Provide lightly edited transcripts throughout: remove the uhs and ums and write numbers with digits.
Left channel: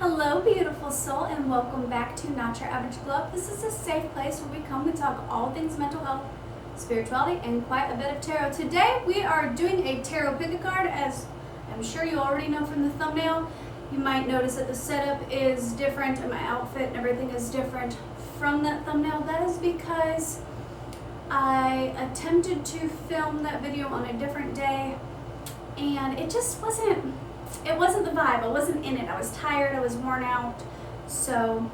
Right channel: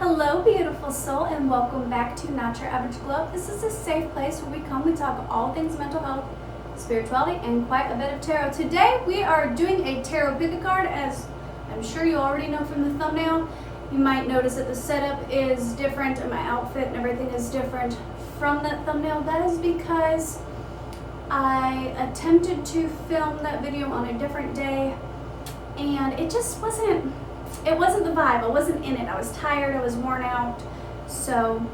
Hello, beautiful soul, and welcome back to Not Your Average Glow. This is a safe place where we talk all things mental health, spirituality, and quite a bit of tarot. Today, we are doing a tarot pick a card, as I'm sure you already know from the thumbnail. You might notice that the setup is different and my outfit and everything is different from that thumbnail. That is because I attempted to film that video on a different day, and it just wasn't the vibe. I wasn't in it. I was tired, I was worn out, so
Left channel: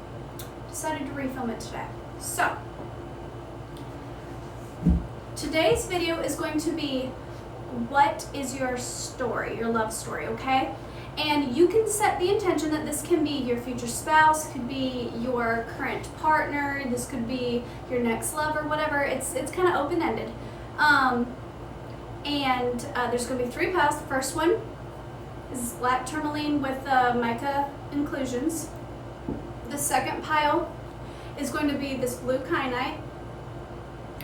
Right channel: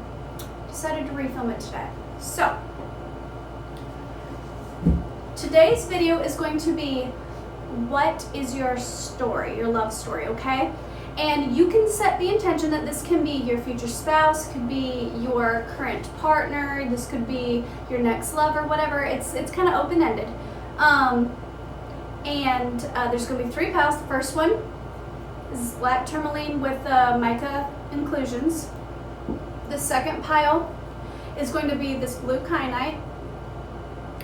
decided to refilm it today. So today's video is going to be, what is your story, your love story, okay? And you can set the intention that this can be your future spouse, could be your current partner, this could be your next lover, whatever. It's kind of open-ended. There's going to be 3 piles. The first one is black tourmaline with mica inclusions. The second pile is going to be this blue kyanite.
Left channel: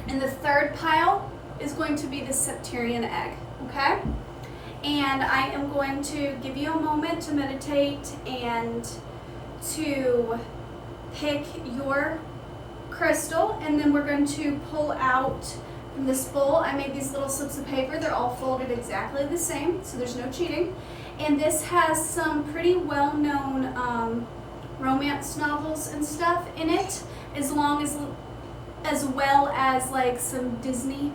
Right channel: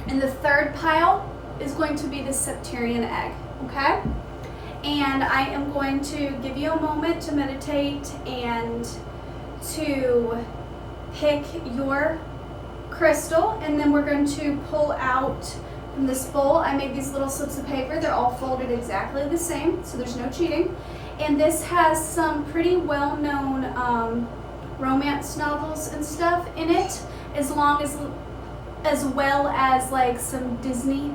And the third pile is going to be the septarian egg, okay? And I am going to give you a moment to meditate and to pick your crystal, and then we're going to pull out from this bowl. I made these little slips of paper. They're all folded exactly the same, so there's no cheating. And this has some pretty well-known romance novels and stuff in it, as well as like some Disney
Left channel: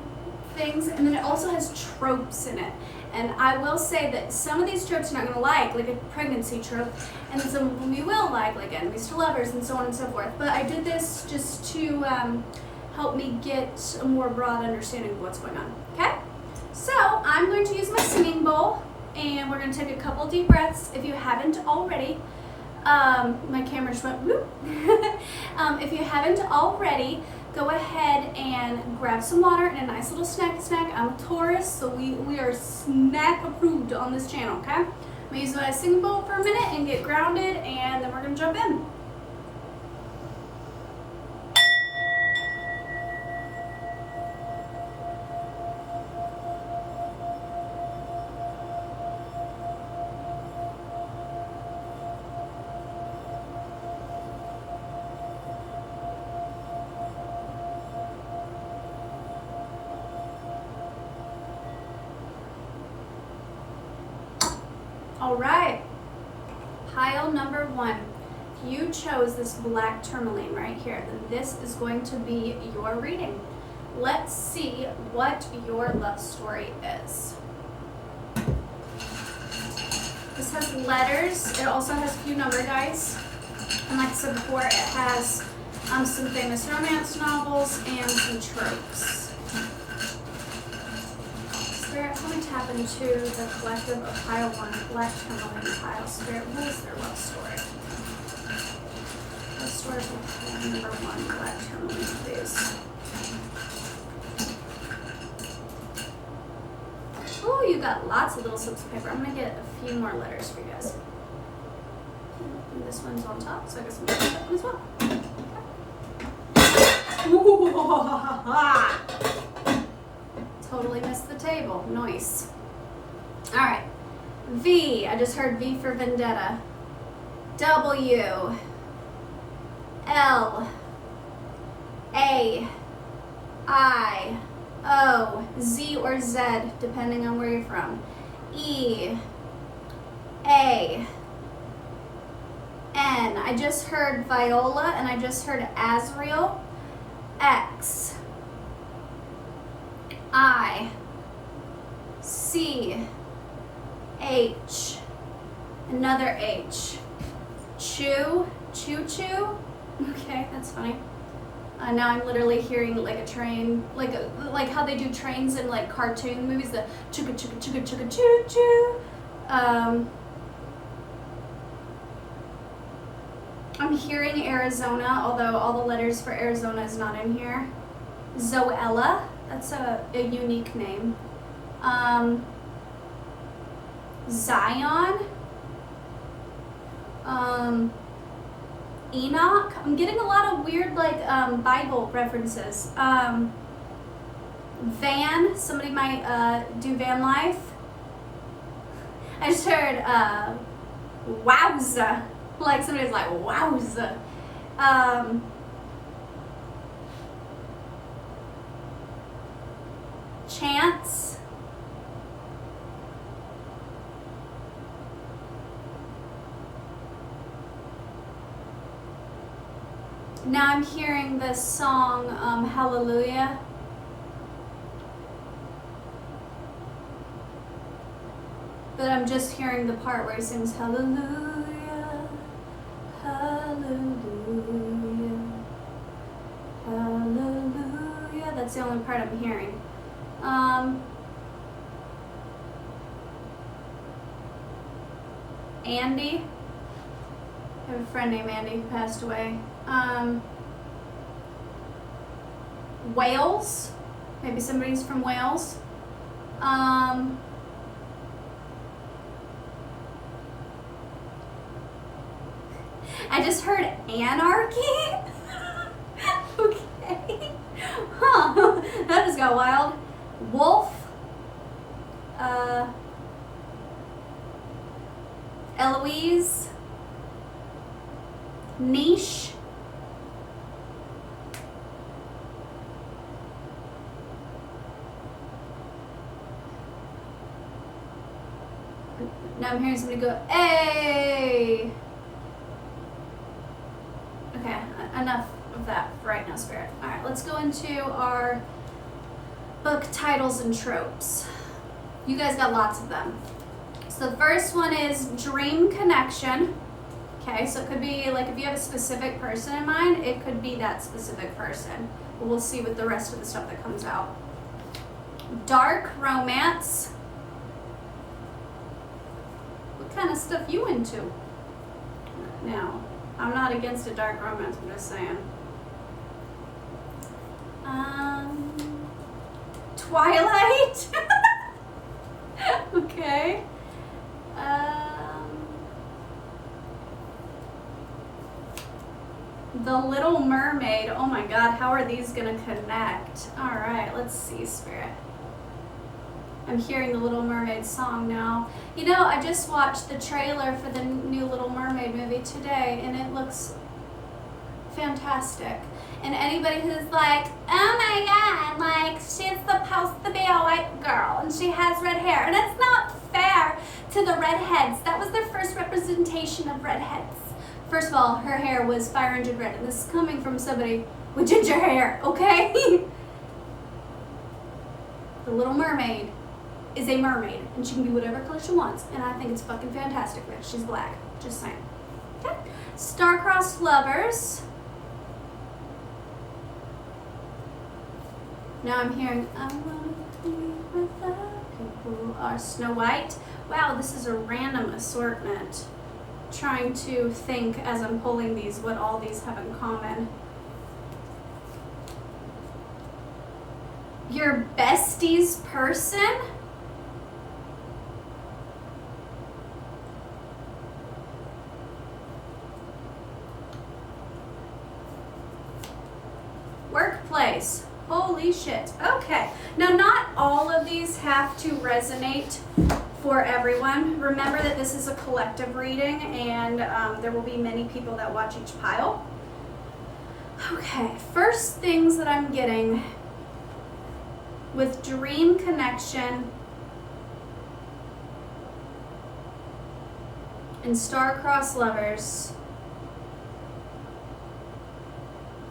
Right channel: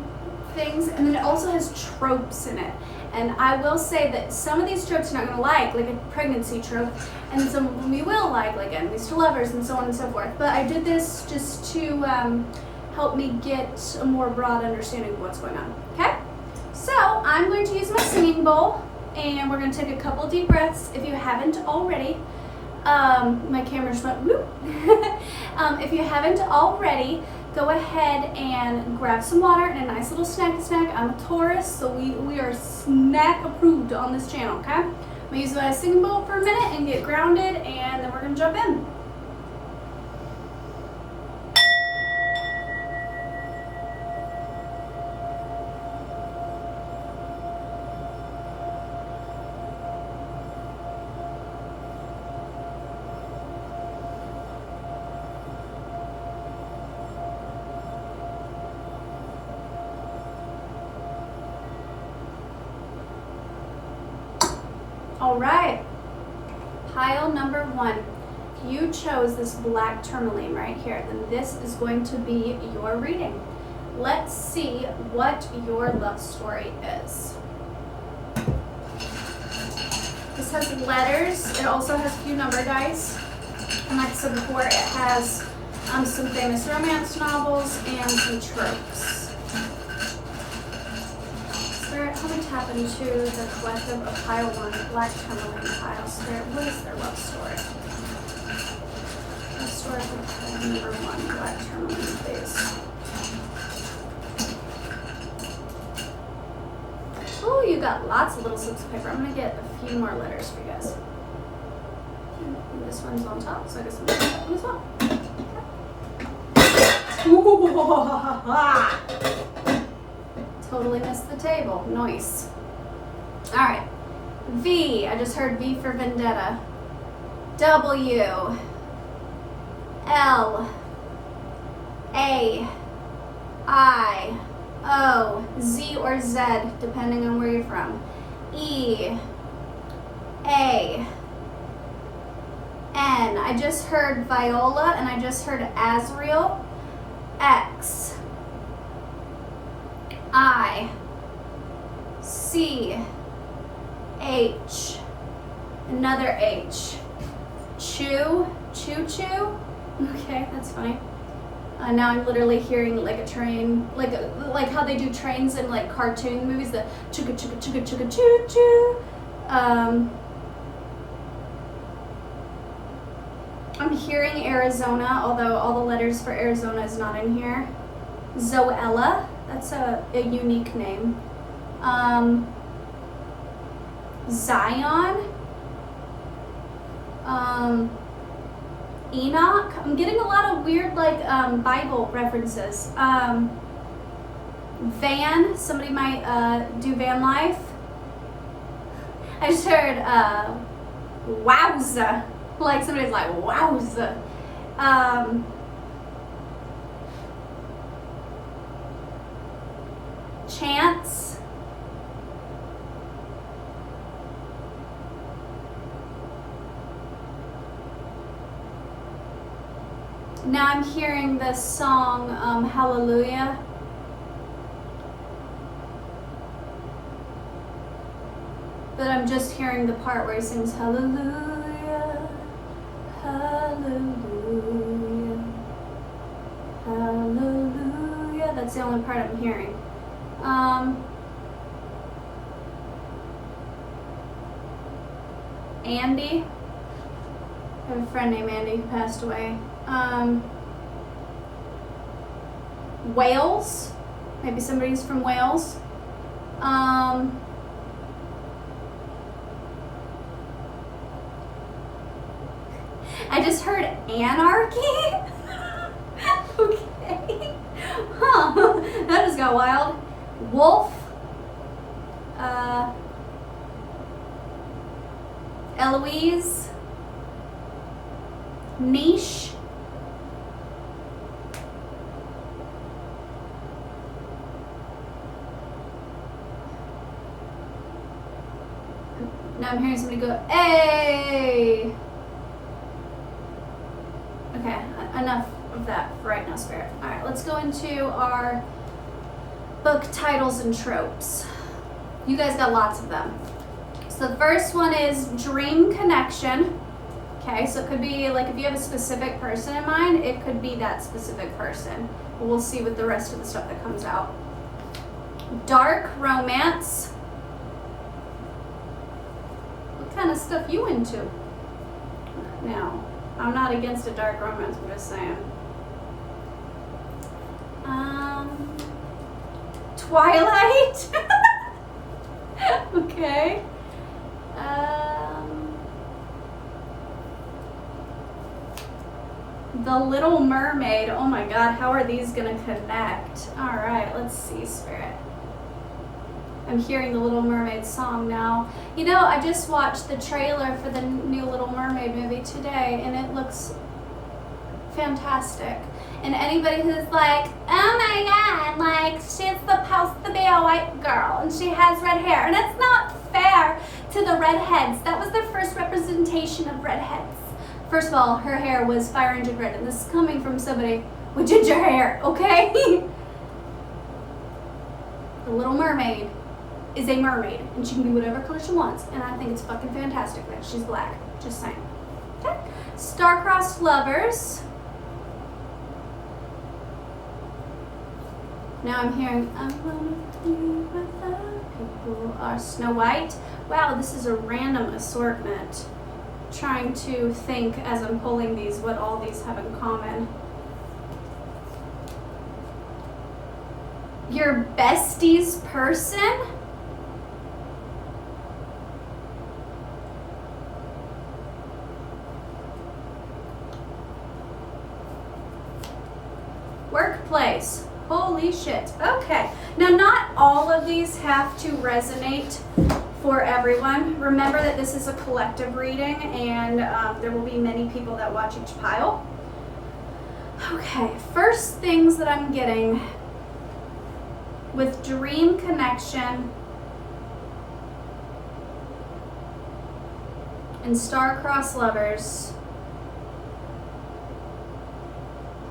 things. And then it also has tropes in it. And I will say that some of these tropes you're not going to like a pregnancy trope, and some of them you will like enemies to lovers and so on and so forth. But I did this just to help me get a more broad understanding of what's going on, okay? So I'm going to use my singing bowl, and we're going to take a couple deep breaths. If you haven't already, my camera just went whoop. If you haven't already, go ahead and grab some water and a nice little snack. I'm a Taurus, so we are snack approved on this channel, okay? I'm going to use my singing bowl for a minute and get grounded, and then we're going to jump in. All right, pile number 1. If you chose this black tourmaline right here, then this is going to be your reading. Let's see what your love story is. This has letters. It also has a few number dice. And like I said before, it has some famous romance novels and some tropes. Spirit, help me tap into the collective of pile 1, black tourmaline pile. Spirit, what is their love story? Love story for pile number 1, black tourmaline, please. Oh, you got lots of little slips of paper. I'm going to get a few more letters for you guys. And this one's on top, so I guess I'm going to get that one as well. Okay. Totally missed the table. Nice. All right. V. I just heard V for vendetta. W. L. A. I. O. Z or Z, depending on where you're from. E. A. N. I just heard Viola, and I just heard Azriel. X. I. C. H. Another H. Choo. Choo-choo. Okay, that's funny. Now I'm literally hearing like a train, like how they do trains in like cartoon movies, the chugga chugga chugga chugga choo choo. I'm hearing Arizona, although all the letters for Arizona is not in here. Zoella. That's a unique name. Zion. Enoch. I'm getting a lot of weird Bible references. Van. Somebody might do van life. I just heard wowza. Like somebody's like, wowza. Chance. Now I'm hearing this song, Hallelujah. But I'm just hearing the part where he sings Hallelujah, Hallelujah, Hallelujah. That's the only part I'm hearing. Andy. I have a friend named Andy who passed away. Wales. Maybe somebody's from Wales. I just heard anarchy. Okay. Huh. That just got wild. Wolf. Eloise. Niche. Now I'm hearing somebody go, hey! Okay, enough of that for right now, Spirit. Alright, let's go into our book titles and tropes. You guys got lots of them. So the first one is Dream Connection. Okay, so it could be like if you have a specific person in mind, it could be that specific person. But we'll see with the rest of the stuff that comes out. Dark Romance. What kind of stuff you into? Now, I'm not against a dark romance, I'm just saying. Twilight. Okay. The Little Mermaid. Oh my God, how are these gonna connect? All right, let's see, Spirit. I'm hearing the Little Mermaid song now. You know, I just watched the trailer for the new Little Mermaid movie today, and it looks fantastic. And anybody who's like, oh my God, like she's supposed to be a white girl and she has red hair, and it's not fair to the redheads. That was their first representation of redheads. First of all, her hair was fire engine red, and this is coming from somebody with ginger hair, okay? The Little Mermaid is a mermaid, and she can be whatever color she wants, and I think it's fucking fantastic that she's black. Just saying. Okay. Star-crossed lovers. Now I'm hearing, I wanna be where the people are. Snow White. Wow, this is a random assortment. Trying to think as I'm pulling these what all these have in common. Your bestie's person. Workplace. Holy shit. Okay. Now, not all of these have to resonate for everyone. Remember that this is a collective reading, and there will be many people that watch each pile. Okay, first things that I'm getting with Dream Connection and Star-crossed lovers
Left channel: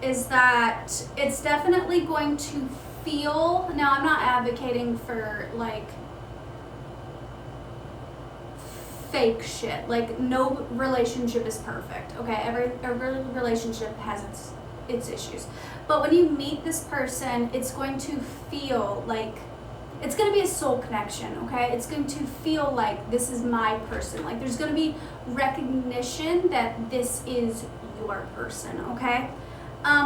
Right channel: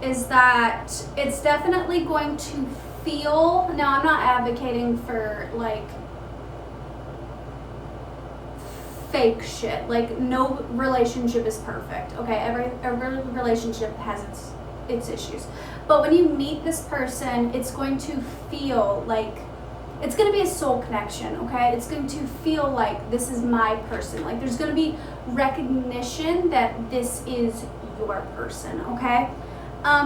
is that it's definitely going to feel, now I'm not advocating for like fake shit, like no relationship is perfect, okay? Every relationship has its issues, but when you meet this person, it's going to feel like it's going to be a soul connection, okay? It's going to feel like this is my person, like there's going to be recognition that this is your person, okay?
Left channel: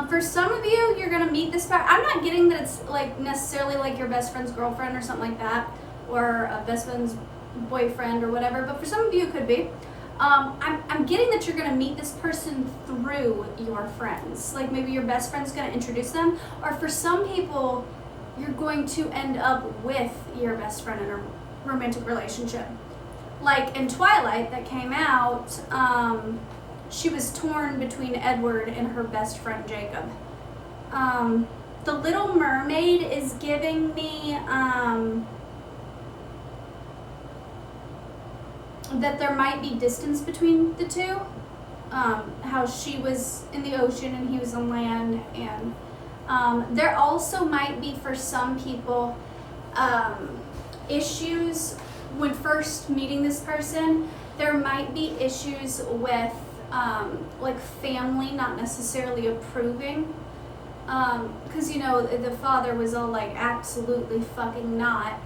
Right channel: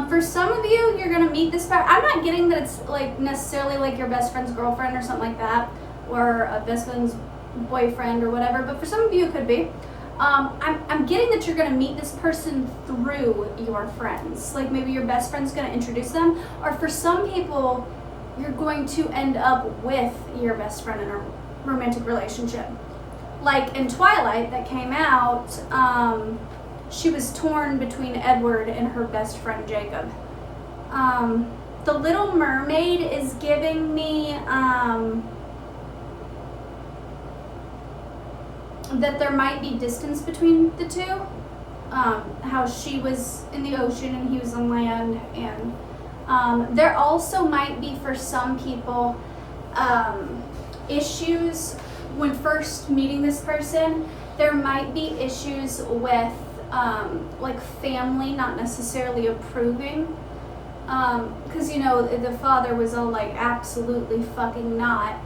For some of you, you're gonna meet this I'm not getting that it's like necessarily like your best friend's girlfriend or something like that, or a best friend's boyfriend or whatever, but for some of you it could be. I'm getting that you're gonna meet this person through your friends. Like maybe your best friend's gonna introduce them, or for some people, you're going to end up with your best friend in a romantic relationship. Like in Twilight that came out, she was torn between Edward and her best friend Jacob. The Little Mermaid is giving me that there might be distance between the two. How she was in the ocean and he was on land, and there also might be for some people issues when first meeting this person. There might be issues with like family not necessarily approving, because you know the father was all like absolutely fucking not,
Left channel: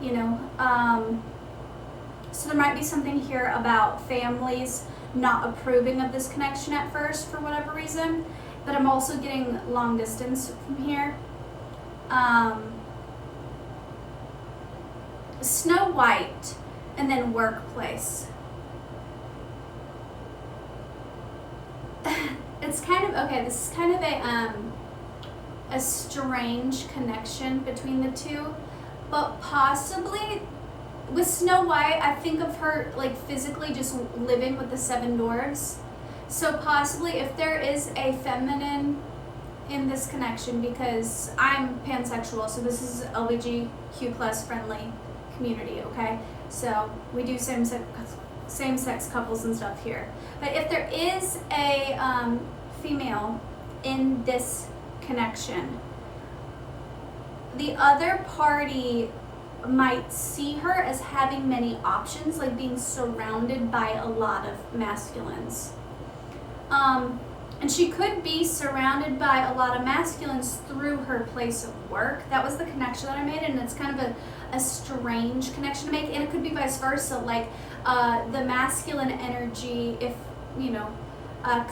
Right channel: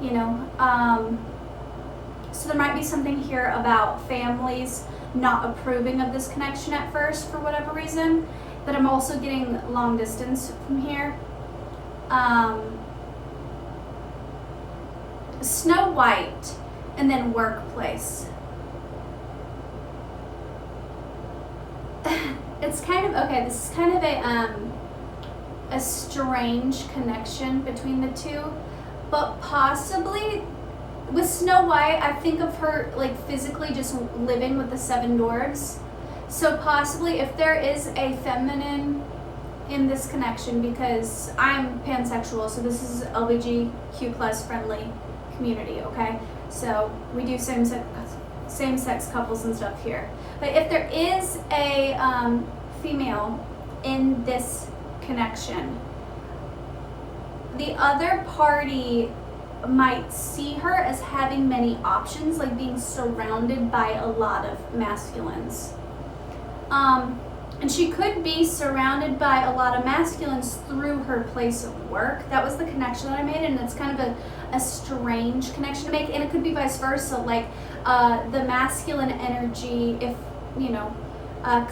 you know, so there might be something here about families not approving of this connection at first for whatever reason. But I'm also getting long distance from here. Snow White, and then workplace. It's kind of, okay, this is kind of a strange connection between the two, but possibly with Snow White, I think of her like physically just living with the 7 dwarves. So possibly if there is a feminine in this connection, because I'm pansexual, so this is LGBTQ plus friendly community, okay? So we do same-sex couples and stuff here. But if there is a female in this connection, the other party might see her as having many options, like being surrounded by a lot of masculines. And she could be surrounded by a lot of masculines through her place of work. That was the connection that I made, and it's kind of a strange connection to make. And it could be vice versa, like the masculine energy, if you know,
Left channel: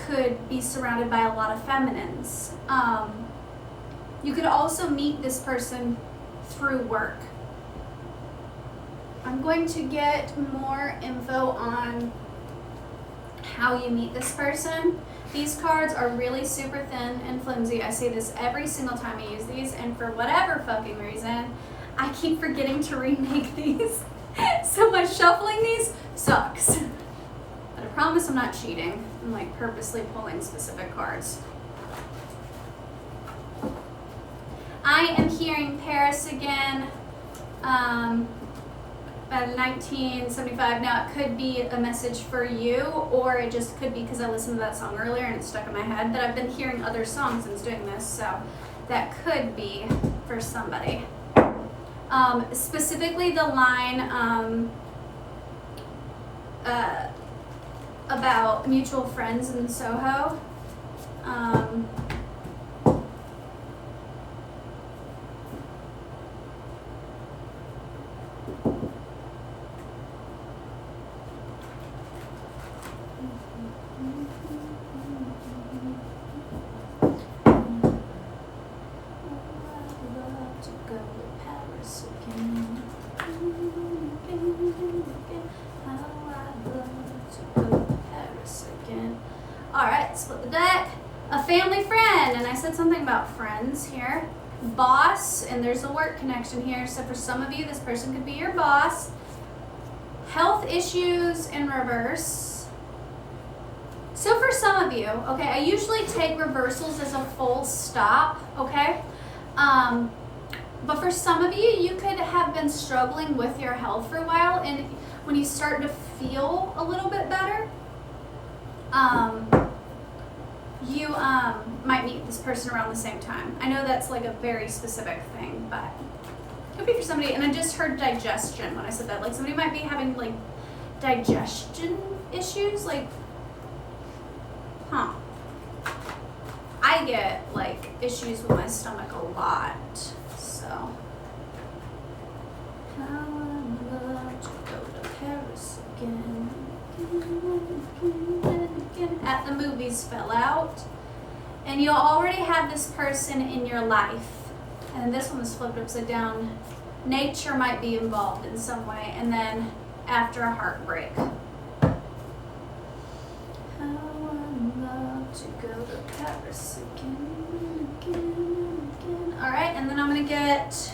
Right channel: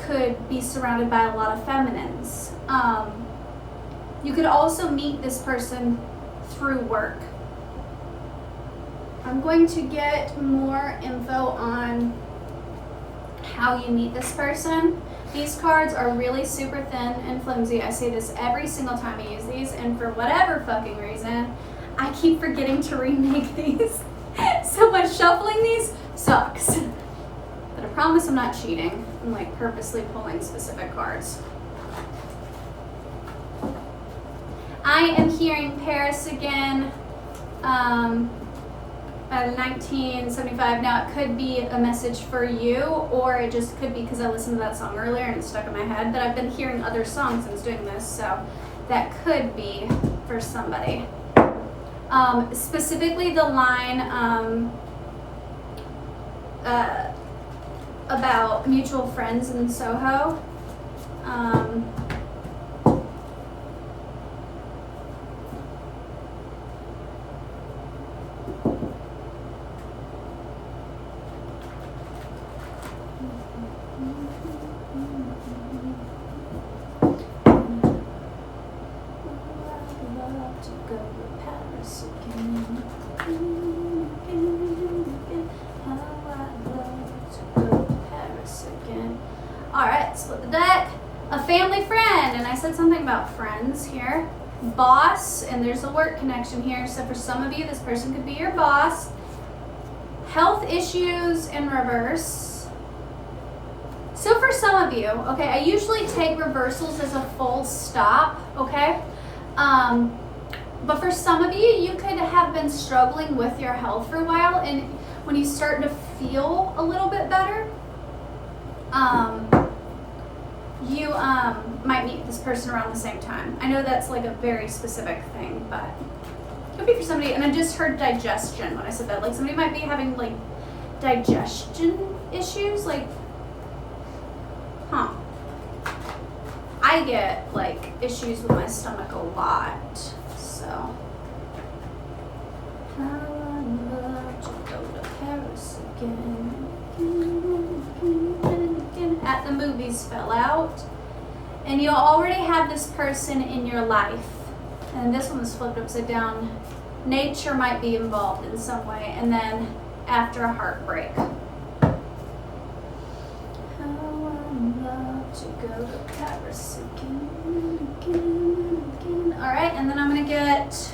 could be surrounded by a lot of feminines. You could also meet this person through work. I'm going to get more info on how you meet this person. These cards are really super thin and flimsy. I say this every single time I use these, and for whatever fucking reason, I keep forgetting to remake these. So much shuffling these sucks. But I promise I'm not cheating. I'm like purposely pulling specific cards. I am hearing Paris again. By 1975. Now it could be a message for you, or it just could be because I listened to that song earlier and it's stuck in my head, but I've been hearing other songs since doing this, so that could be for somebody. Specifically the line about mutual friends in Soho. Alright, split the deck. A family friend, and I said something about friends here. Boss, and there's a work connection here, so for some of you, this person could be your boss. Health issues in reverse. So for some of you, okay, I usually take reversals as a full stop, okay? But for some of you, you could have been struggling with your health for a while, and when you start to feel a little bit better, you might meet this person around the same time. I know that's like a very specific thing, but it could be for somebody. And I just heard digestion when I said that. Like somebody might be having like digestion issues, like, I get like issues with my stomach a lot, so. How I love to go to Paris again. At the movies fell out, and you already have this person in your life, and this one was flipped upside down. Nature might be involved in some way, and then after a heartbreak. How I love to go to Paris again, again, again. All right, and then I'm gonna get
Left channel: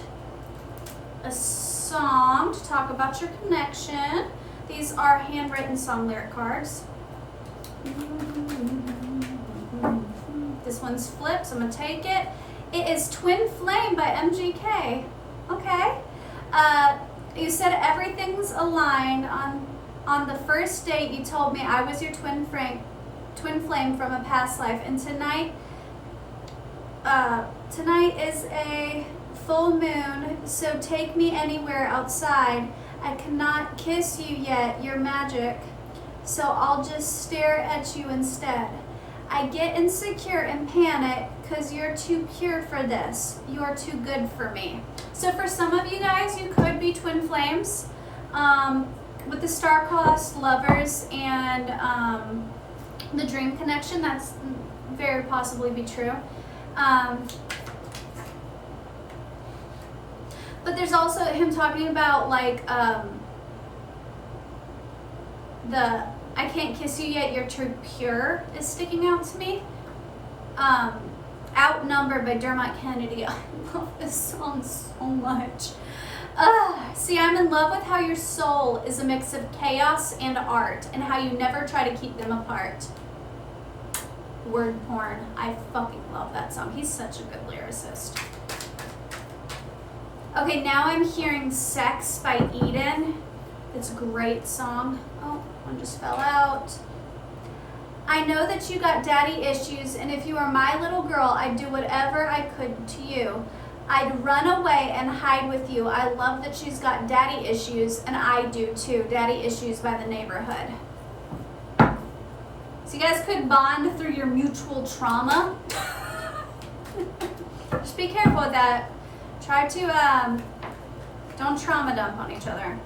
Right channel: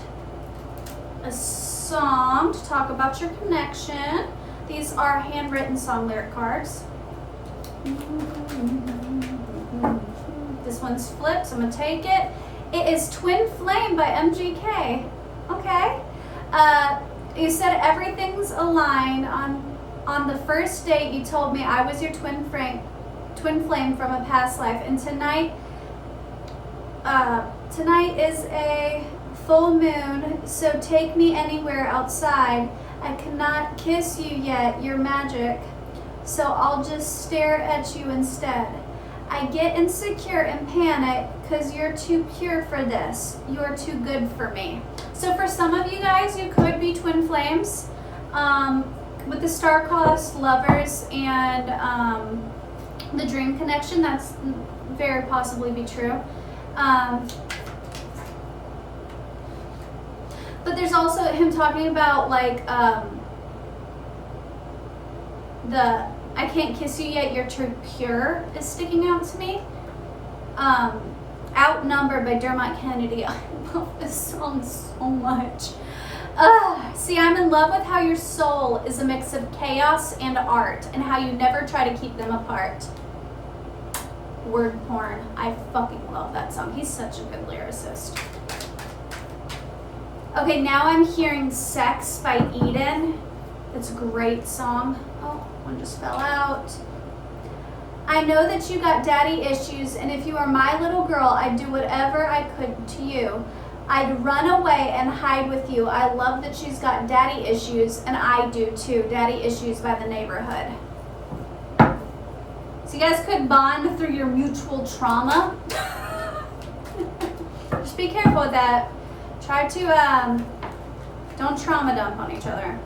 a song to talk about your connection. These are handwritten song lyric cards. This one's flipped, so I'm gonna take it. It is Twin Flame by MGK. Okay. You said everything's aligned. On the first date, you told me I was your twin flame from a past life, and tonight is a full moon, so take me anywhere outside. I cannot kiss you yet, you're magic, so I'll just stare at you instead. I get insecure and panic because you're too pure for this. You're too good for me. So for some of you guys, you could be twin flames. With the star-crossed lovers and the dream connection, that's very possibly be true. But there's also him talking about like the I can't kiss you yet, you're too pure is sticking out to me. Outnumbered by Dermot Kennedy. I love this song so much. See, I'm in love with how your soul is a mix of chaos and art, and how you never try to keep them apart. Word porn. I fucking love that song. He's such a good lyricist. Okay, now I'm hearing Sex by Eden. It's a great song. Oh, one just fell out. I know that you got daddy issues, and if you were my little girl, I'd do whatever I could to you. I'd run away and hide with you. I love that she's got daddy issues, and I do too. Daddy Issues by The Neighborhood. So you guys could bond through your mutual trauma. Just be careful with that. Try to, don't trauma dump on each other.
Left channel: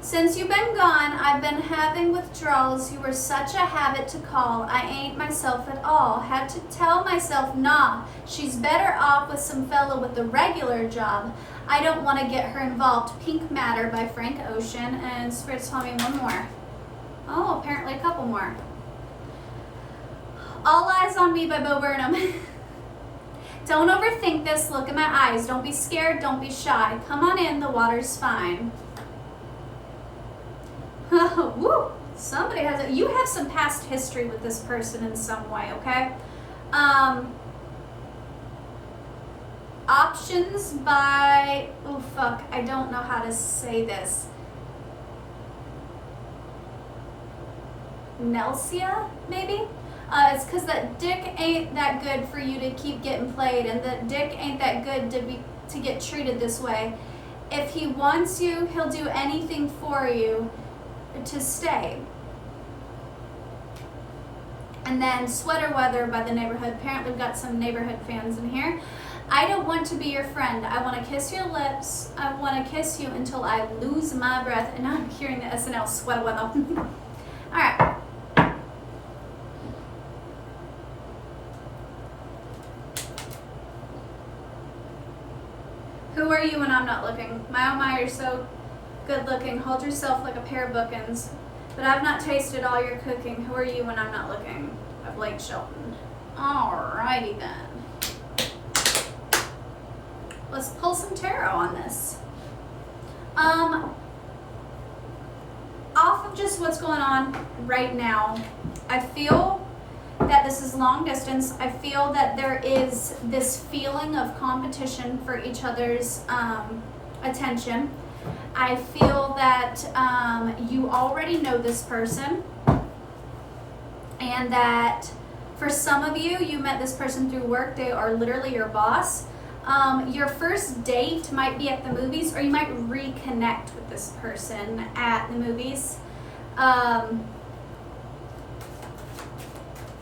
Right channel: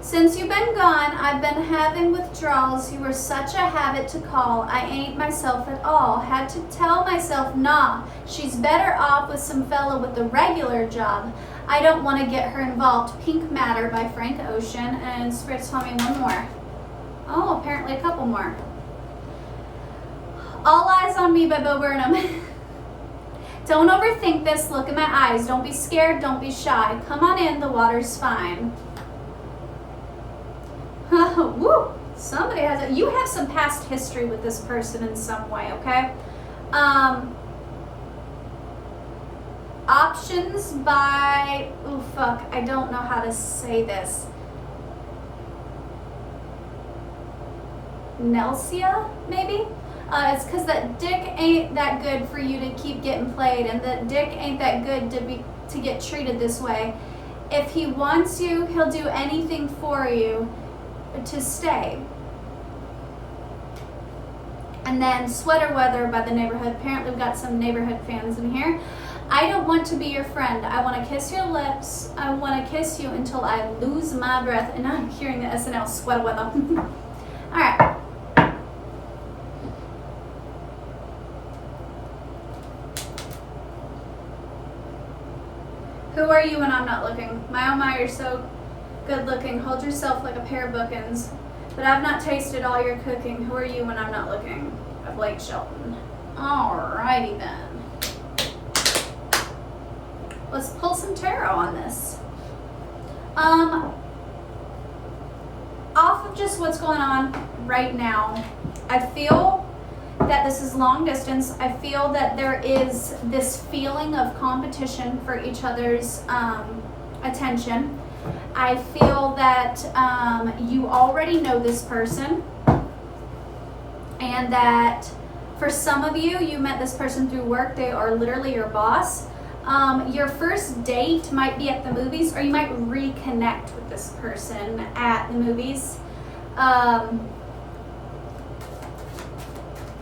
Since you've been gone, I've been having withdrawals. You were such a habit to call. I ain't myself at all. Had to tell myself, nah, she's better off with some fella with a regular job. I don't want to get her involved. Pink Matter by Frank Ocean. And Spirit's telling me one more. Oh, apparently a couple more. All Eyes on Me by Bo Burnham. Don't overthink this. Look in my eyes. Don't be scared. Don't be shy. Come on in. The water's fine. Woo! Somebody has it. You have some past history with this person in some way, okay? Options by, oh fuck, I don't know how to say this. Nelsia, maybe? It's because that dick ain't that good for you to keep getting played, and that dick ain't that good to get treated this way. If he wants you, he'll do anything for you to stay. And then Sweater Weather by The Neighborhood. Apparently we've got some Neighborhood fans in here. I don't want to be your friend. I want to kiss your lips. I want to kiss you until I lose my breath. And I'm hearing the SNL Sweater Weather. All right. Who are you when I'm not looking? My oh my, you're so good looking. Hold yourself like a pair of bookends. But I've not tasted all your cooking. Who are you when I'm not looking? By Blake Shelton. Alrighty then. Let's pull some tarot on this. Off of just what's going on right now, I feel that this is long distance. I feel that there is this feeling of competition for each other's attention. I feel that you already know this person, and that for some of you, you met this person through work. They are literally your boss. Your first date might be at the movies, or you might reconnect with this person at the movies.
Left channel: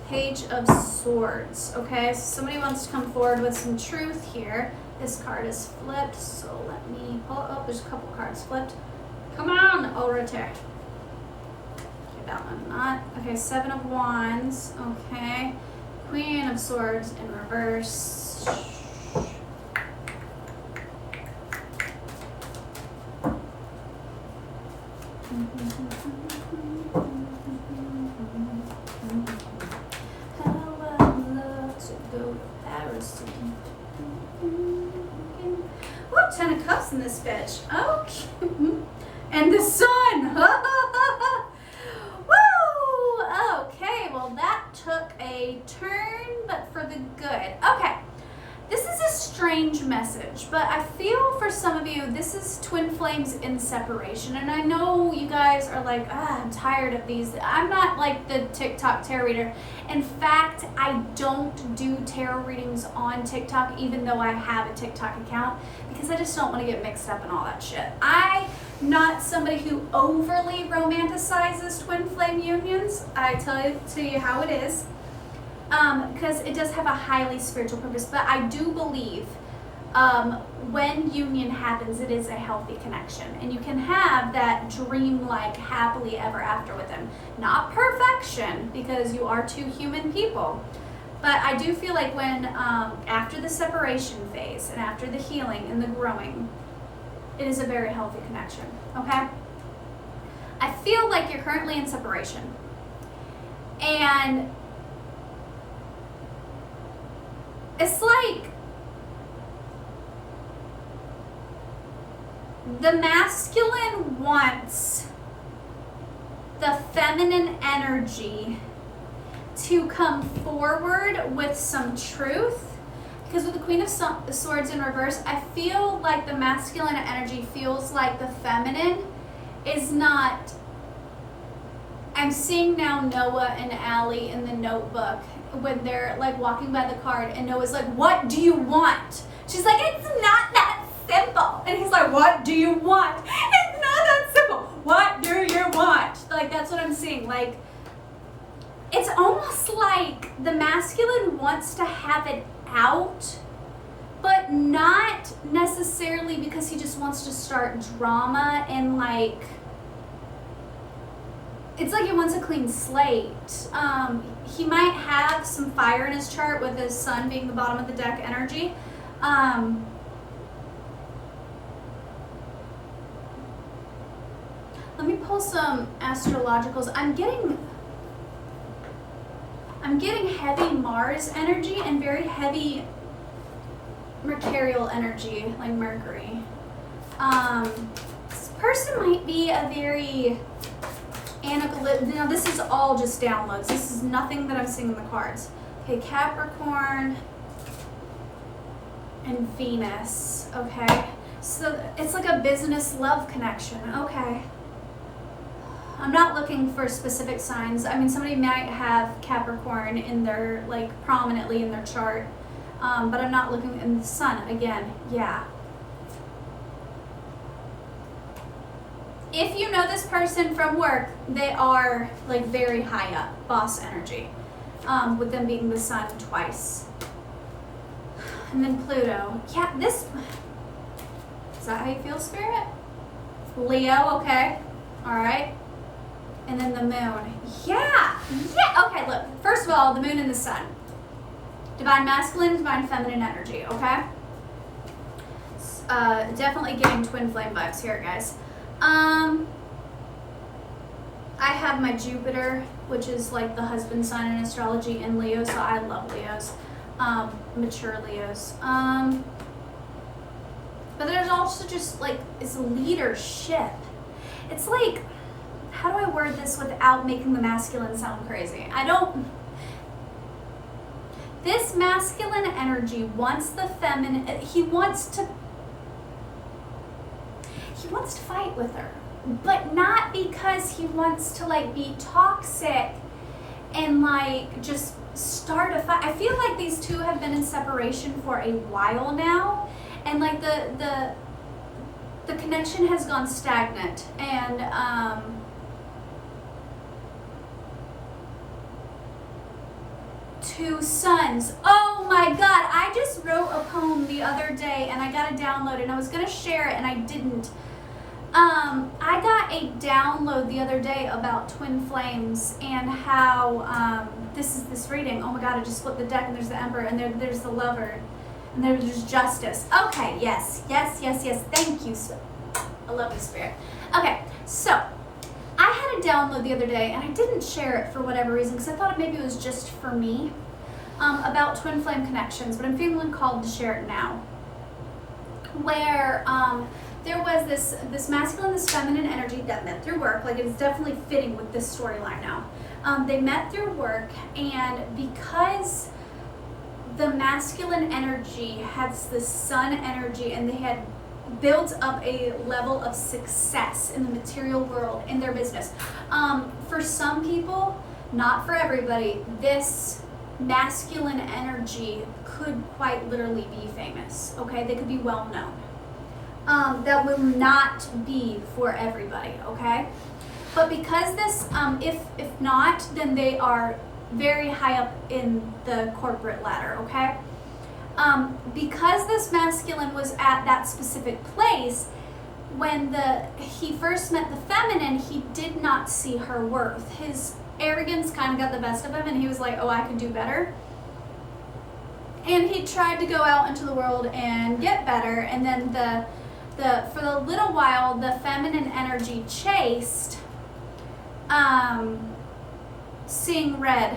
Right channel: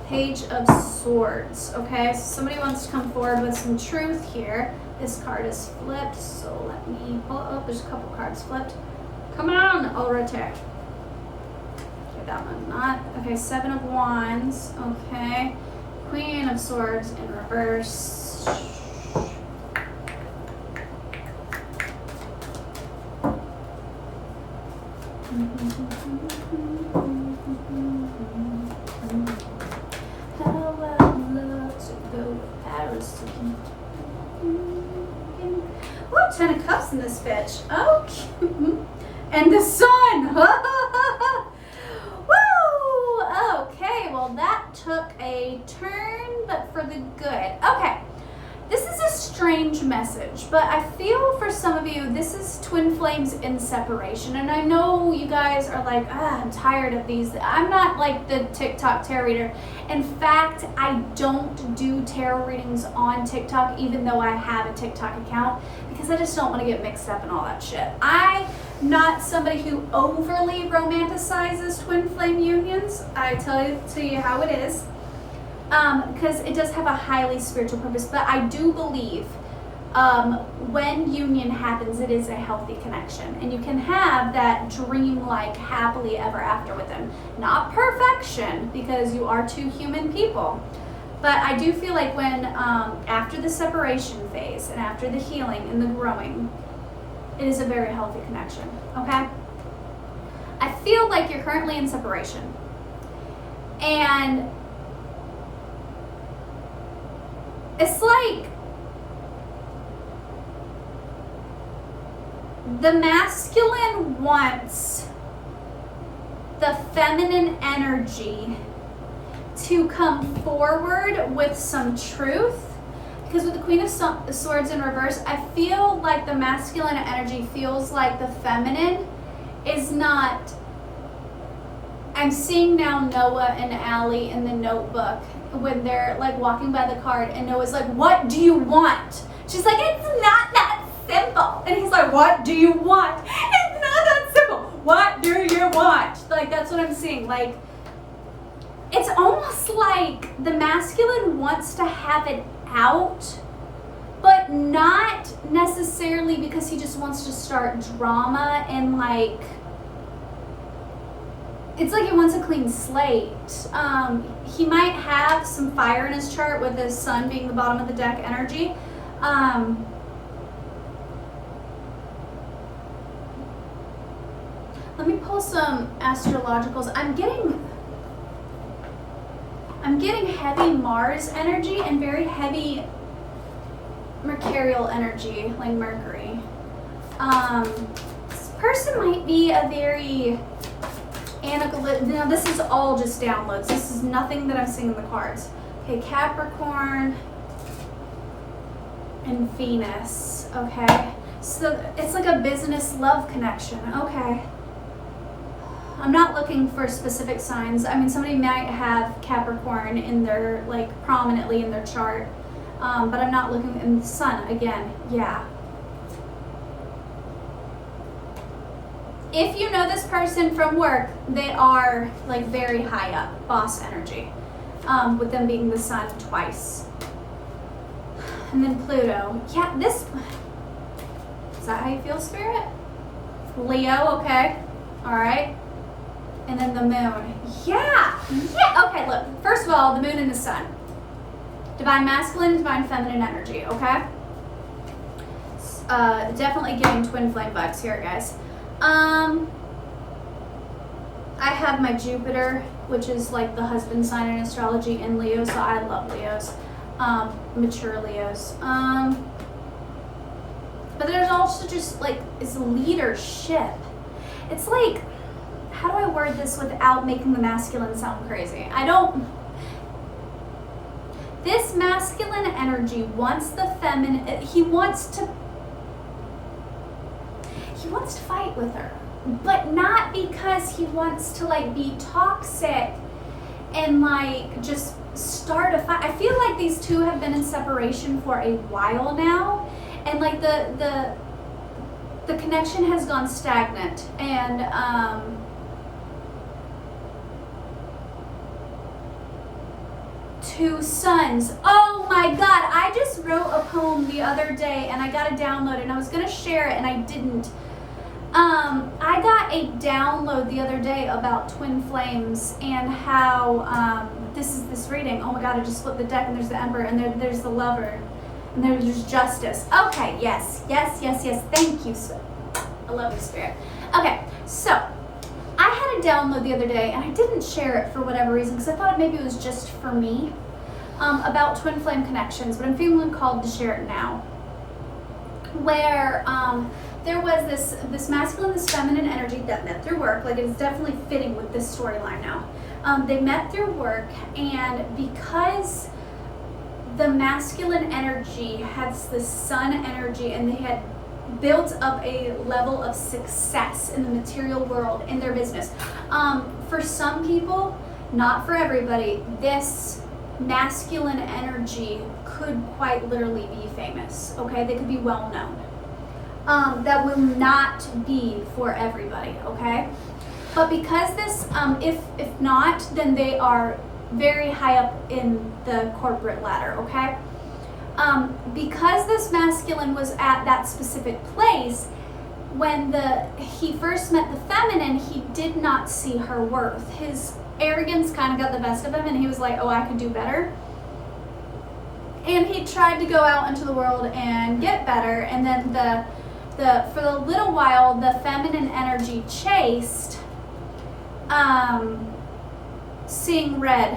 Page of Swords. Okay, so somebody wants to come forward with some truth here. This card is flipped, so let me pull it up. There's a couple cards flipped. Come on, Ulrich. Okay, that one not. Okay, Seven of Wands. Okay, Queen of Swords in reverse. How I'd love to go to Paris again. Ooh, 10 of Cups in this bitch. Okay. And the sun. took a turn, but for the good. Okay, this is a strange message, but I feel for some of you, this is twin flames in separation. And I know you guys are like, I'm tired of these. I'm not like the TikTok tarot reader. In fact, I don't do tarot readings on TikTok, even though I have a TikTok account, because I just don't want to get mixed up in all that shit. I'm not somebody who overly romanticizes twin flame unions. I tell you how it is. Because it does have a highly spiritual purpose, but I do believe when union happens, it is a healthy connection, and you can have that dream-like happily ever after with them. Not perfection, because you are two human people, but I do feel like when after the separation phase and after the healing and the growing, it is a very healthy connection. Okay, I feel like you're currently in separation, and it's like the masculine wants the feminine energy to come forward with some truth, because with the Queen of Swords in reverse, I feel like the masculine energy feels like the feminine is not. I'm seeing now Noah and Allie in the Notebook when they're like walking by the card, and Noah's like, what do you want? She's like, it's not that simple. And he's like, what do you want? It's not that simple. What do you want? Like, that's what I'm seeing. Like, it's almost like the masculine wants to have it out, but not necessarily because he just wants to start drama and like, it's like he wants a clean slate. He might have some fire in his chart with his sun being the bottom of the deck energy. Let me pull some astrologicals. I'm getting heavy Mars energy and very heavy Mercurial energy, like Mercury. This person might be a very now this is all just downloads. This is nothing that I'm seeing in the cards. Okay, Capricorn and Venus. Okay, so it's like a business love connection. Okay, I'm not looking for specific signs. I mean, somebody might have Capricorn in their, like, prominently in their chart, but I'm not looking in the sun again. Yeah. If you know this person from work, they are like very high up, boss energy, with them being the sun twice. And then Pluto. Yeah, is that how you feel, Spirit? Leo, okay. All right. And then the moon. Yeah. Okay, look. First of all, the moon and the sun. Divine masculine, divine feminine energy, okay? Definitely getting twin flame vibes here, guys. I have my Jupiter, which is like the husband sign in astrology, in Leo, so I love Leos, mature Leos. But there's also just like, it's leadership. It's like, how do I word this without making the masculine sound crazy? This masculine energy wants the feminine, he wants to fight with her, but not because he wants to like be toxic and like just start a fight. I feel like these two have been in separation for a while now, and like the connection has gone stagnant, and two suns. Oh my God, I just wrote a poem the other day and I got a download, and I was gonna share it and I didn't. I got a download the other day about twin flames and how this is this reading. Oh my God, I just flipped the deck and there's the Emperor, and there's the Lover, and there's Justice. Okay, yes. Thank you. I love you, Spirit. Okay, so I had a download the other day and I didn't share it for whatever reason, because I thought maybe it was just for me, about twin flame connections, but I'm feeling called to share it now. Where there was this masculine, this feminine energy that met through work, like it's definitely fitting with this storyline now, They met through work, and because the masculine energy has the sun energy, and they had built up a level of success in the material world in their business. For some people, not for everybody, this masculine energy could quite literally be famous, okay? They could be well known. That will not be for everybody, okay? But because this, if not, then they are very high up in the corporate ladder, okay? Because this masculine was at that specific place, when he first met the feminine, he did not see her worth. His arrogance kind of got the best of him, and he was like, oh, I could do better. And he tried to go out into the world and get better, and then for the little while, the feminine energy chased, seeing red.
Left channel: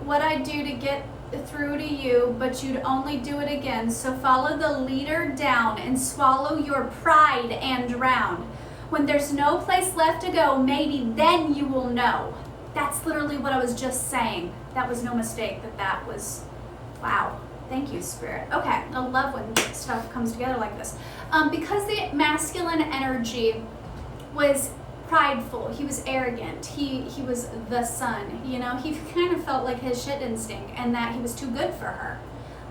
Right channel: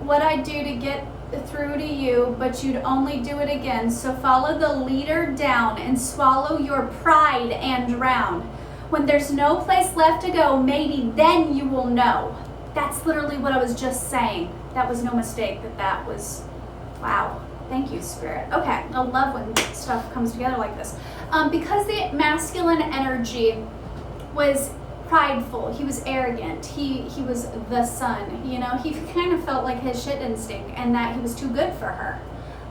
What I do to get through to you, but you'd only do it again. So follow the leader down and swallow your pride and drown. When there's no place left to go, maybe then you will know. That's literally what I was just saying. That was no mistake. That was, wow. Thank you, Spirit. Okay, I love when stuff comes together like this. Because the masculine energy was prideful, he was arrogant, he was the sun, you know, he kind of felt like his shit didn't stink, and that he was too good for her.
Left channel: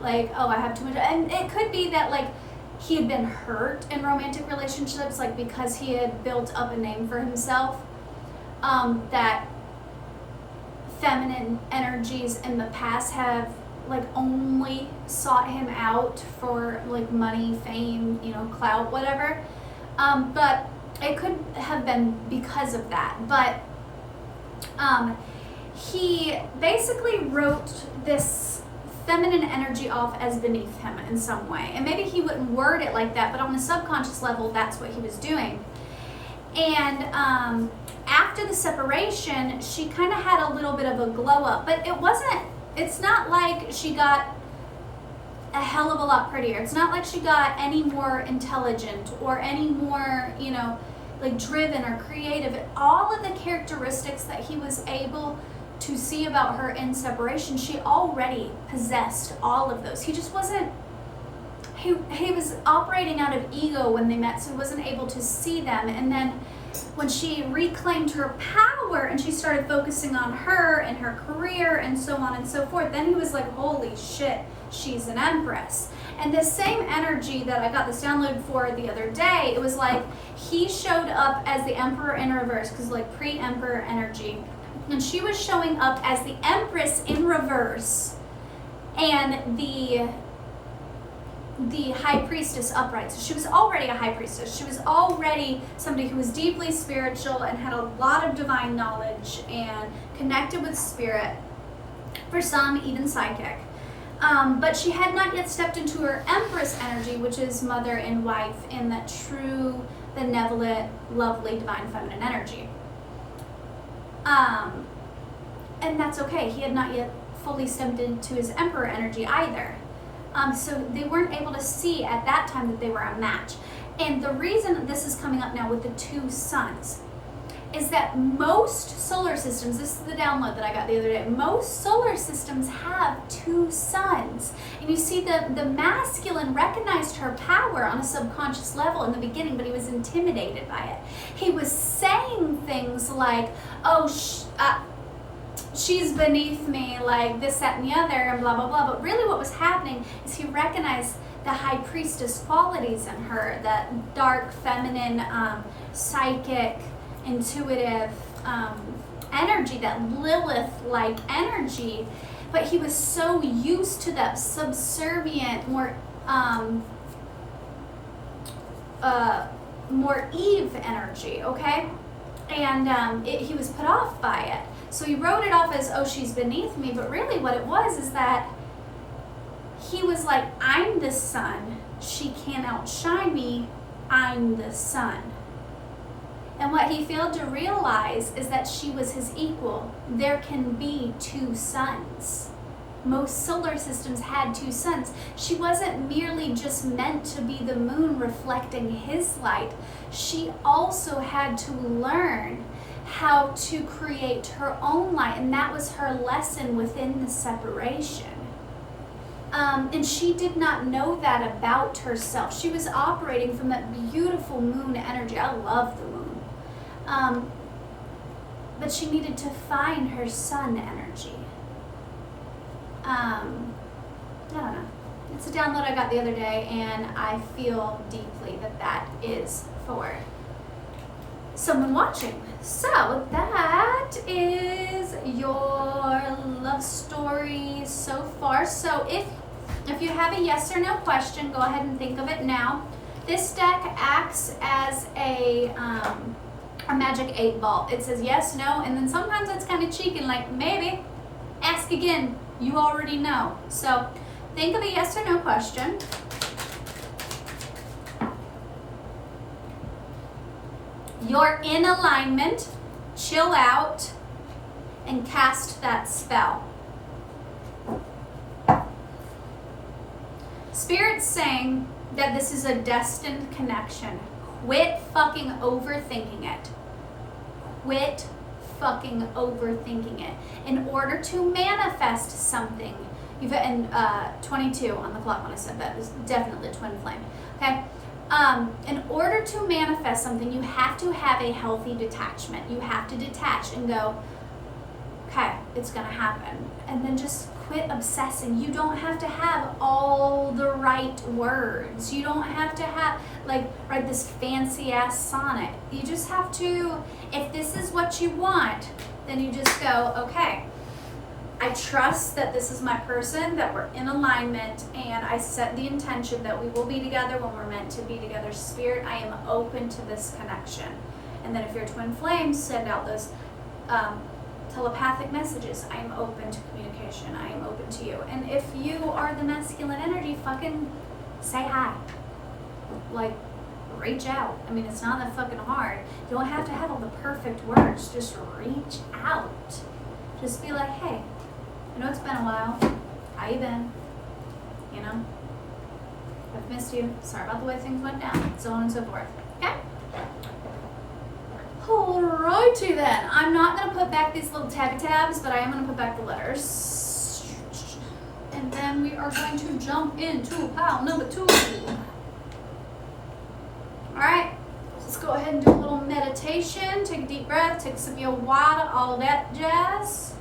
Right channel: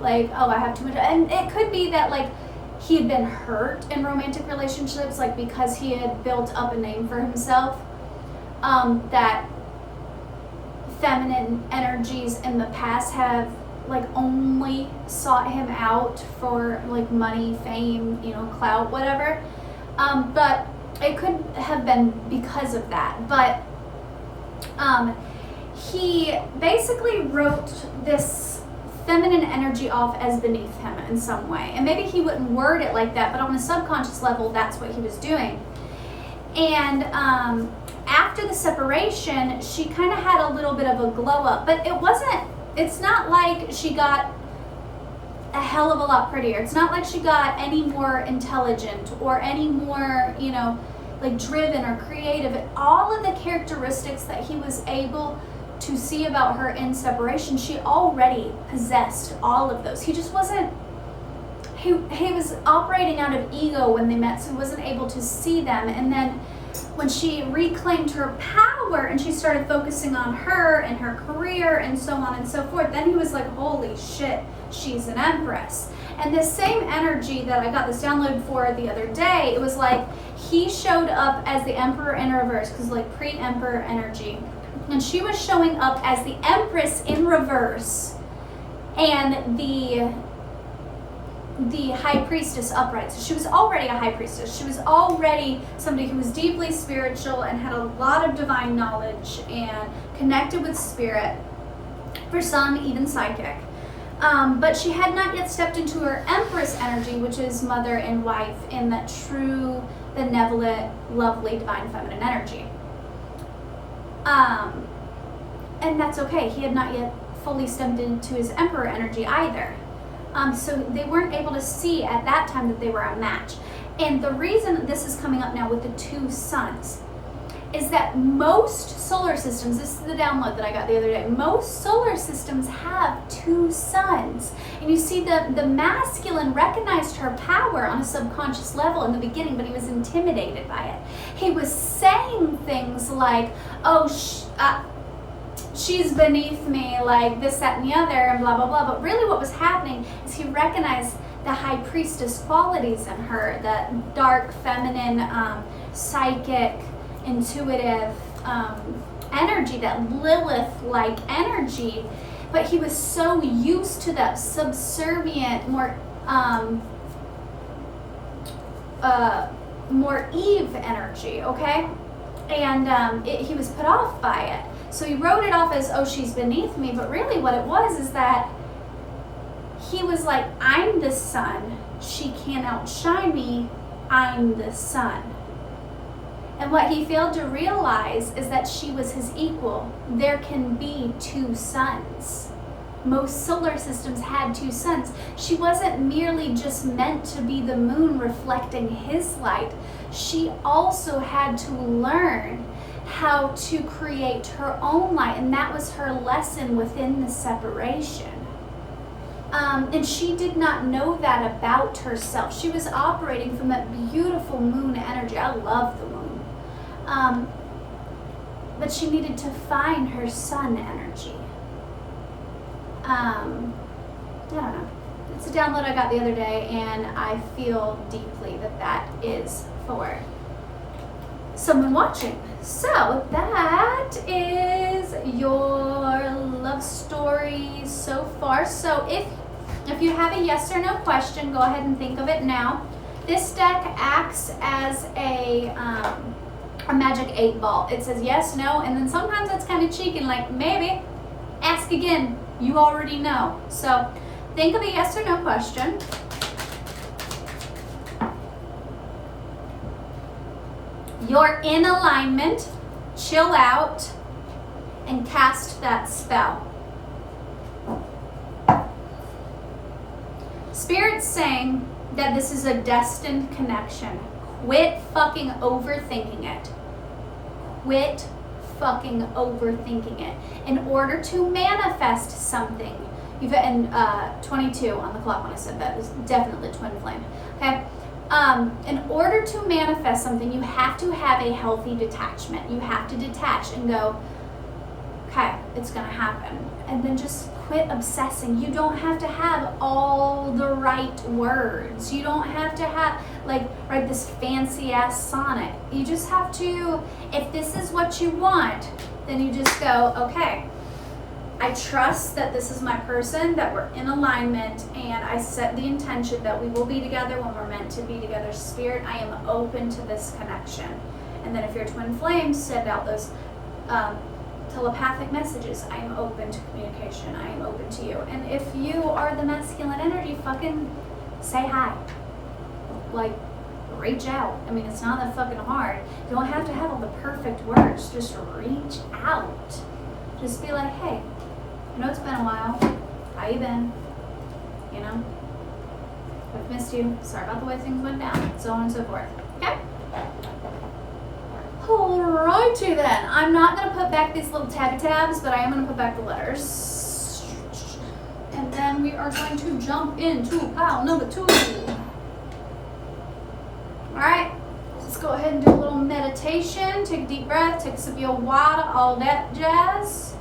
Like, oh, I have too much. And it could be that, like, he had been hurt in romantic relationships, like, because he had built up a name for himself, that feminine energies in the past have, like, only sought him out for, like, money, fame, you know, clout, whatever. But it could have been because of that. But he basically wrote this feminine energy off as beneath him in some way. And maybe he wouldn't word it like that, but on a subconscious level, that's what he was doing. And after the separation, she kind of had a little bit of a glow up, but it's not like she got a hell of a lot prettier. It's not like she got any more intelligent or any more, you know, like driven or creative. All of the characteristics that he was able to see about her in separation, she already possessed all of those. He just wasn't, he was operating out of ego when they met, so he wasn't able to see them. And then when she reclaimed her power and she started focusing on her and her career and so on and so forth, then he was like, holy shit, she's an empress. And this same energy that I got this download for the other day, it was like he showed up as the emperor in reverse, because like pre-emperor energy, and she was showing up as the empress in reverse, and the high priestess upright. So she was already a high priestess. She was already somebody who was deeply spiritual and had a lot of divine knowledge and connected with spirit, for some even psychic. But she had not yet stepped into her empress energy, which is mother and wife, in that true, benevolent, lovely, divine feminine energy. And that's okay. He had not yet fully stepped into his emperor energy either. So they weren't able to see at that time that they were a match. And the reason that this is coming up now with the two suns is that most solar systems, this is the download that I got the other day, most solar systems have two suns. And you see the masculine recognized her power on a subconscious level in the beginning, but he was intimidated by it. He was saying things like, oh, she's beneath me, like this, that, and the other, and blah, blah, blah. But really what was happening is he recognized the high priestess qualities in her, the dark, feminine, psychic, intuitive energy, that Lilith-like energy. But he was so used to that subservient, more Eve energy, okay? And he was put off by it. So he wrote it off as, oh, she's beneath me. But really what it was is that he was like, I'm the sun. She can't outshine me. I'm the sun. And what he failed to realize is that she was his equal. There can be two suns. Most solar systems had 2 suns. She wasn't merely just meant to be the moon reflecting his light. She also had to learn how to create her own light, and that was her lesson within the separation. And she did not know that about herself. She was operating from that beautiful moon energy. I love the moon. But she needed to find her sun energy. I don't know. It's a download I got the other day, and I feel deeply that that is for someone watching. So that is your love story so far. So if you have a yes or no question, go ahead and think of it now. This deck acts as a magic 8 ball. It says yes, no, and then sometimes it's kind of cheeky, like maybe, ask again, you already know. So think of a yes or no question. You're in alignment, chill out, and cast that spell. Spirit's saying that this is a destined connection. Quit fucking overthinking it. Quit fucking overthinking it. In order to manifest something, you've and 22 on the clock when I said that is definitely twin flame. Okay. In order to manifest something, you have to have a healthy detachment. You have to detach and go, okay, it's gonna happen. And then just quit obsessing. You don't have to have all the right words. You don't have to have, write this fancy ass sonnet. You just have to, if this is what you want, then you just go, okay, I trust that this is my person, that we're in alignment, and I set the intention that we will be together when we're meant to be together. Spirit, I am open to this connection. And then if you're twin flames, send out those telepathic messages. I am open to communication. I am open to you. And if you are the masculine energy, fucking say hi. Reach out. I mean, it's not that fucking hard. You don't have to have all the perfect words. Just reach out. Just be like, hey, I know it's been a while. How you been? You know? I've missed you. Sorry about the way things went down. So on and so forth. Okay? Alrighty then. I'm not going to put back these little tabby tabs, but I am going to put back the letters. And then we are going to jump into pile number 2. Alright. Let's go ahead and do a little meditation. Take a deep breath. Take a sip of your water. All that jazz.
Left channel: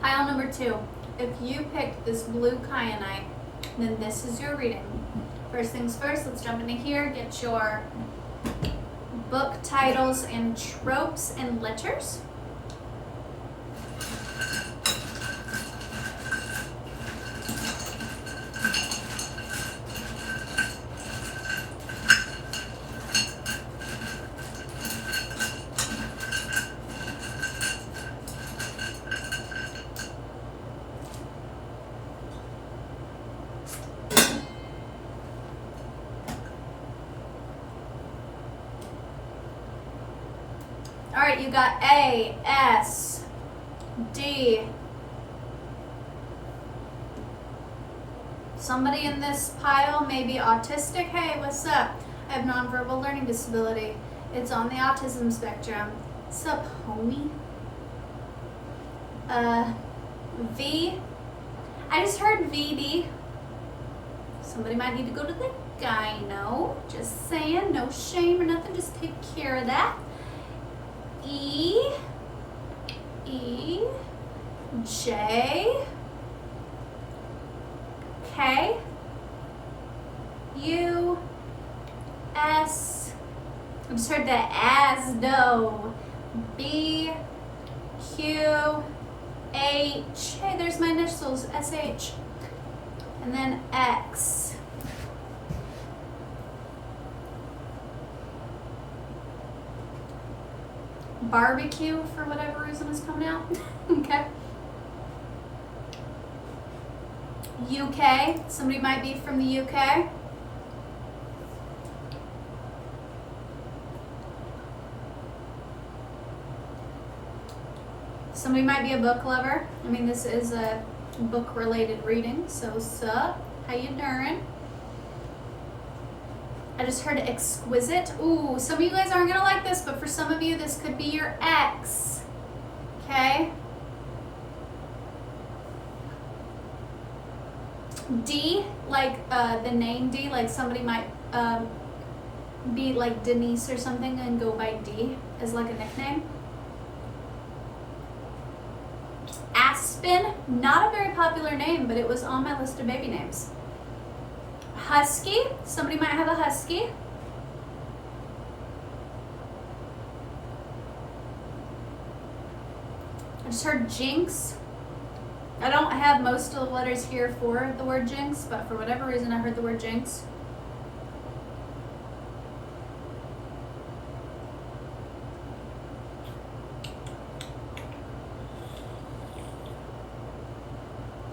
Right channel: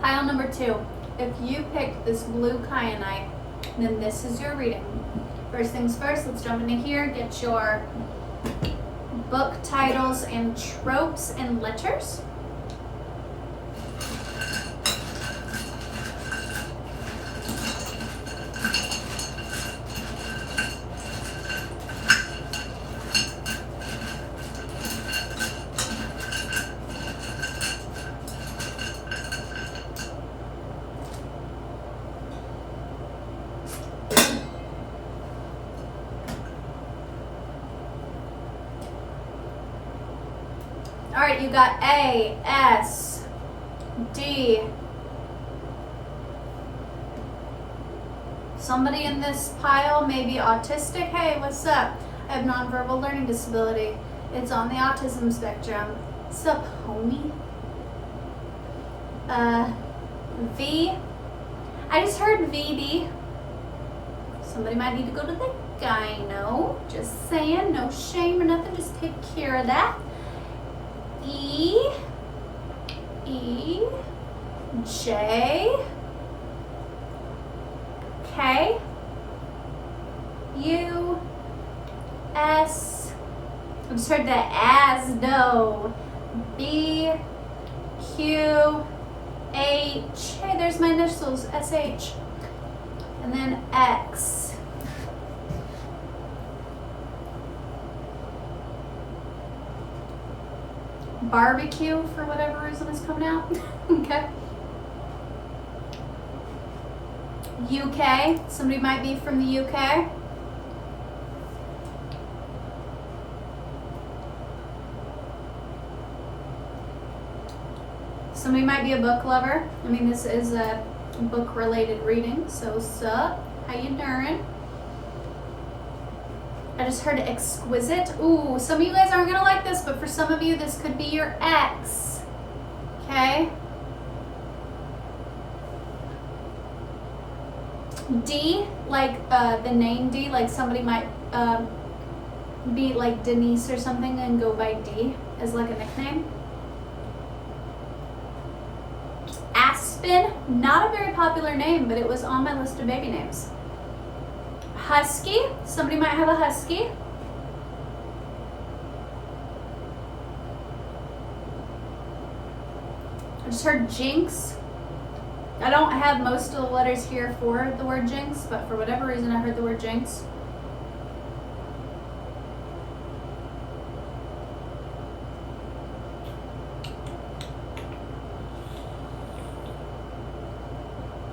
Pile number 2. If you pick this blue kyanite, then this is your reading. First things first, let's jump into here. Get your book titles and tropes and letters. All right, you got A, S, D. Somebody in this pile may be autistic. Hey, what's up? I have nonverbal learning disability. It's on the autism spectrum. What's up, homie? V. I just heard VD. Somebody might need to go to the gyno. Just saying, no shame or nothing. Just take care of that. E, J, K, U, S, I just heard the as, no, B, Q, H, hey, there's my initials, SH, and then X. Barbecue, for whatever reason, is coming out. Okay. UK, somebody might be from the UK. Somebody might be a book lover. I mean, this is a book-related reading, so sup? How you doing? I just heard exquisite. Ooh, some of you guys aren't gonna like this, but for some of you, this could be your ex. Okay? D, like the name D, like somebody might be like Denise or something and go by D as like a nickname. Aspen, not a very popular name, but it was on my list of baby names. Husky, somebody might have a husky. I just heard jinx. I don't have most of the letters here for the word jinx, but for whatever reason I heard the word jinx.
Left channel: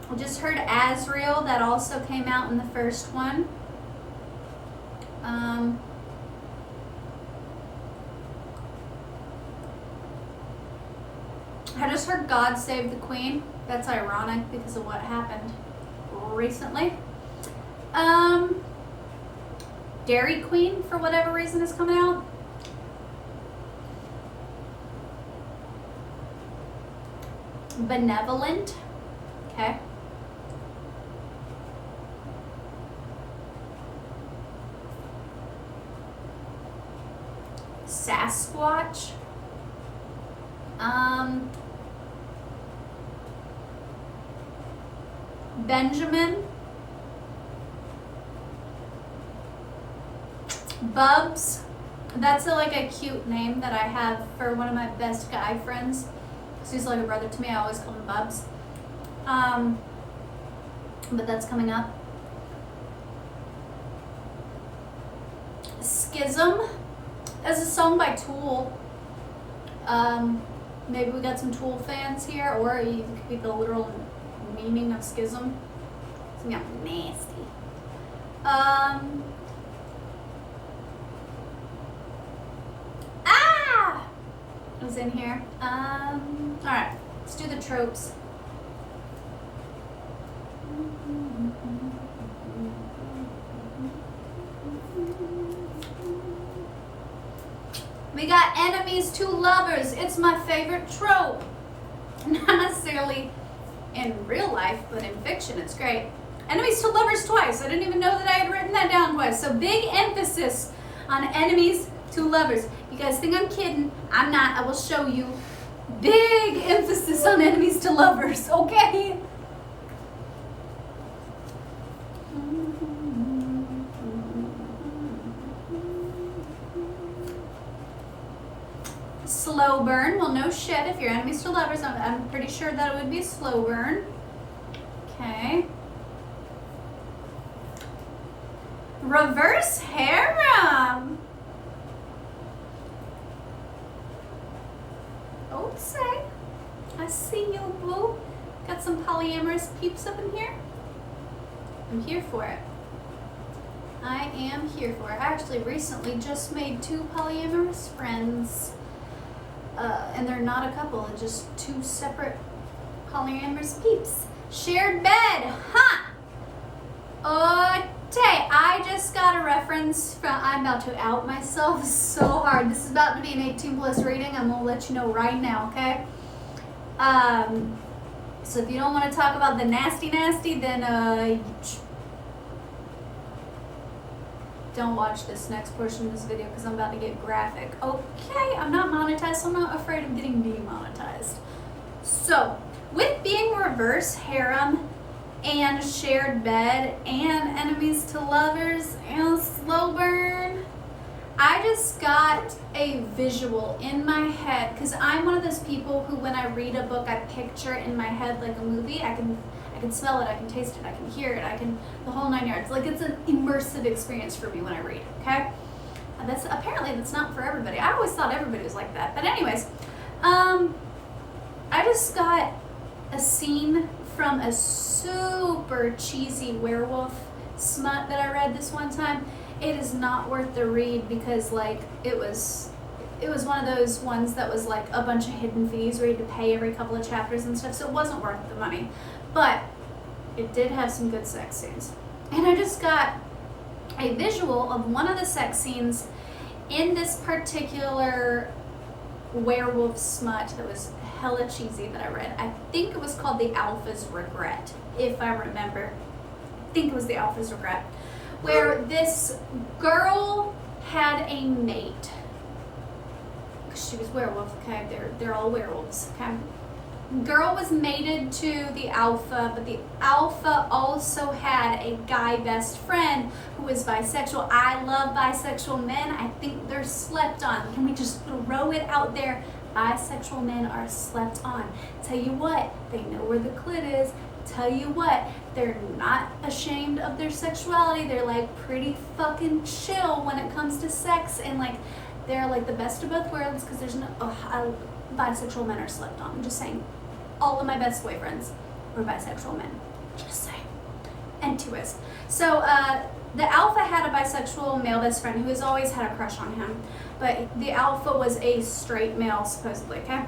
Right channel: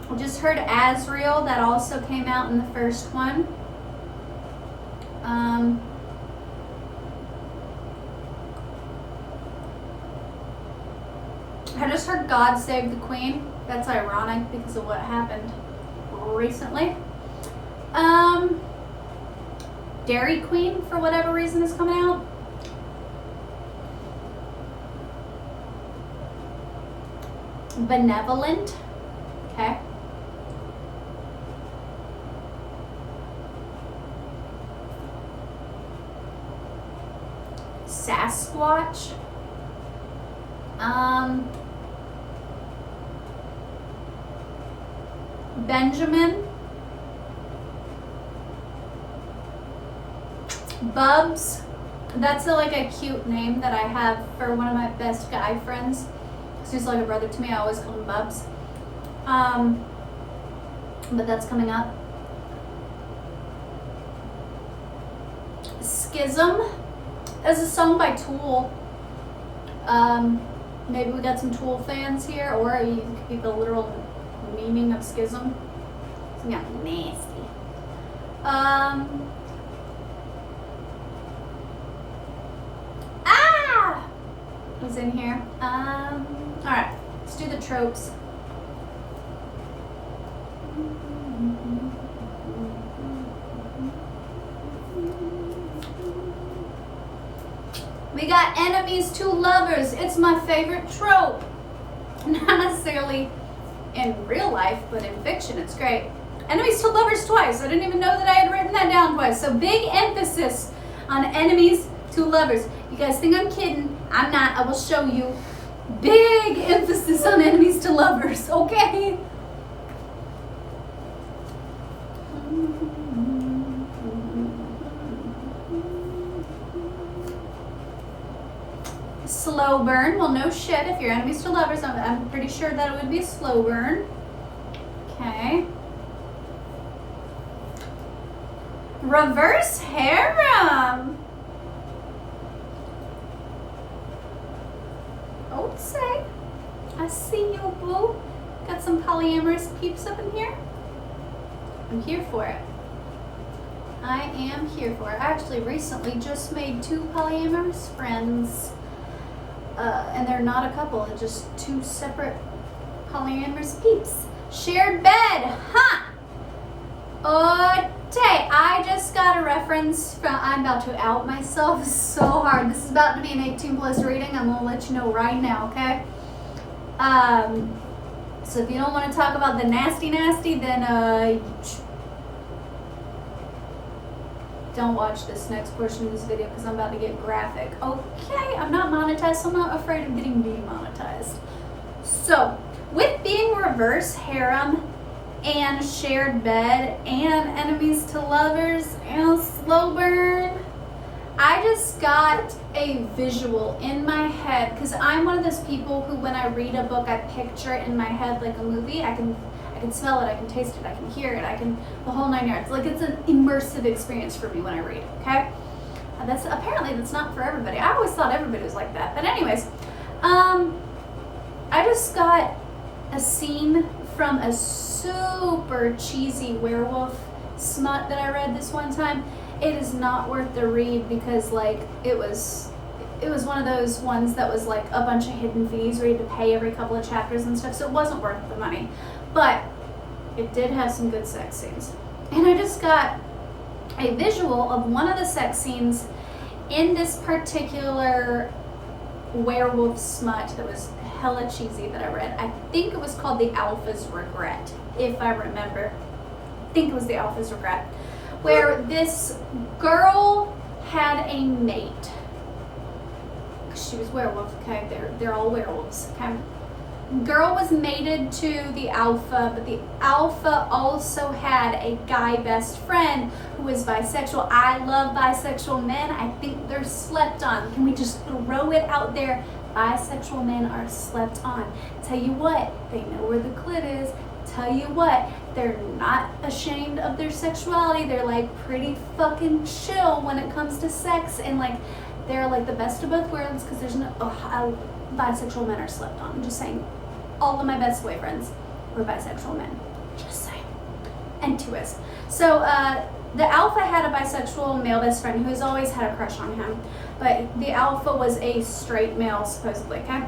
I just heard Azrael, that also came out in the first one. I just heard God Save the Queen. That's ironic because of what happened recently. Dairy Queen, for whatever reason, is coming out. Benevolent. Okay. Sasquatch. Benjamin. Bubs. That's like a cute name that I have for one of my best guy friends. He's like a brother to me. I always call him Bubs. But that's coming up. Schism is a song by Tool. Maybe we got some Tool fans here, or it could be the literal meaning of schism. It's gonna be nasty. Was in here. All right, let's do the tropes. We got enemies to lovers. It's my favorite trope. Not necessarily in real life, but in fiction, it's great. Enemies to lovers twice. I didn't even know that I had written that down twice. So big emphasis on enemies to lovers. You guys think I'm kidding? I'm not. I will show you. Big emphasis on enemies to lovers, okay? Slow burn. Well, no shit. If you're enemies to lovers, I'm pretty sure that it would be a slow burn. Okay. Reverse harem. I would say. I see you, boo. Got some polyamorous peeps up in here. I'm here for it. I am here for it. I actually recently just made 2 polyamorous friends. And they're not a couple, they're just 2 separate polyamorous peeps. Shared bed, huh? Okay, I just got a reference from, I'm about to out myself so hard. This is about to be an 18+ reading. I'm gonna let you know right now, okay? So if you don't want to talk about the nasty, then don't watch this next portion of this video because I'm about to get graphic. Okay, I'm not monetized, so I'm not afraid of getting demonetized. So, with being reverse harem and shared bed and enemies to lovers and slow burn, I just got a visual in my head because I'm one of those people who, when I read a book, I picture it in my head like a movie. I can smell it, I can taste it, I can hear it, I can the whole 9 yards. Like, it's an immersive experience for me when I read. Okay, and that's not for everybody. I always thought everybody was like that, but anyways, I just got a scene from a super cheesy werewolf smut that I read this one time. It is not worth the read because, like, it was one of those ones that was like a bunch of hidden fees where you had to pay every couple of chapters and stuff, so it wasn't worth the money. But it did have some good sex scenes. And I just got a visual of one of the sex scenes in this particular werewolf smut that was hella cheesy that I read. I think it was called The Alpha's Regret, if I remember. I think it was The Alpha's Regret, where this girl had a mate. She was werewolf, okay? They're all werewolves, okay? Girl was mated to the alpha, but the alpha also had a guy best friend who was bisexual. I love bisexual men. I think they're slept on. Can we just throw it out there? Bisexual men are slept on. Tell you what, they know where the clit is. Tell you what, they're not ashamed of their sexuality. They're like pretty fucking chill when it comes to sex, and like they're like the best of both worlds because there's no bisexual men are slept on. I'm just saying, all of my best boyfriends were bisexual men. Just saying. And twist. So the alpha had a bisexual male best friend who has always had a crush on him, but the alpha was a straight male supposedly, okay?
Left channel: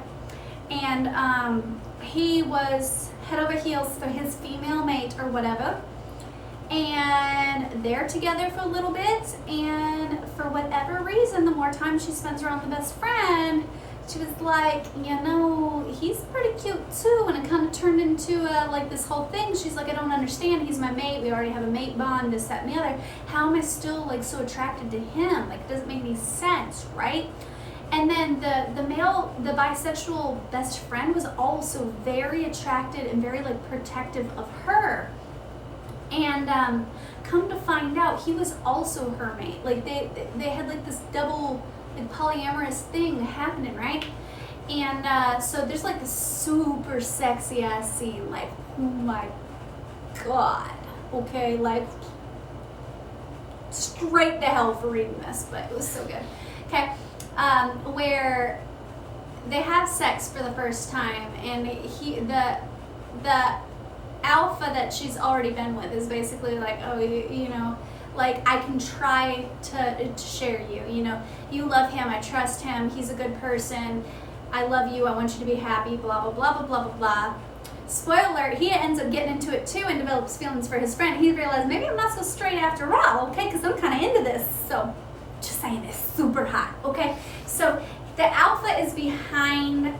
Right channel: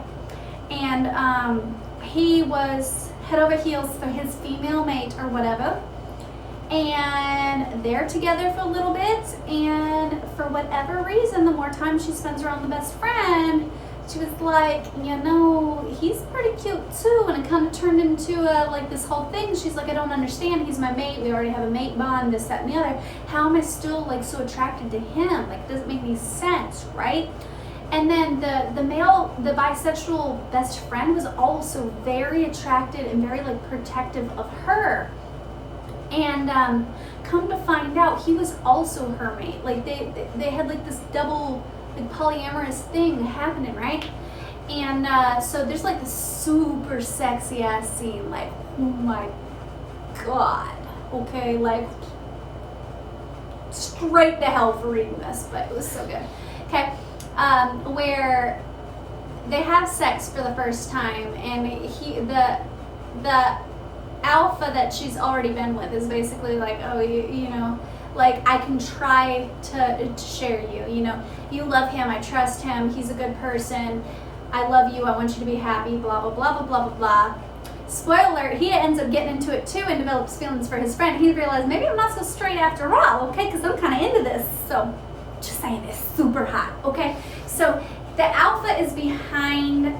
And he was head over heels for his female mate or whatever, and they're together for a little bit, and for whatever reason, the more time she spends around the best friend, she was like, you know, he's pretty cute too, and it kind of turned into like this whole thing. She's like, I don't understand, he's my mate, we already have a mate bond, this, that, and the other. How am I still like so attracted to him? Like, it doesn't make any sense, right? And then the bisexual best friend was also very attracted and very like protective of her. And come to find out, he was also her mate. Like they had like this double like polyamorous thing happening, right? And so there's like this super sexy ass scene, like, oh my god, okay, like straight to hell for reading this, but it was so good. Okay, where they have sex for the first time, and the alpha that she's already been with is basically like, oh, you know, like, I can try to share you, you know, you love him, I trust him, he's a good person, I love you, I want you to be happy, blah, blah, blah, blah, blah, blah, blah. Spoiler alert, he ends up getting into it too and develops feelings for his friend. He realized, maybe I'm not so straight after all, okay, because I'm kind of into this. So, just saying, it's super hot, okay? So, the alpha is behind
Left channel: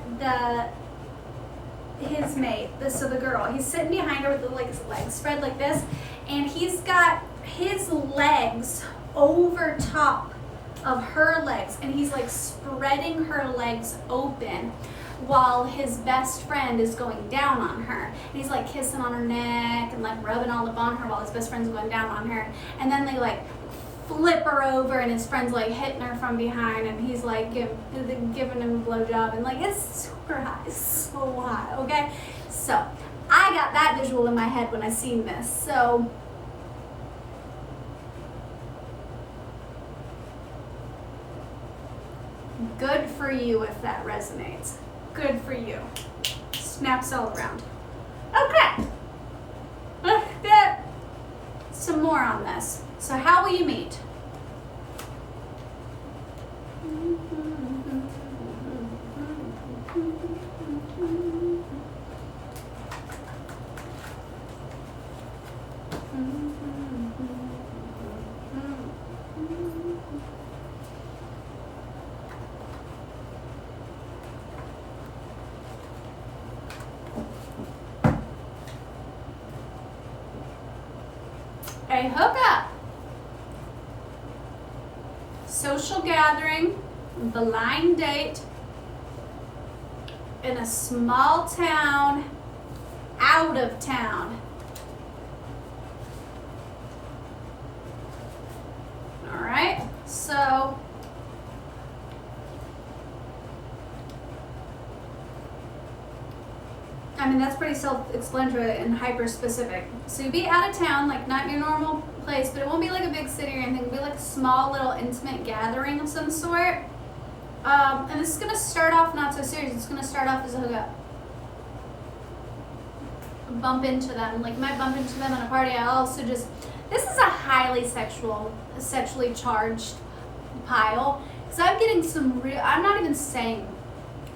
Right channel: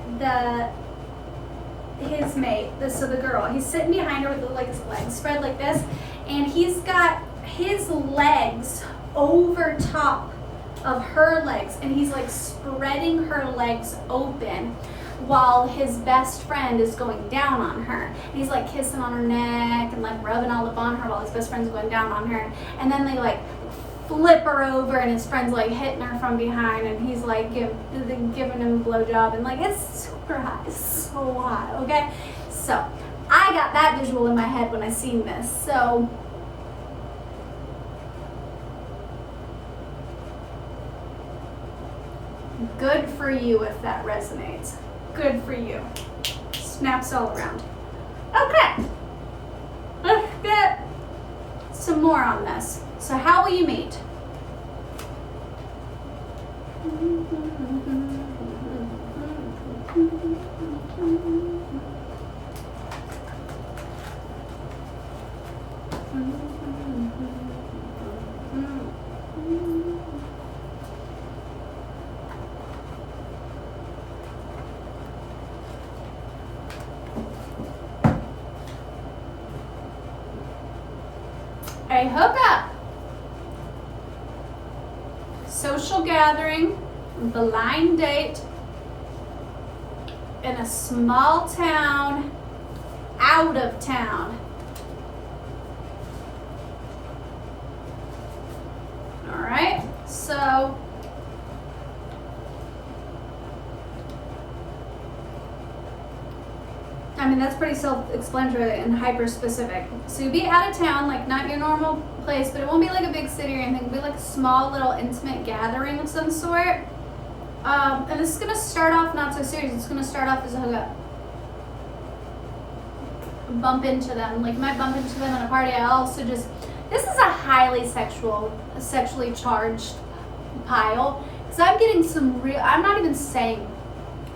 his mate, so the girl. He's sitting behind her with like his legs spread like this, and he's got his legs over top of her legs, and he's like spreading her legs open while his best friend is going down on her. And he's like kissing on her neck and like rubbing all up on her while his best friend's going down on her. And then they like flip her over, and his friend's like hitting her from behind, and he's like giving him a blowjob, and like it's super hot. It's so hot, okay? So I got that visual in my head when I seen this. So good for you if that resonates. Good for you. Snaps all around. Okay. Let's get some more on this. So how will you meet? A hookup, social gathering, blind date in a small town, out of town. All right, so I mean, that's pretty self-explanatory and hyper-specific. So you'll be out of town, like not your normal place, but it won't be like a big city or anything. It'll be like a small little intimate gathering of some sort. And this is gonna start off not so serious. It's gonna start off as a hookup. Bump into them. Like, you might bump into them at a party. I also just, this is a highly sexually charged pile. Because I'm getting some real, I'm not even saying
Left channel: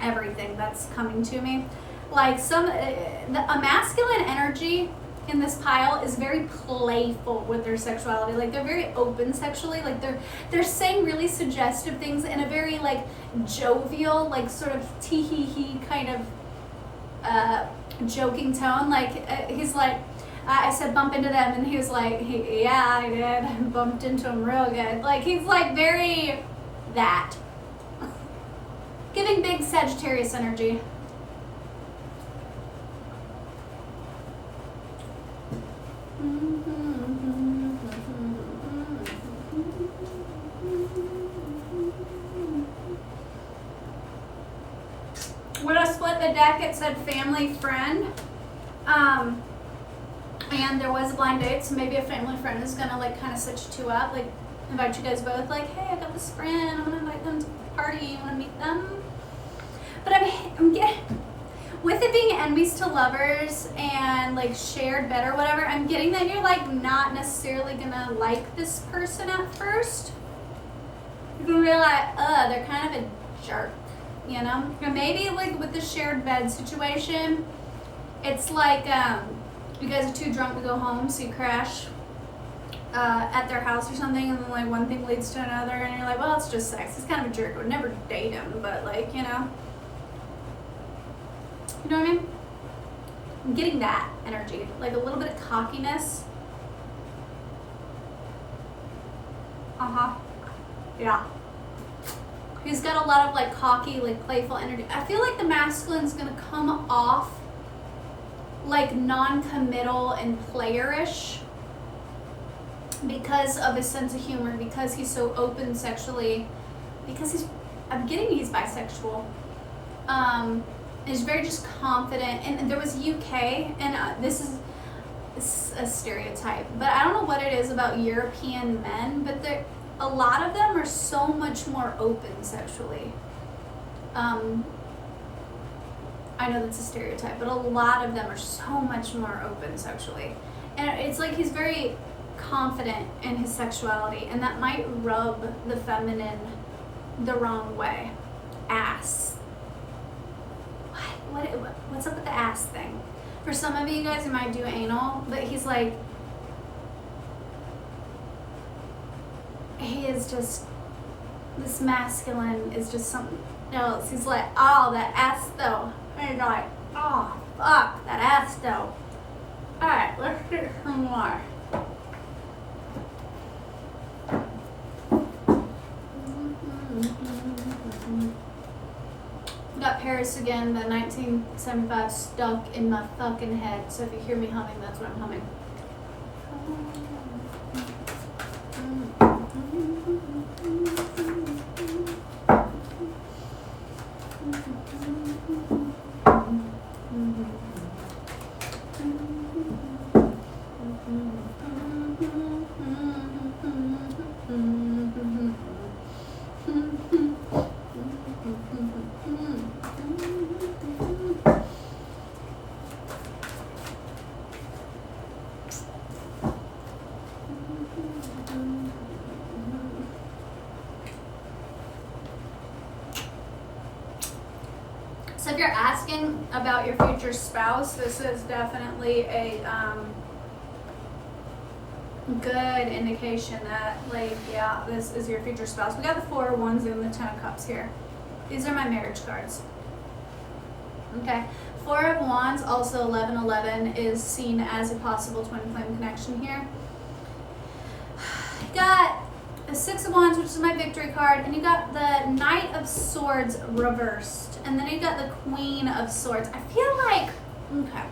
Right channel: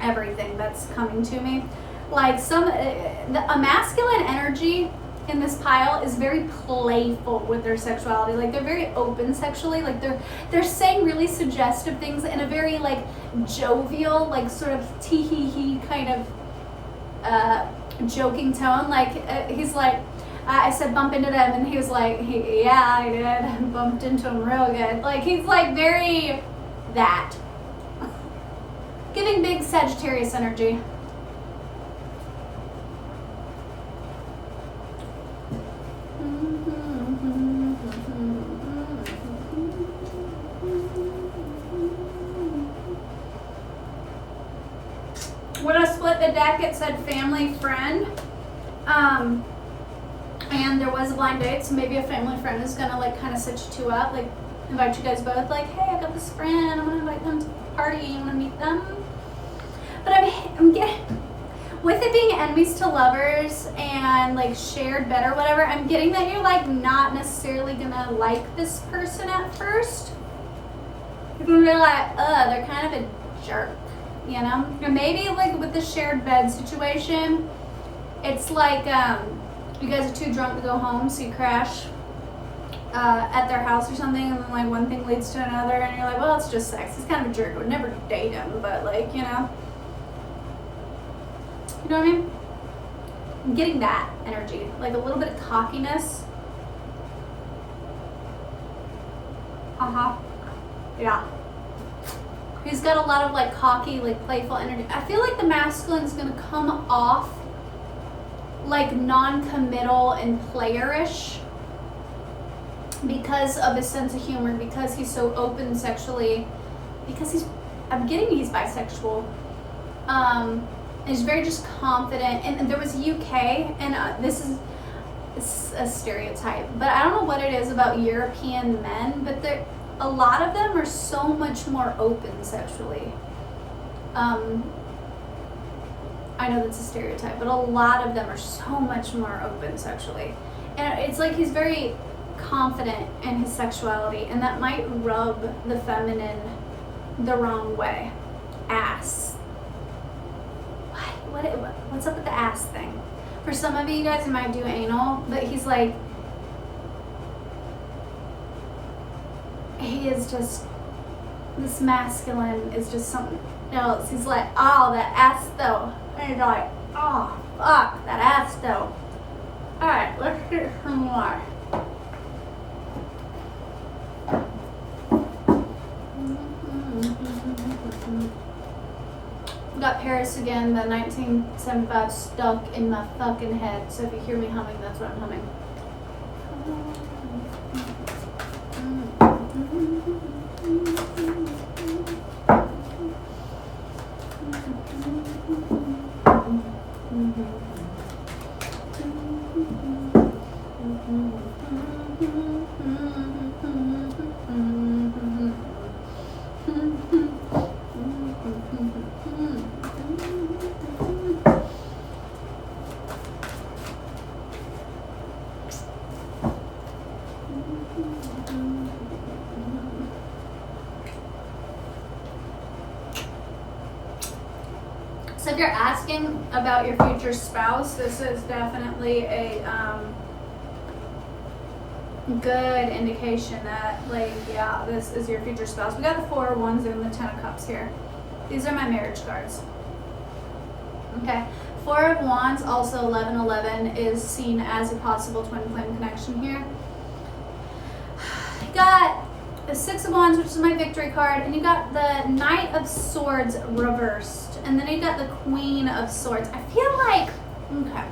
everything that's coming to me. Like a masculine energy in this pile is very playful with their sexuality. Like, they're very open sexually. Like, they're saying really suggestive things in a very like jovial, like sort of tee-hee-hee kind of joking tone. Like, he's like, I said bump into them, and he was like, yeah, I did. Bumped into him real good. Like, he's like very that. Giving big Sagittarius energy. When I split the deck, it said family friend. And there was a blind date, so maybe a family friend is gonna like kind of set you two up, like invite you guys both, like, hey, I got this friend, I'm gonna invite them to the party, you wanna meet them? But I'm getting, with it being enemies to lovers and like shared bet or whatever, I'm getting that you're like not necessarily gonna like this person at first. You're gonna realize, they're kind of a jerk, you know? Or maybe like with the shared bed situation, it's like you guys are too drunk to go home, so you crash at their house or something, and then like one thing leads to another, and you're like, well, it's just sex. He's kind of a jerk. I would never date him, but like, you know what I mean? I'm getting that energy, like a little bit of cockiness. Yeah. He's got a lot of like cocky, like playful energy. I feel like the masculine is gonna come off like non-committal and playerish because of his sense of humor, because he's so open sexually, because I'm getting he's bisexual. He's very just confident, and there was UK, and this is a stereotype, but I don't know what it is about European men, but a lot of them are so much more open sexually. I know that's a stereotype, but a lot of them are so much more open sexually. And it's like he's very confident in his sexuality, and that might rub the feminine the wrong way. Ass. What's up with the ass thing? For some of you guys, you might do anal, but he's like, he is just, this masculine is just something else. He's like, oh, that ass though. And you're like, oh, fuck, that ass though. Alright, let's do some more. Got Paris again, the 1975 stuck in my fucking head. So if you hear me humming, that's what I'm humming. So if you're asking about your future spouse, this is definitely a good indication that, like, yeah, this is your future spouse. We got the 4 of Wands and the 10 of Cups here. These are my marriage cards. Okay. 4 of Wands, also 1111, is seen as a possible twin flame connection here. You got the 6 of Wands, which is my victory card, and you got the Knight of Swords reversed, and then you got the Queen of Swords. I feel like, okay,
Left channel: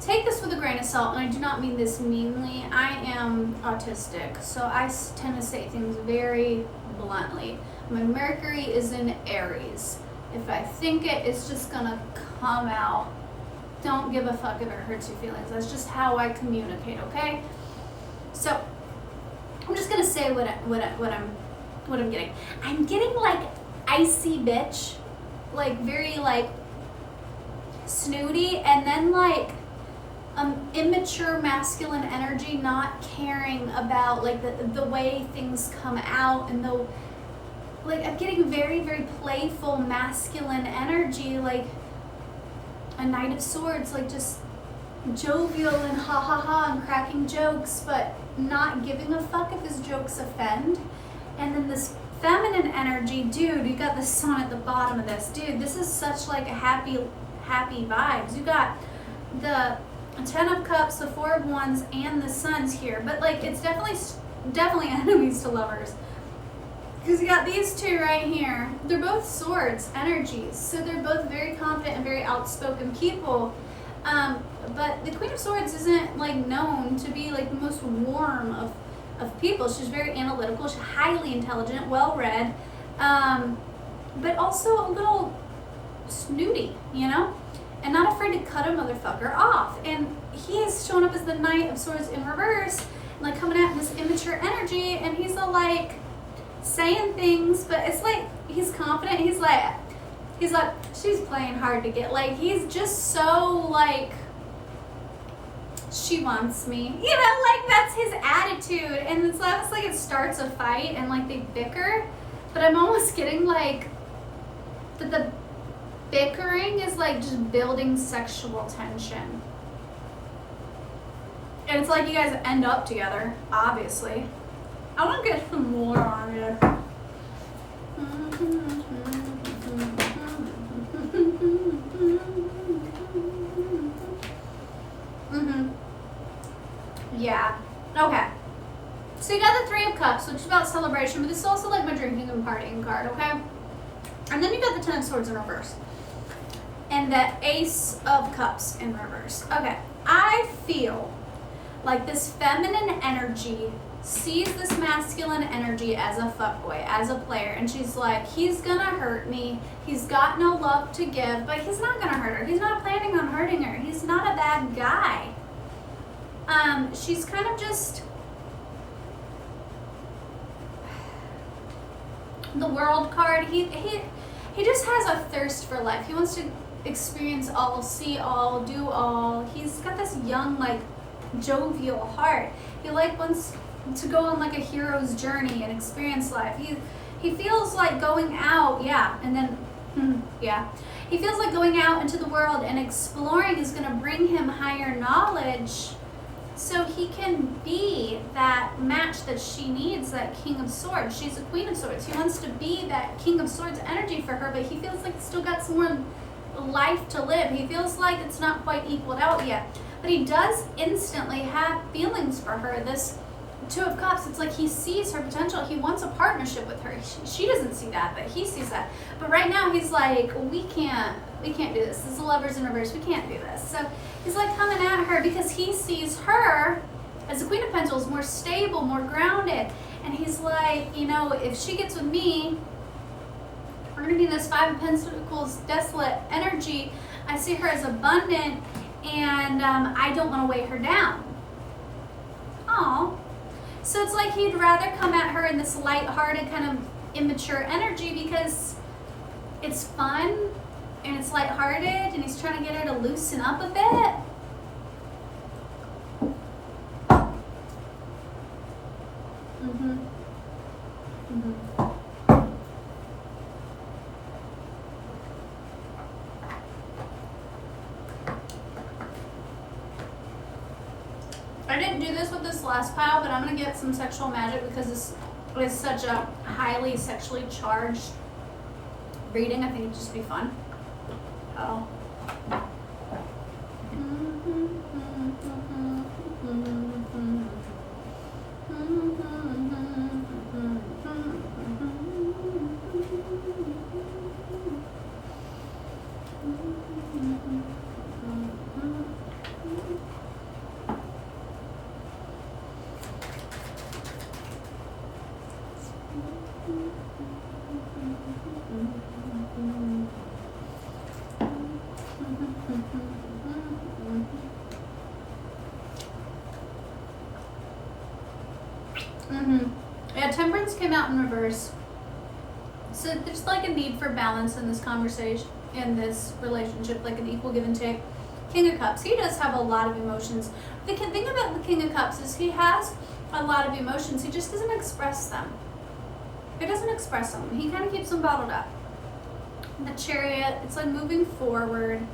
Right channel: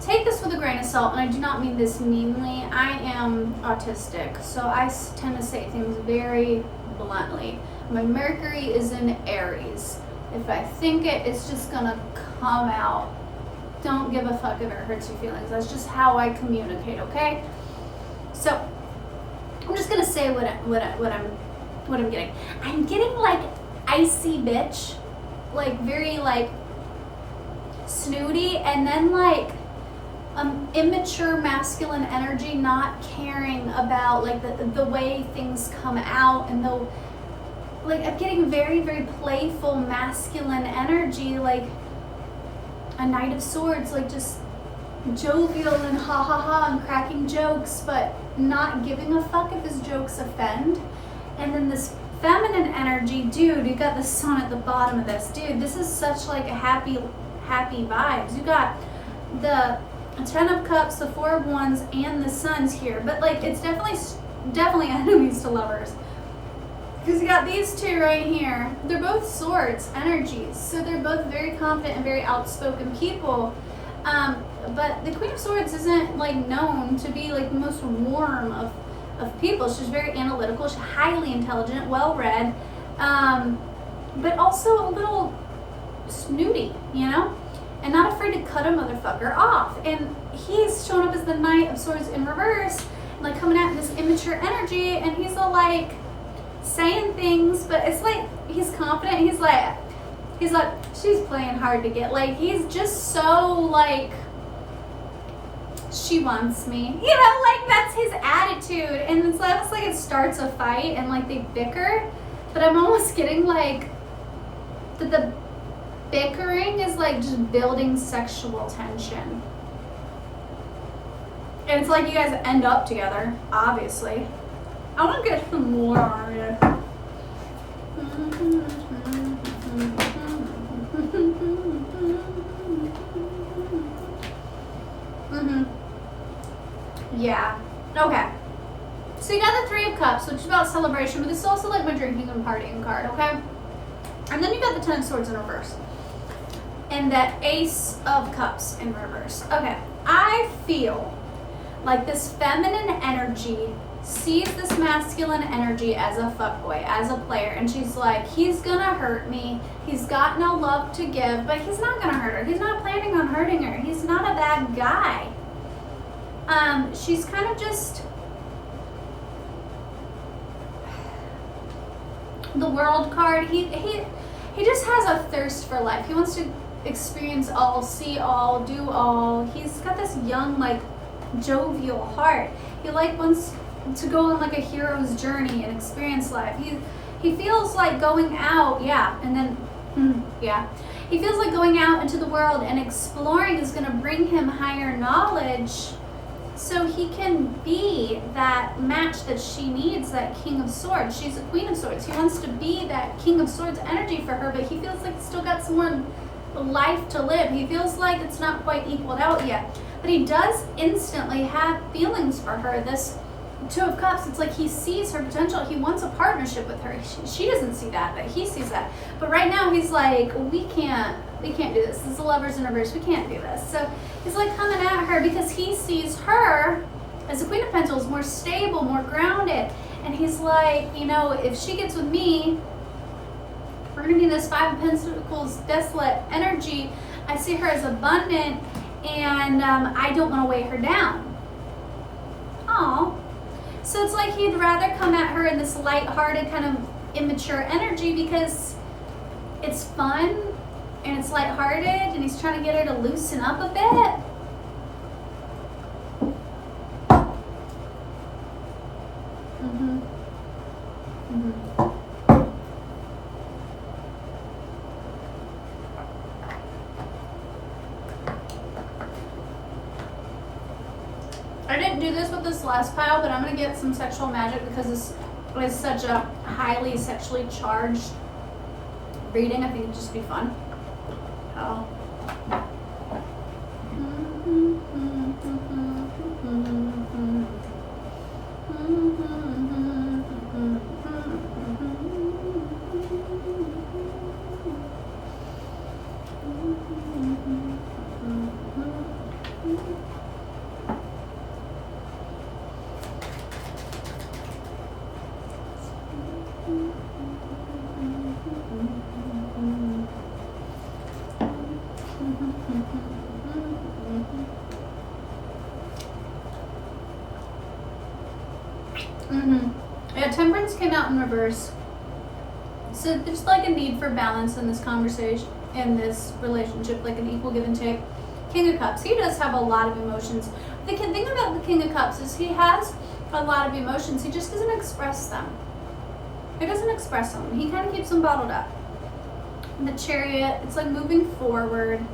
take this with a grain of salt, and I do not mean this meanly. I am autistic, so I tend to say things very bluntly. My Mercury is in Aries. If I think it, it's just gonna come out don't give a fuck if it hurts your feelings. That's just how I communicate, okay? So I'm just gonna say what I'm getting. I'm getting like icy bitch, like very like snooty, and then like immature masculine energy, not caring about like the way things come out, and the like I'm getting very, very playful masculine energy, like a Knight of Swords, like just jovial and ha ha ha and cracking jokes, but not giving a fuck if his jokes offend. And then this feminine energy, dude, you got the sun at the bottom of this. Dude, this is such like a happy vibes. You got the 10 of Cups, the 4 of Wands, and the Suns here. But like it's definitely enemies to lovers. Because you got these two right here. They're both swords energies. So they're both very confident and very outspoken people. But the Queen of Swords isn't like known to be like the most warm of people. She's very analytical. She's highly intelligent, well-read, but also a little snooty, you know? And not afraid to cut a motherfucker off. And he's showing up as the Knight of Swords in reverse, and like coming out in this immature energy, and he's all like saying things, but it's like he's confident. He's like she's playing hard to get. Like he's just so like she wants me, you know, like that's his attitude. And it's almost like it starts a fight and like they bicker, but I'm almost getting like that the bickering is like just building sexual tension. And it's like you guys end up together, obviously. I want to get some more on you. Yeah. Okay. So you got the 3 of Cups, which is about celebration, but this is also like my drinking and partying card, okay? And then you got the 10 of Swords in reverse. And the Ace of Cups in reverse. Okay. I feel like this feminine energy sees this masculine energy as a fuckboy, as a player, and she's like, he's gonna hurt me, he's got no love to give, but he's not gonna hurt her, he's not planning on hurting her, he's not a bad guy. She's kind of just the World card. He just has a thirst for life. He wants to experience all, see all, do all. He's got this young, like, jovial heart. He like wants to go on like a hero's journey and experience life. He feels like going out, he feels like going out into the world and exploring is going to bring him higher knowledge, so he can be that match that she needs, that King of Swords. She's a Queen of Swords. He wants to be that King of Swords energy for her, but he feels like he's still got some more life to live. He feels like it's not quite equaled out yet. But he does instantly have feelings for her. This 2 of Cups, it's like he sees her potential. He wants a partnership with her. She doesn't see that, but he sees that. But right now he's like, we can't do this. This is the Lovers in reverse. We can't do this. So he's like coming at her because he sees her as the Queen of Pentacles, more stable, more grounded. And he's like, you know, if she gets with me, we're going to be in this 5 of Pentacles desolate energy. I see her as abundant, and I don't want to weigh her down. Aw. So it's like he'd rather come at her in this light-hearted, kind of immature energy because it's fun and it's light-hearted, and he's trying to get her to loosen up a bit. I didn't do this with this last pile, but I'm going to get some sexual magic because this is such a highly sexually charged reading. I think it'd just be fun. Oh. Yeah, Temperance came out in reverse. So there's like a need for balance in this conversation, in this relationship, like an equal give and take. King of Cups, he does have a lot of emotions. The thing about the King of Cups is he has a lot of emotions. He just doesn't express them. He doesn't express them. He kind of keeps them bottled up. The Chariot, it's like moving forward.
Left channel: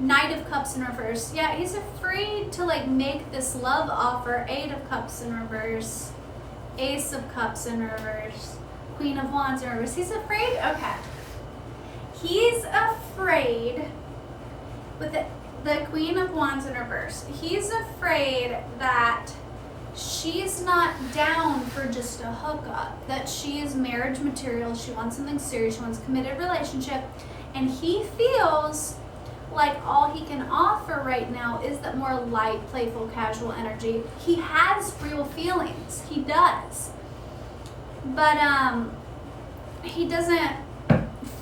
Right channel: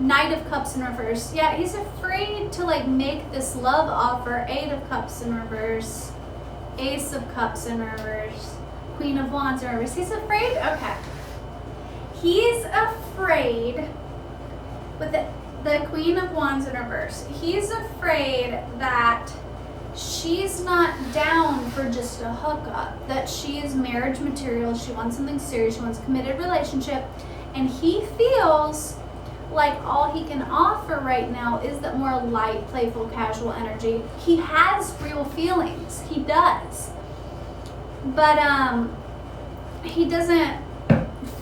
Knight of Cups in reverse. Yeah, he's afraid to like make this love offer. 8 of Cups in reverse. Ace of Cups in reverse. Queen of Wands in reverse. He's afraid. Okay. He's afraid with the Queen of Wands in reverse. He's afraid that she's not down for just a hookup, that she is marriage material. She wants something serious. She wants a committed relationship. And he feels like all he can offer right now is that more light, playful, casual energy. He has real feelings. He does. But he doesn't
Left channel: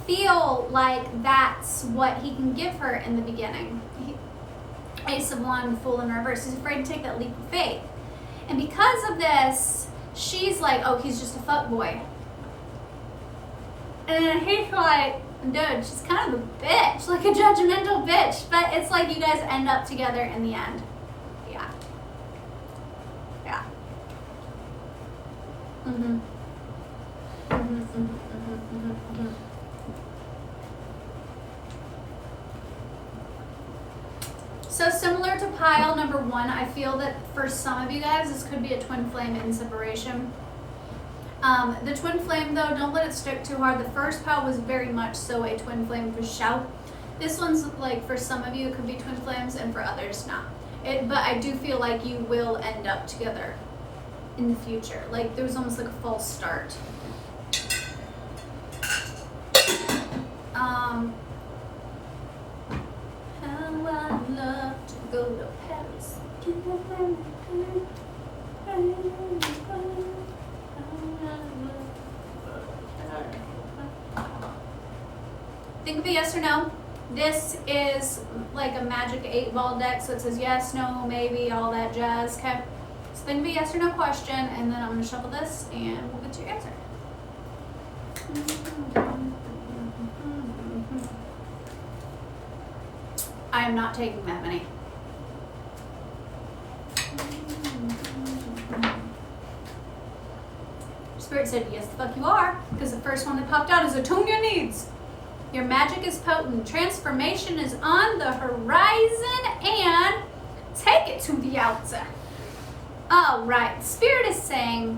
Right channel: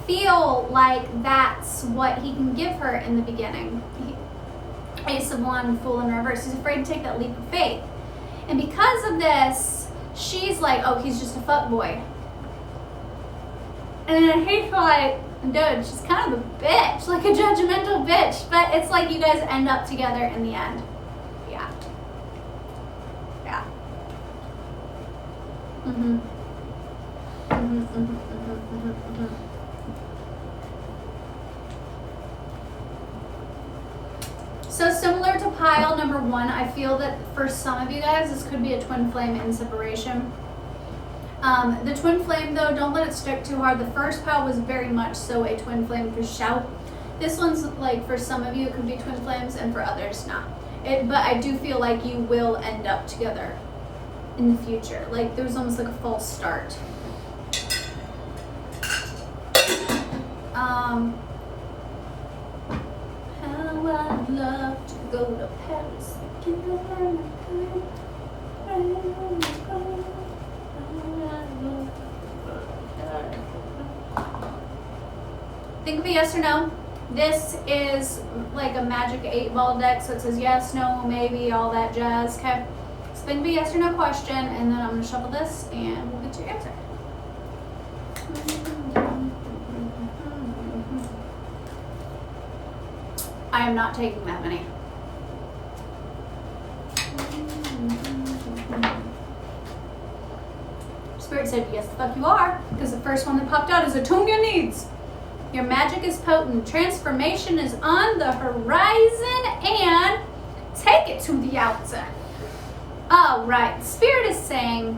feel like that's what he can give her in the beginning. Ace of Wands, Fool in reverse. He's afraid to take that leap of faith. And because of this, she's like, oh, he's just a fuckboy. And then he's like, dude, she's kind of a bitch, like a judgmental bitch. But it's like you guys end up together in the end. Yeah. Yeah. So similar to pile number 1, I feel that for some of you guys, this could be a twin flame in separation. The twin flame, though, don't let it stick too hard. The first pile was very much so a twin flame for shout. This one's like, for some of you, it could be twin flames, and for others, not. But I do feel like you will end up together in the future. Like, there's almost like a false start. How I'd love to go to Paris again. Think of a yes or no. This is like a magic 8-ball deck, so it says yes, no, maybe, all that jazz. Okay, so think of a yes or no question, and then I'm going to shuffle this and we'll get to your answer. I am not taking that many. Spirit said, yes, the fuck you are, because the first one that popped out is attune your needs. Your magic is potent. Transformation is on the horizon, and take it to the outside. All right, Spirit is saying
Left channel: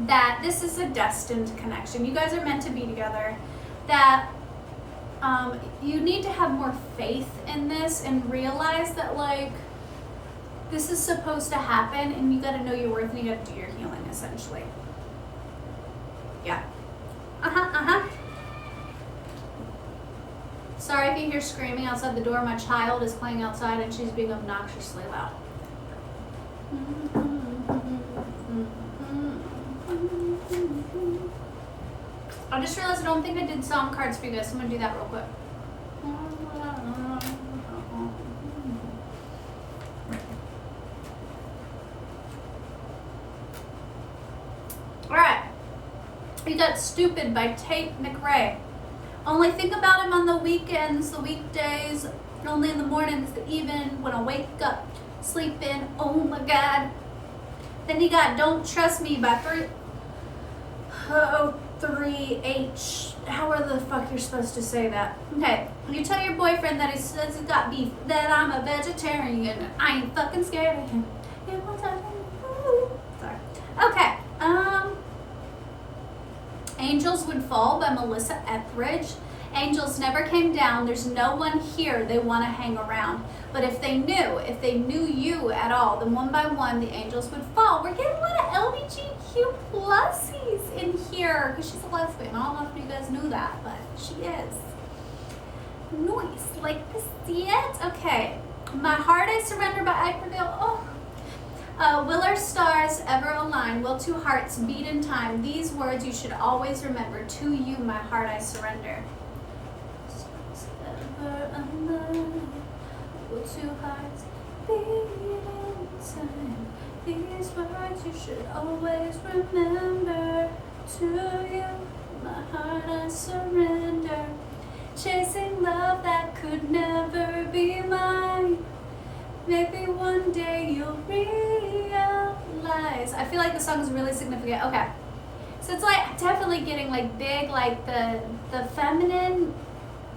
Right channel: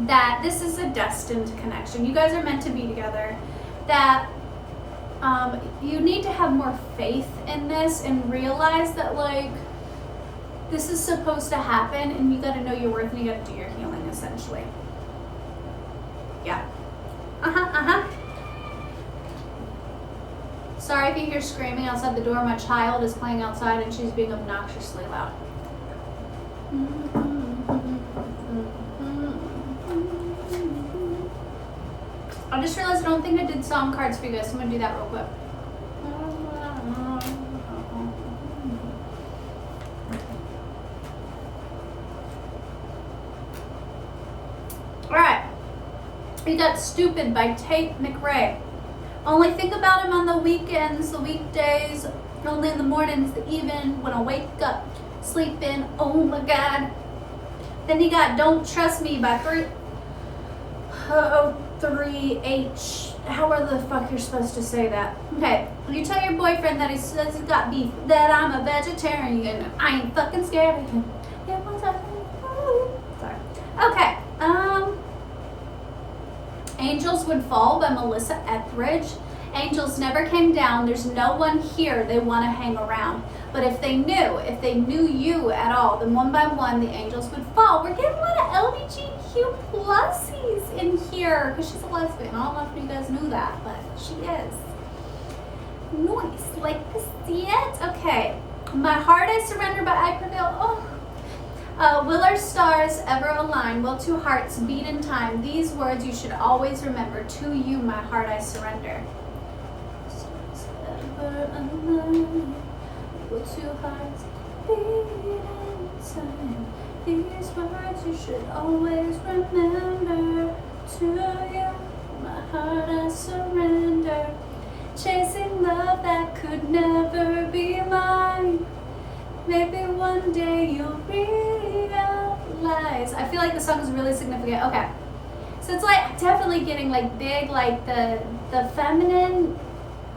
that this is a destined connection. You guys are meant to be together. That you need to have more faith in this and realize that, like, this is supposed to happen, and you got to know your worth, and you got to do your healing, essentially. Yeah. Sorry if you hear screaming outside the door. My child is playing outside, and she's being obnoxiously loud. I just realized I don't think I did song cards for you guys, so I'm going to do that real quick. Alright. We got Stupid by Tate McRae. Only think about him on the weekends, the weekdays, only in the mornings, the even, when I wake up, sleep in, oh my God. Then you got Don't Trust Me by 3H. However the fuck you're supposed to say that. Okay, you tell your boyfriend that he says he's got beef, that I'm a vegetarian, and I ain't fucking scared of him. Sorry. Okay, Angels Would Fall by Melissa Etheridge. Angels never came down. There's no one here they want to hang around. But if they knew you at all, then one by one the angels would fall. We're getting a lot of LGBTQ plusies in here because she's a lesbian. I don't know if you guys knew that, but she is. Nice. Like to see it? Okay. My Heart I Surrender by I Prevail. Oh. Will our stars ever align? Will two hearts beat in time? These words you should always remember. To you, my heart, I surrender. Stars ever align? Will two hearts beat in time? These words you should always remember. To you, my heart I surrender. Chasing love that could never be mine. Maybe one day you'll realize. I feel like the song is really significant. Okay. So it's like definitely getting like big, like the feminine.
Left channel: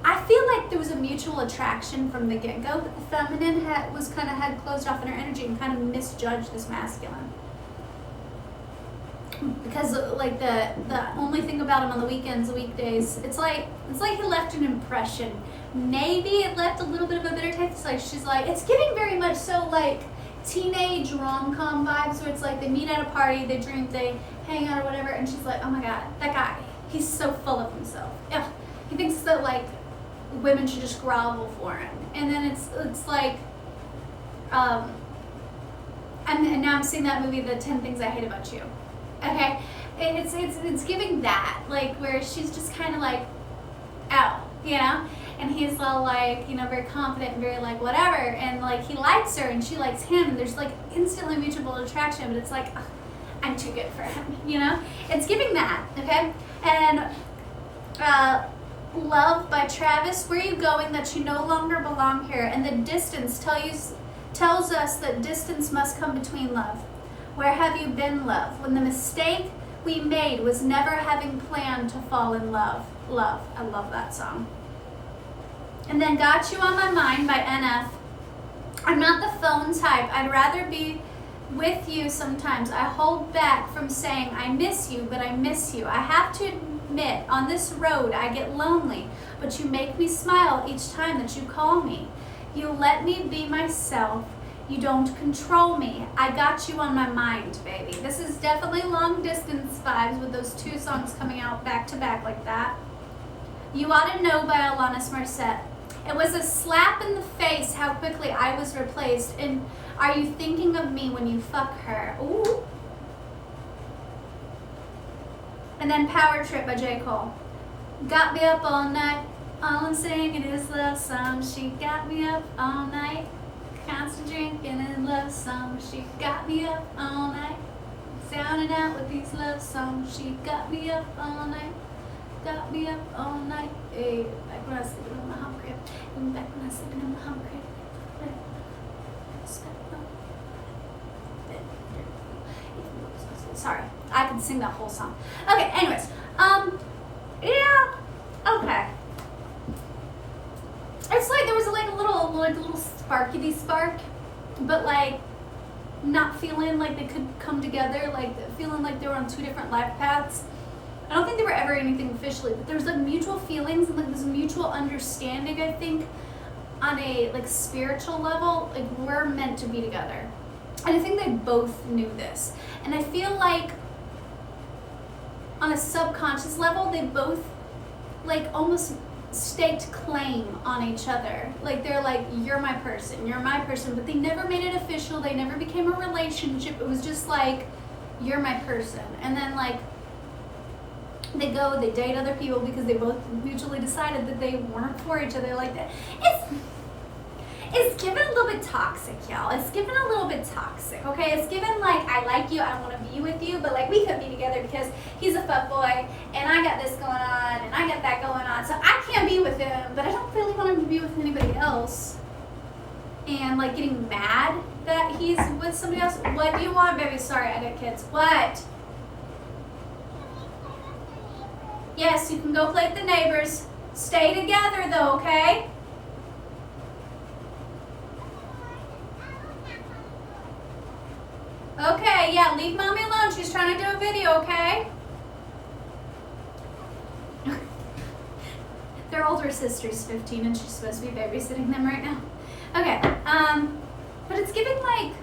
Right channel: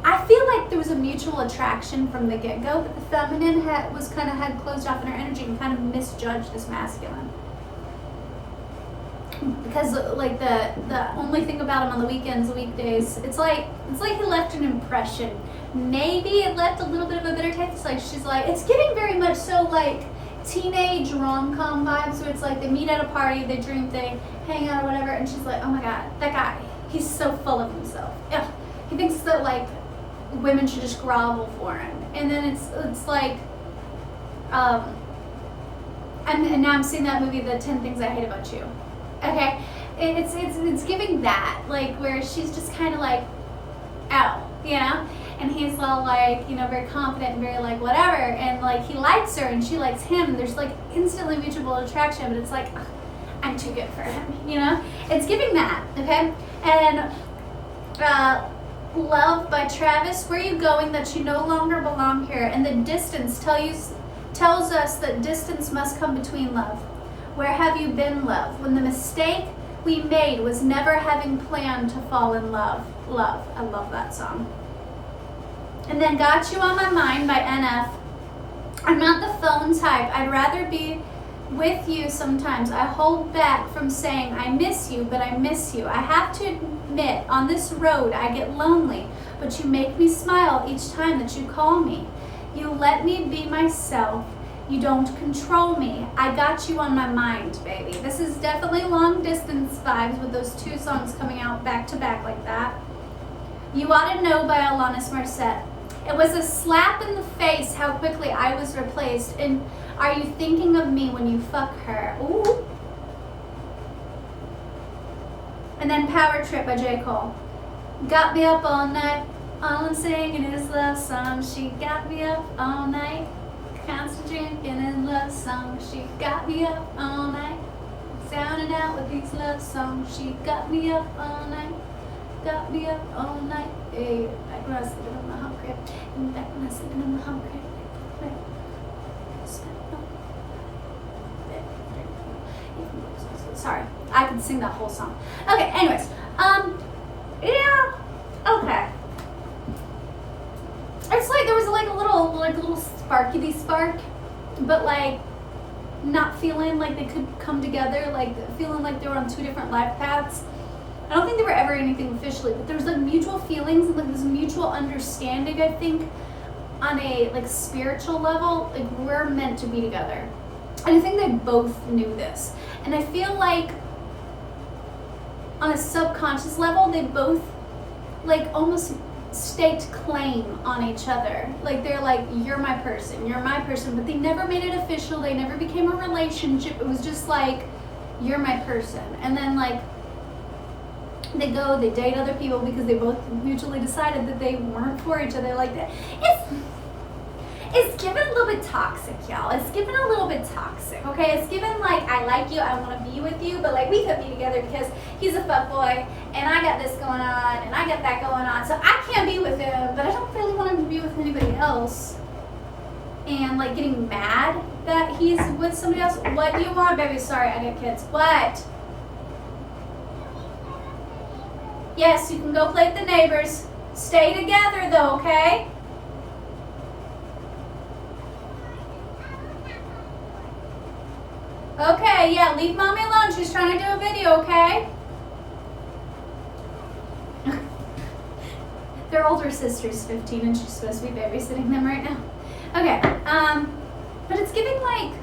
I feel like there was a mutual attraction from the get-go, but the feminine had closed off in her energy and kind of misjudged this masculine. Because like the only thing about him on the weekends, the weekdays, it's like he left an impression. Maybe it left a little bit of a bitter taste. Like she's like, it's giving very much so like teenage rom-com vibes, where it's like they meet at a party, they drink, they hang out or whatever, and she's like, oh my god, that guy, he's so full of himself. Ugh. He thinks that like women should just grovel for him, and then it's like, and now I'm seeing that movie, The 10 Things I Hate About You. Okay, it's giving that, like where she's just kind of like, oh, you know, and he's all like, you know, very confident and very like whatever, and like he likes her and she likes him, and there's like instantly mutual attraction, but it's like, ugh, I'm too good for him, you know. It's giving that, okay. And Love by Travis. Where are you going that you no longer belong here? And the distance tells us that distance must come between love. Where have you been, love, when the mistake we made was never having planned to fall in love? Love. I love that song. And then Got You on My Mind by NF. I'm not the phone type. I'd rather be with you sometimes. I hold back from saying I miss you, but I miss you. I have to admit, on this road I get lonely, but you make me smile each time that you call me. You let me be myself. You don't control me. I got you on my mind, baby. This is definitely long distance vibes with those two songs coming out back to back like that. You Ought to Know by Alanis Morissette. It was a slap in the face how quickly I was replaced. And are you thinking of me when you fuck her? Ooh. And then Power Trip by J. Cole. Got me up all night. All I'm singing is love songs. She got me up all night. Constant drinking and love songs. She got me up all night. Sounding out with these love songs. She got me up all night. Got me up all night. Hey, back when I was sleeping on my hump crib. And back when I was sleeping on my hump crib. Sorry, I could sing that whole song. Okay, anyways. Yeah. Okay. It's like there was like a little sparky spark, but like not feeling like they could come together, like feeling like they were on two different life paths. I don't think they were ever anything officially, but there was like mutual feelings and like this mutual understanding, I think, on a like spiritual level, like we're meant to be together. And I think they both knew this. And I feel like on a subconscious level, they both like almost staked claim on each other. Like they're like, you're my person, but they never made it official. They never became a relationship. It was just like, you're my person. And then like they date other people because they both mutually decided that they weren't for each other like that. It's given a little bit toxic, y'all. It's given a little bit toxic, okay? It's given like, I like you, I want to be with you, but like we could be together because he's a fuckboy and I got this going on and I got that going on. So I can't be with him, but I don't really want him to be with anybody else. And like getting mad that he's with somebody else. What do you want, baby? Sorry, I got kids. What? Yes, you can go play with the neighbors. Stay together though, okay? Okay, yeah, leave mommy alone. She's trying to do a video, okay? Their older sister's 15 and she's supposed to be babysitting them right now. Okay, but it's giving like,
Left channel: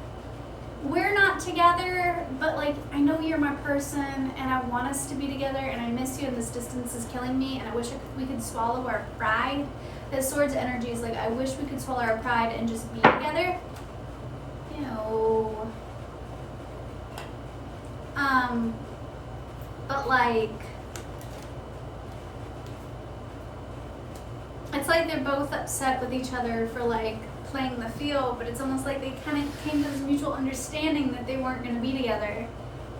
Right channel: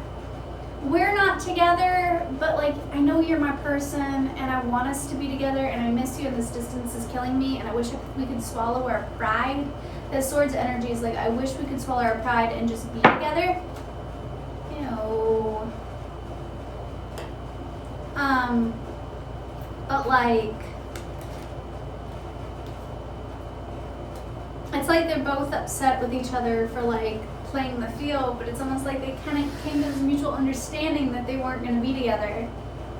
we're not together, but like, I know you're my person and I want us to be together and I miss you and this distance is killing me and I wish we could swallow our pride. The Swords energy is like, I wish we could swallow our pride and just be together. Ew. But like, it's like they're both upset with each other for like playing the field, but it's almost like they kind of came to this mutual understanding that they weren't going to be together.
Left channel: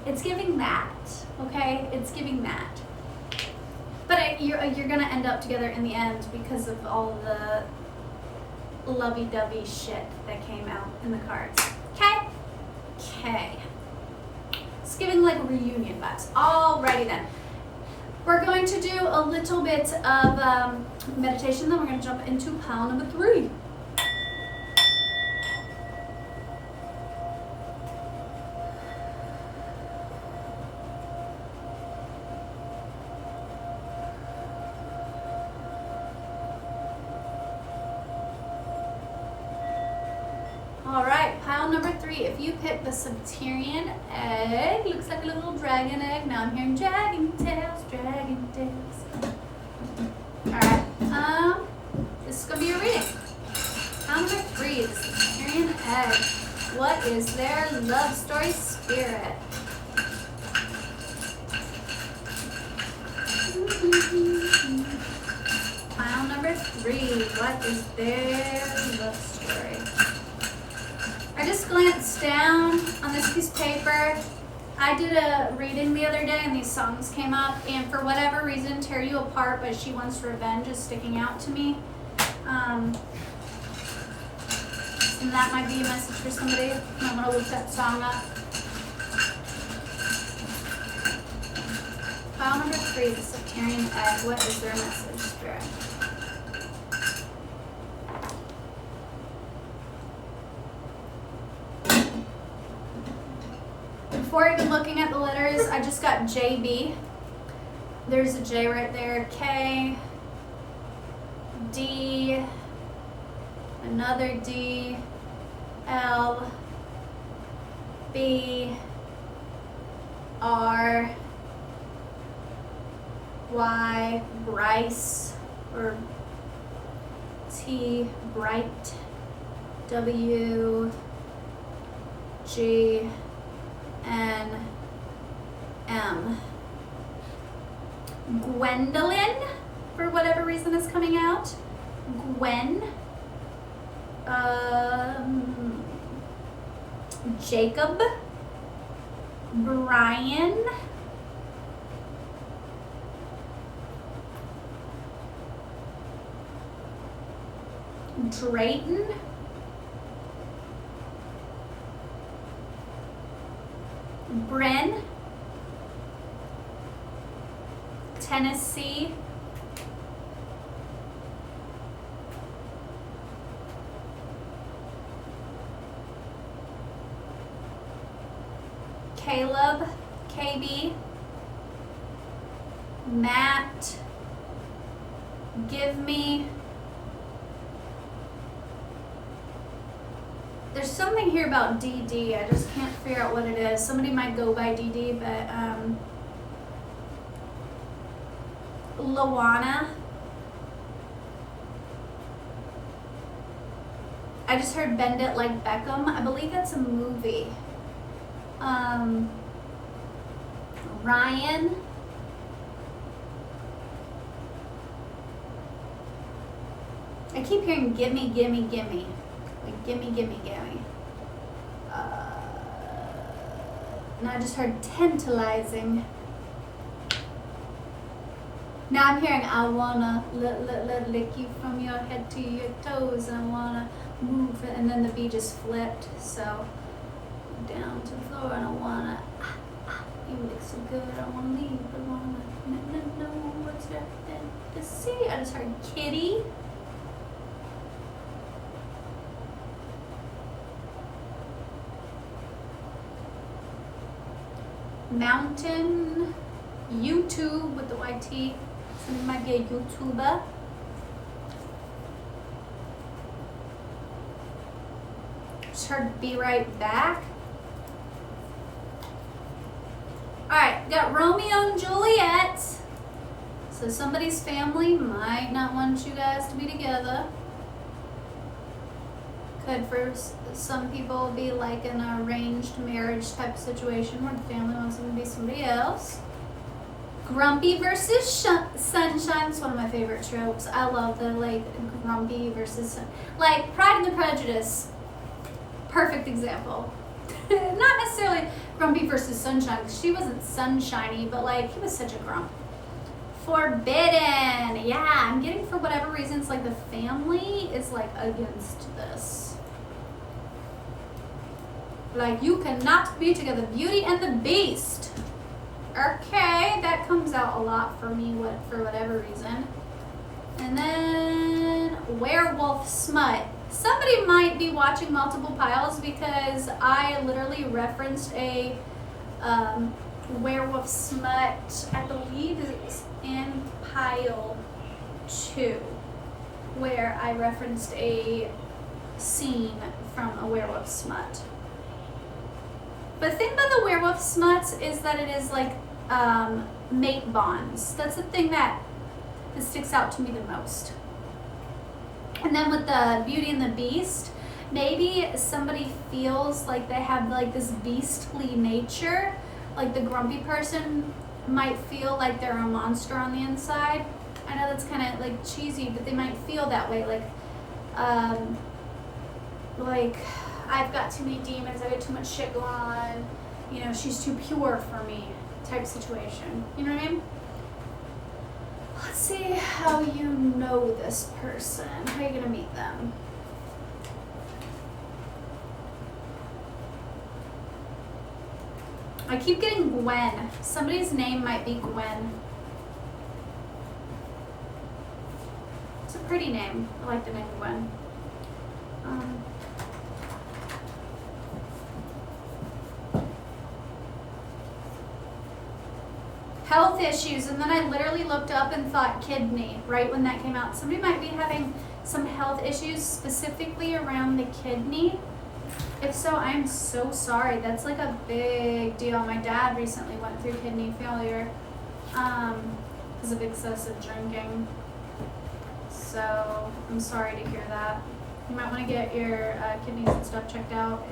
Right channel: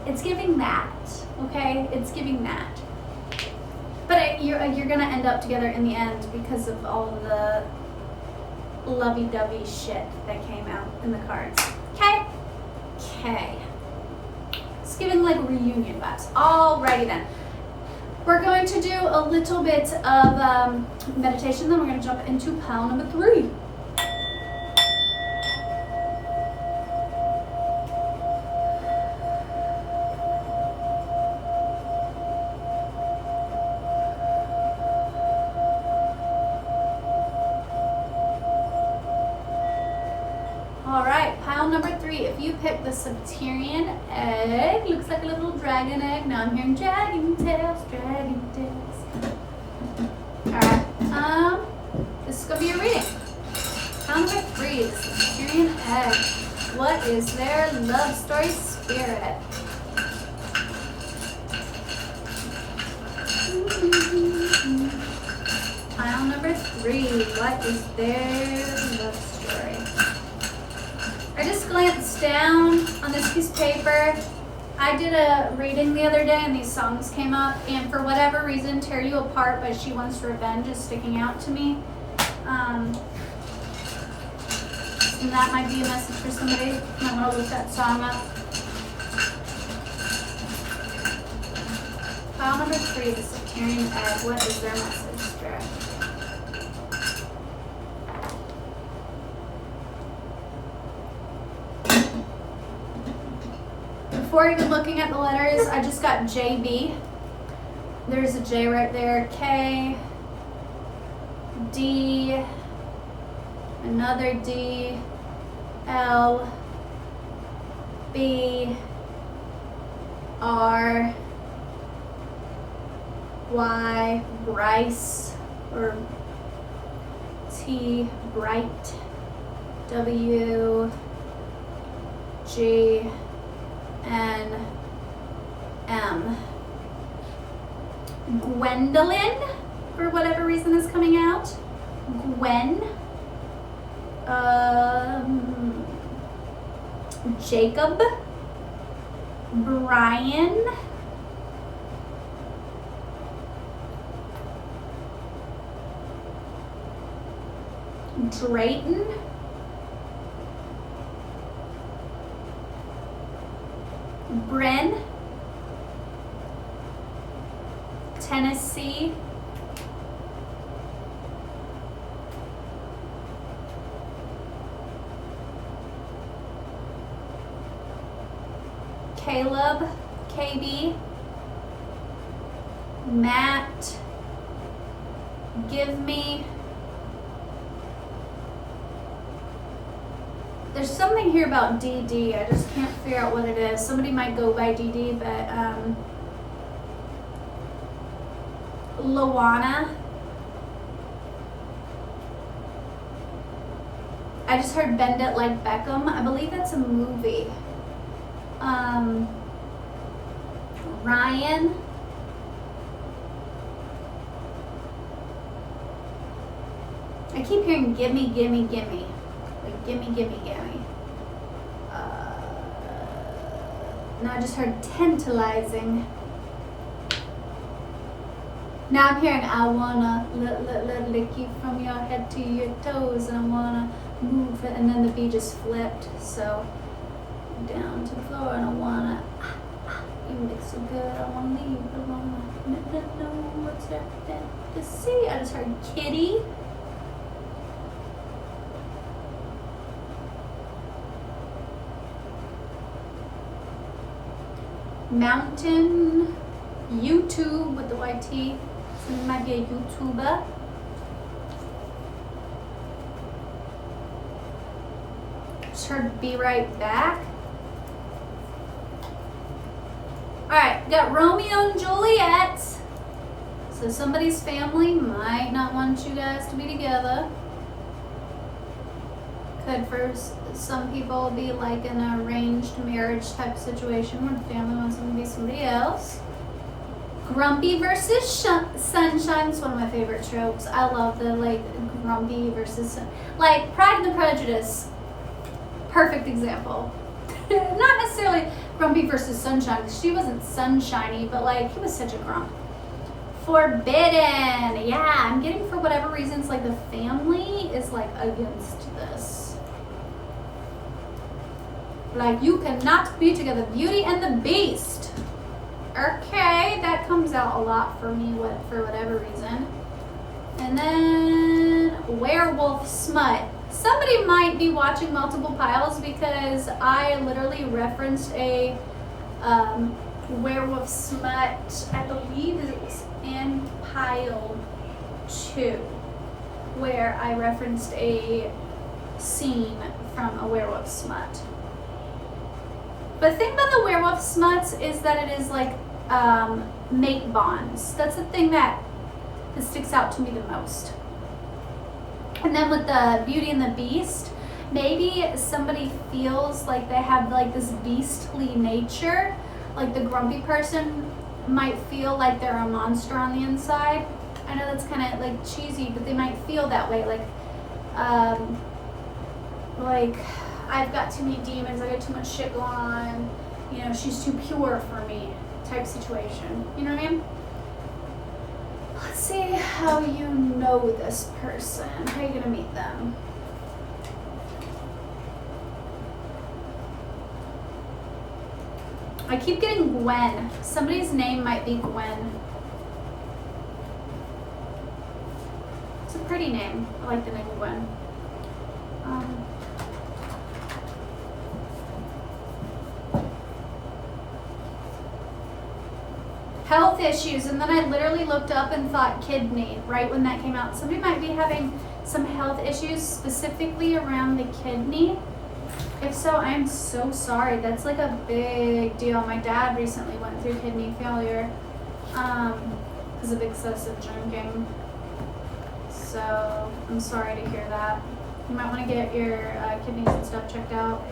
It's giving that, okay? It's giving that. But you're going to end up together in the end because of all of the lovey-dovey shit that came out in the cards. Okay? Okay. It's giving like reunion vibes. Alrighty then. We're going to do a little bit of meditation, then we're going to jump into pile number 3. Alright, pile number 3. If you pick the Subterranean egg, looks like a little dragon egg. Now I'm hearing dragon tails, dragon tails. Alright, this is going to be your reading. Pile number 3, the Subterranean egg. What is their love story spirit? Pile number 3, what is their love story? I just glanced down on this piece of paper. I did a reading the other day and these songs came up, and for whatever reason, Tear You Apart by She Wants Revenge is sticking out to me. And that might be a message for somebody. I want to look that song up. Pile number 3, the Subterranean egg. What is their message, Spirit? Before even looking at the letters, I just got JB. There's a J right there. K, D, another D, L, B, R, Y, Bryce, or T, Bright, W, G, N, M. Gwendolyn, for whatever reason, is coming out. Gwen. Jacob. Brian. Drayton. Bryn, Tennessee, Caleb, KB, Matt, Give Me. There's something here about DD. I just can't figure out what it is. Somebody might go by DD, but Lawana. I just heard Bend It Like Beckham. I believe that's a movie. Ryan. I keep hearing gimme, gimme, gimme. Like gimme, gimme, gimme. Now I just heard tantalizing. Now I'm hearing I wanna lick you from your head to your toes. I wanna move it, and then the beat just flipped. So down to the floor, and I wanna. You look so good. I wanna leave. I wanna know what's there to see. I just heard kitty. Mountain, YouTube with the YT, so it might be a YouTuber. Just heard be right back. Alright, got Romeo and Juliet. So somebody's family might not want you guys to be together. Could for some people be like an arranged marriage type situation where the family wants them to be somebody else. Grumpy versus Sunshine is one of my favorite tropes. I love the like grumpy versus like Pride and the Prejudice. Perfect example. Not necessarily Grumpy versus Sunshine because she wasn't sunshiny, but like he was such a grump. Forbidden. Yeah, I'm getting for whatever reasons like the family is like against this. Like you cannot be together. Beauty and the Beast. Okay, that comes out a lot for me for whatever reason. And then Werewolf Smut. Somebody might be watching multiple piles because I literally referenced a Werewolf Smut, I believe it was in pile 2, where I referenced a scene from a Werewolf Smut. But the thing about the Werewolf Smuts is that it is like mate bonds. That's the thing that sticks out to me the most. And then with the Beauty and the Beast, maybe somebody feels like they have like this beastly nature. Like the grumpy person might feel like they're a monster on the inside. I know that's kind of like cheesy, but they might feel that way. Like I've got too many demons, I got too much shit going on. You know, she's too pure for me type situation. You know what I mean? Let's see how you know this person. How are you gonna meet them? I keep getting Gwen. Somebody's name might be Gwen. It's a pretty name. I like the name Gwen. Health issues, and then I literally looked up and thought kidney right when that came out. Somebody might be having some health issues specifically around the kidney. If so, I'm so sorry. That's like a big deal. My dad recently went through kidney failure because of excessive drinking. So I'm sorry to hear that. You might want to get your kidneys and stuff checked out.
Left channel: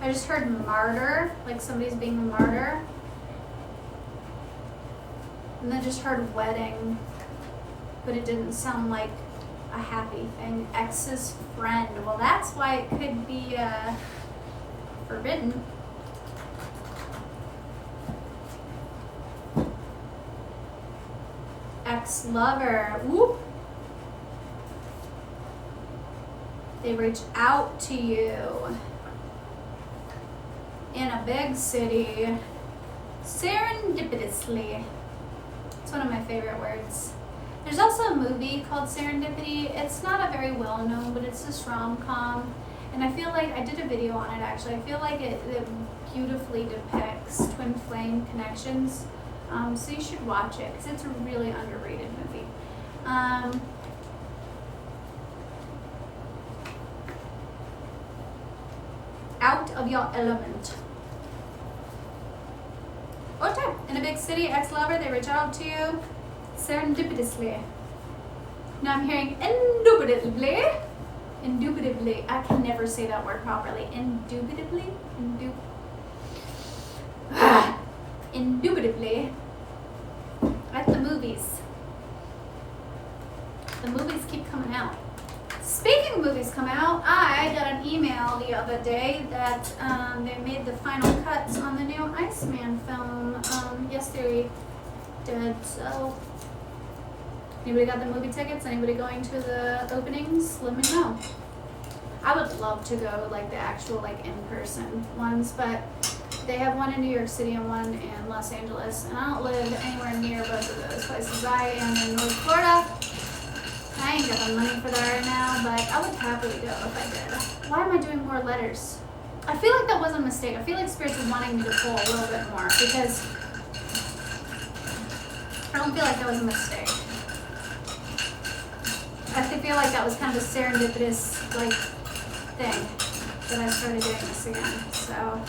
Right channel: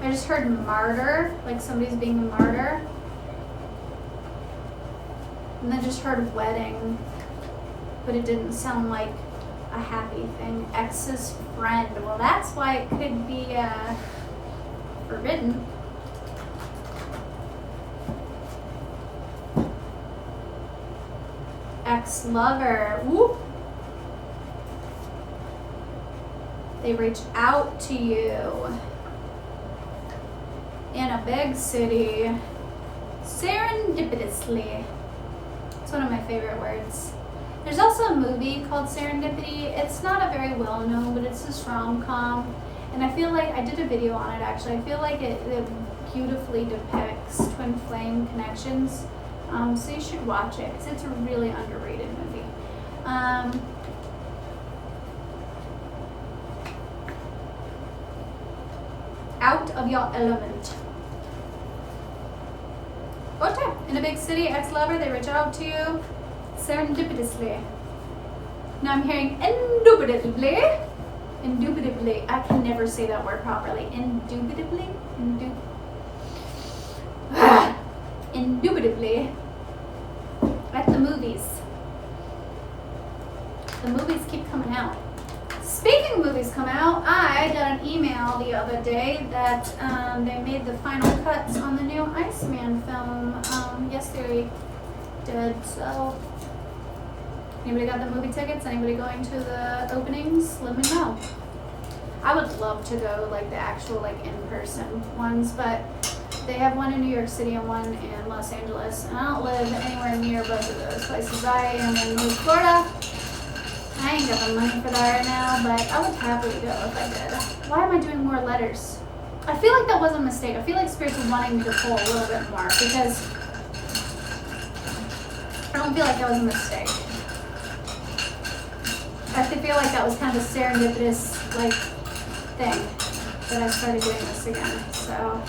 I just heard martyr, like somebody's being a martyr. And then just heard wedding, but it didn't sound like a happy thing. Ex's friend. Well, that's why it could be forbidden. Ex-lover. Whoop. They reach out to you. In a big city, serendipitously. It's one of my favorite words. There's also a movie called Serendipity. It's not a very well known, but it's this rom-com. And I feel like, I did a video on it actually. I feel like it beautifully depicts twin flame connections. So you should watch it because it's a really underrated movie. Out of your element. Okay, in a big city, ex-lover, they reach out to you serendipitously. Now I'm hearing indubitably. Indubitably. I can never say that word properly. Indubitably? Indubitably. At the movies. The movies keep coming out. Speaking of movies come out, I got an email the other day that they made the final cuts on the new Iceman film. Yes, they did. So, anybody got the movie tickets? Anybody going to the openings? Let me know. I would love to go like the actual like in-person ones, but they have one in New York City and one in Los Angeles, and I don't live anywhere near both of those places. I am in North Florida. I ain't got the money for that right now, but I would happily go if I did. Why am I doing more letters? I feel like that was a mistake. I feel like Spirit's wanting me to pull a little bit more because I don't feel like that was a mistake. I feel like that was kind of a serendipitous like thing that I started doing this again. So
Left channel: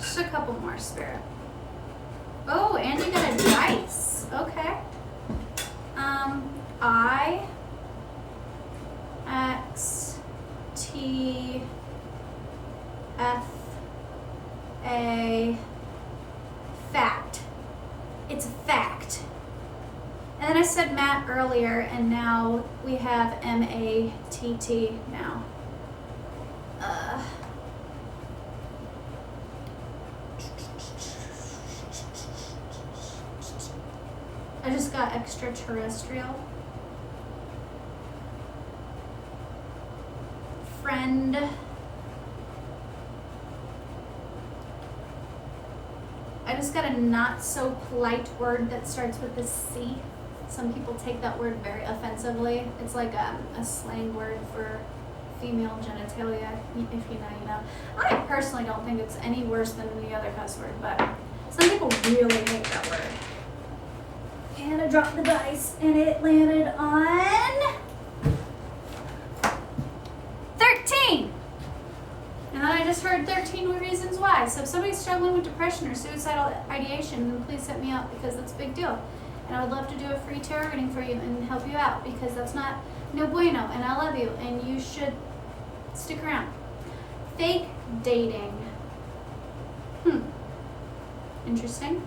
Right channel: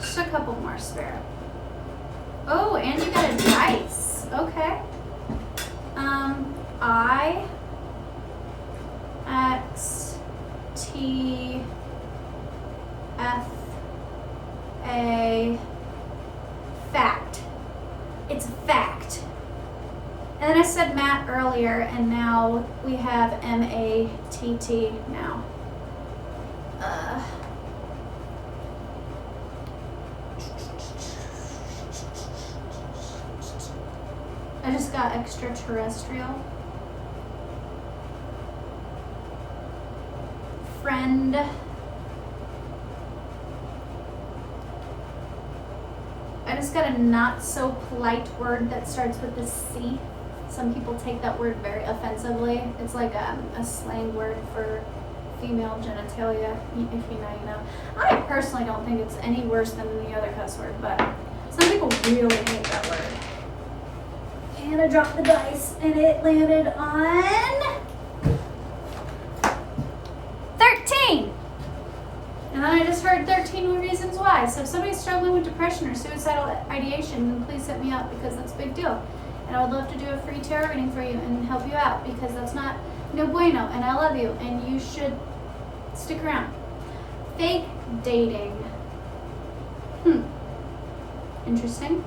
just a couple more, Spirit. Oh, and you got a dice. Okay. T F A, fact. It's fact. And then I said Matt earlier, and now we have M-A-T-T now. I just got extraterrestrial. Friend. I just got a not so polite word that starts with a C. Some people take that word very offensively. It's like a slang word for female genitalia, if you know, you know. I personally don't think it's any worse than any other cuss word, but some people really hate that word. And I dropped the dice, and it landed on 13. And then I just heard 13 reasons why. So if somebody's struggling with depression or suicidal ideation, then please hit me up, because that's a big deal. And I would love to do a free tarot reading for you and help you out, because that's not no bueno, and I love you, and you should stick around. Fake dating. Interesting.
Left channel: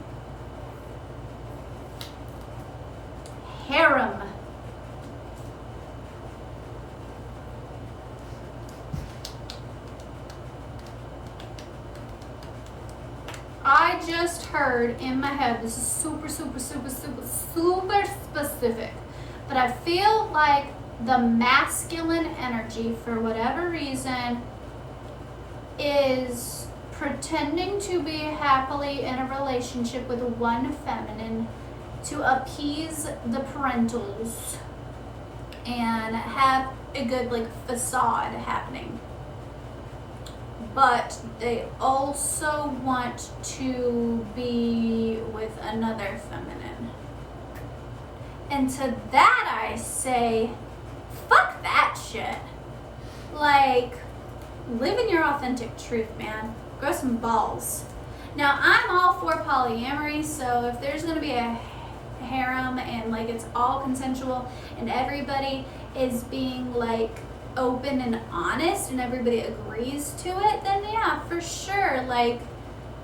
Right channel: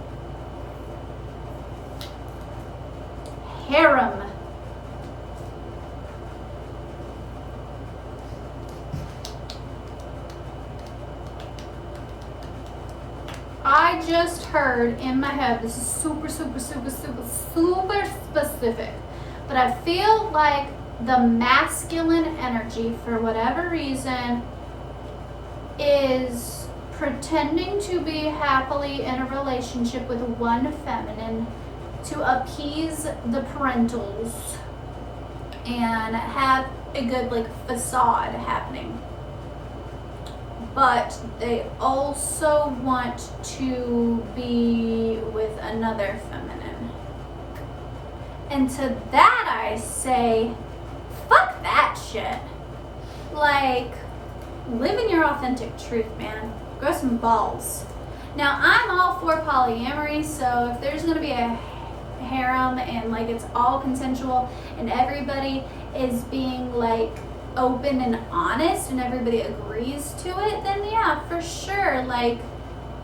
Harem. I just heard in my head, this is super specific, but I feel like the masculine energy, for whatever reason, is pretending to be happily in a relationship with one feminine to appease the parentals and have a good like facade happening. But they also want to be with another feminine. And to that I say, fuck that shit. Like, live in your authentic truth, man. Grow some balls. Now, I'm all for polyamory, so if there's gonna be a harem and like it's all consensual and everybody is being like open and honest and everybody agrees to it, then yeah, for sure, like,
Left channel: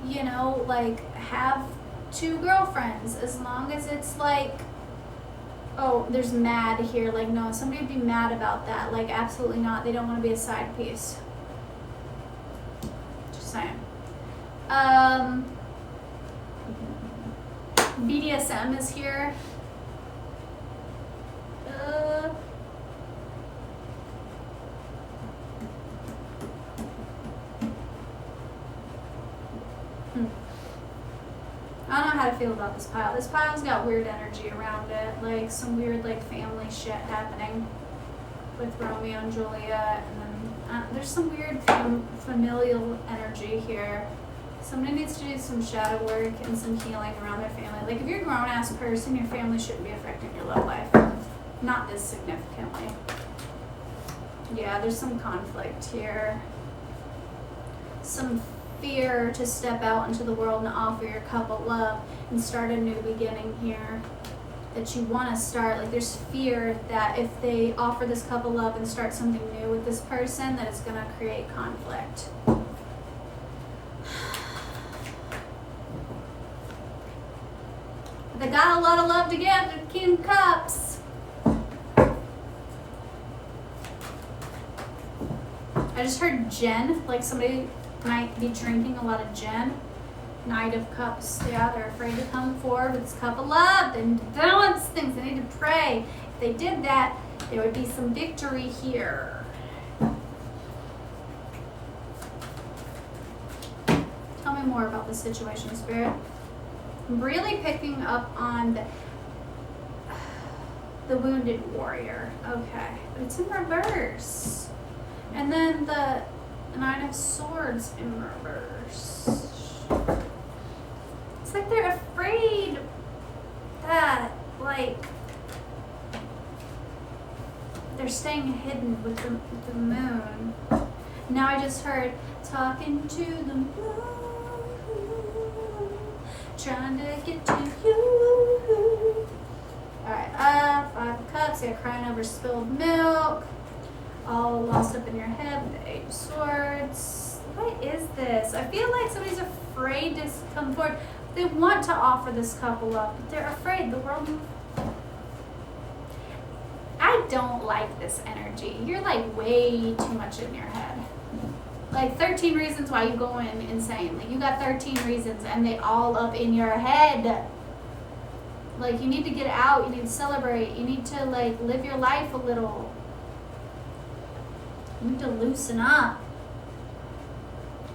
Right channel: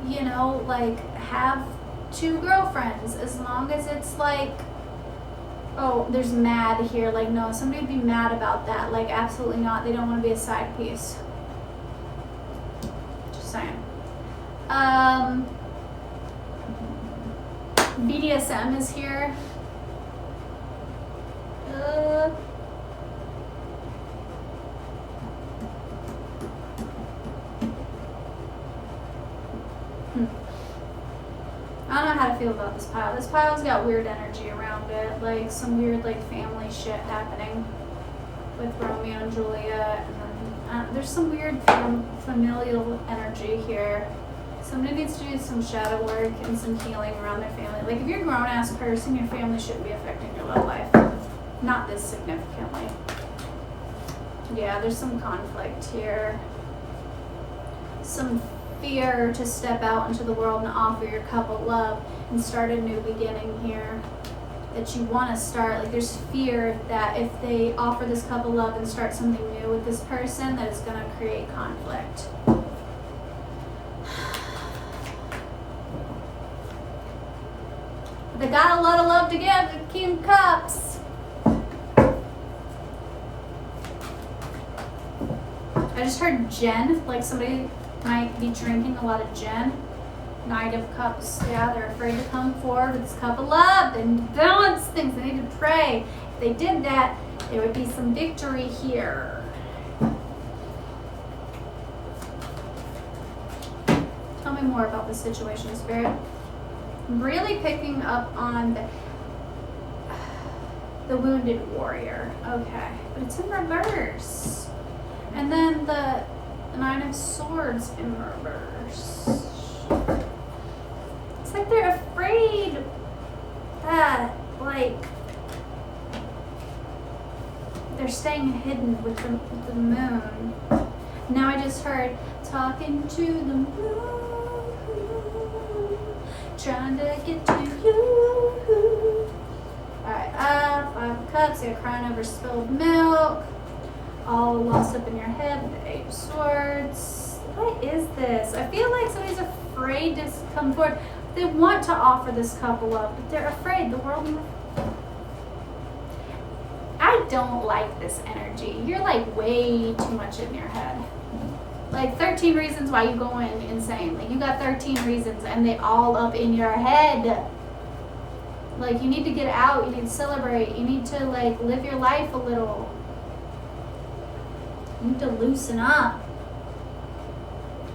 you know, like have 2 girlfriends, as long as it's like, oh, there's mad here, like, no, somebody would be mad about that, like, absolutely not, they don't want to be a side piece, just saying. BDSM is here. I don't know how to feel about this pile. This pile's got weird energy around it, like some weird like family shit happening with Romeo and Juliet, and then there's some weird familial energy here. Somebody needs to do some shadow work and some healing around their family. Like if you're a grown-ass person, your family shouldn't be affecting your love life. Not this significantly. Yeah, there's some conflict here. Some fear to step out into the world and offer your couple love and start a new beginning here. That you want to start. Like there's fear that if they offer this couple love and start something new with this person, that it's going to create conflict. They got a lot of love to give. King of Cups. I just heard gin, like somebody might be drinking a lot of gin. Knight of Cups. Yeah, they're afraid to come forward with this cup of love. They need to balance things. They need to pray. If they did that, there would be some victory here. Tell me more about this situation, Spirit. I'm really picking up on the wounded warrior. Okay, but it's in reverse. And then the 9 of Swords in reverse. It's like they're afraid that, like, they're staying hidden with the moon. Now I just heard talking to the moon. Trying to get to you. Alright, 5 of Cups. They're crying over spilled milk. all lost up in your head with the Eight of Swords. What is this? I feel like somebody's afraid to come forward. They want to offer this couple up, but they're afraid. The world... I don't like this energy. You're like way too much in your head. Like 13 reasons why you going insane. Like you got 13 reasons and they all up in your head. Like you need to get out, you need to celebrate, you need to like live your life a little. You need to loosen up.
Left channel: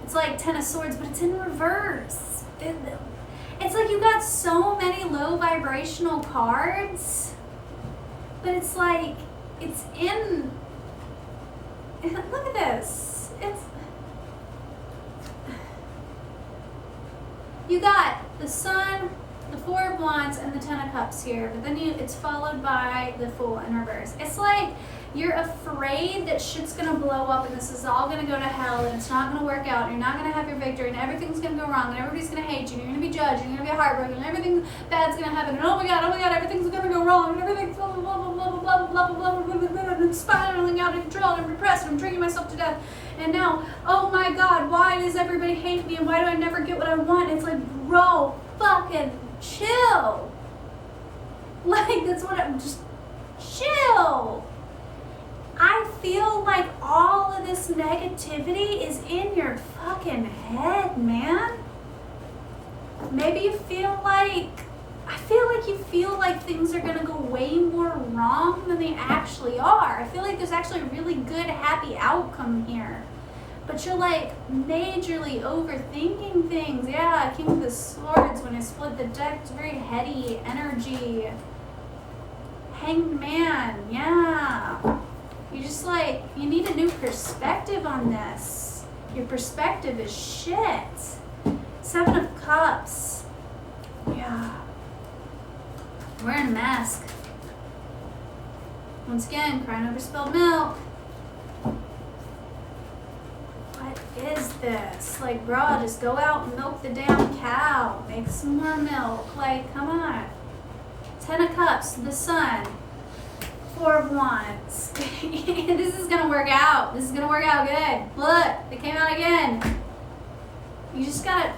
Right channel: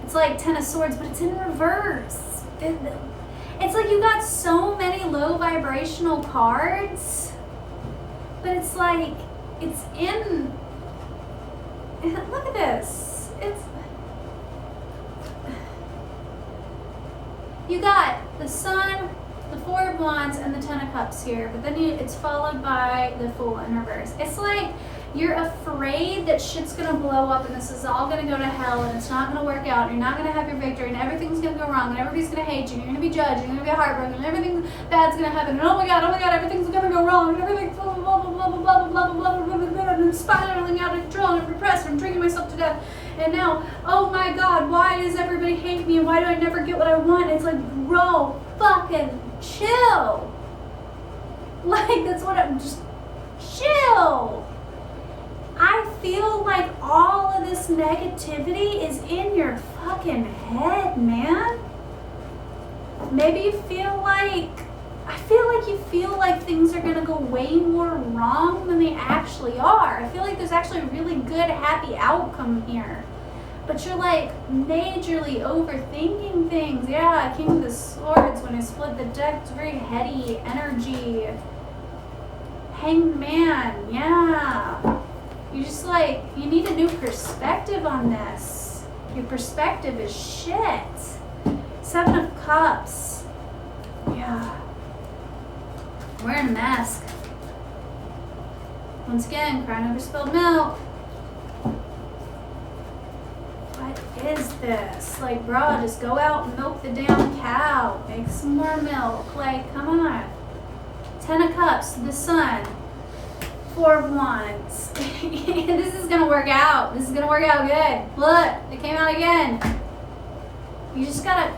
It's like 10 of Swords, but it's in reverse. It's like you got so many low vibrational cards, but it's like, it's in, look at this. It's, you got the Sun, the Four of Wands, and the Ten of Cups here, but then it's followed by the Fool in reverse. It's like you're afraid that shit's gonna blow up and this is all gonna go to hell and it's not gonna work out and you're not gonna have your victory and everything's gonna go wrong and everybody's gonna hate you and you're gonna be judged and you're gonna be heartbroken and everything bad's gonna happen and oh my god, everything's gonna go wrong and everything's blah blah blah blah blah blah blah blah blah blah blah blah and spiraling out of control and I'm repressed and I'm drinking myself to death and now, oh my god, why does everybody hate me and why do I never get what I want? It's like, bro, fucking chill. Like, that's what I'm just, chill. I feel like all of this negativity is in your fucking head, man. Maybe you feel like, I feel like you feel like things are gonna go way more wrong than they actually are. I feel like there's actually a really good, happy outcome here. But you're like majorly overthinking things. Yeah, King of the Swords, when I split the deck, it's very heady energy. Hanged Man, yeah. You just like, you need a new perspective on this. Your perspective is shit. Seven of Cups. Yeah. Wearing a mask. Once again, crying over spilled milk. What is this? Like, bro, just go out and milk the damn cow. Make some more milk. Like, come on. Ten of Cups, the Sun. Four of Wands. This is gonna work out. This is gonna work out good. Look, it came out again. You just gotta,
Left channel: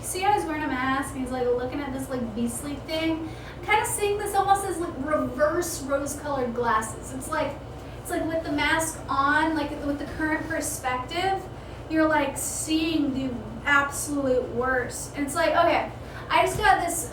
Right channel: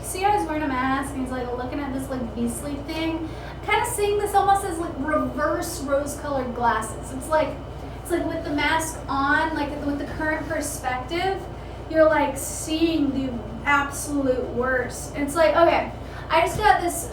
see how he's wearing a mask and he's like looking at this like beastly thing? I'm kind of seeing this almost as like reverse rose-colored glasses. It's like with the mask on, like with the current perspective, you're like seeing the absolute worst. And it's like, okay, I just got this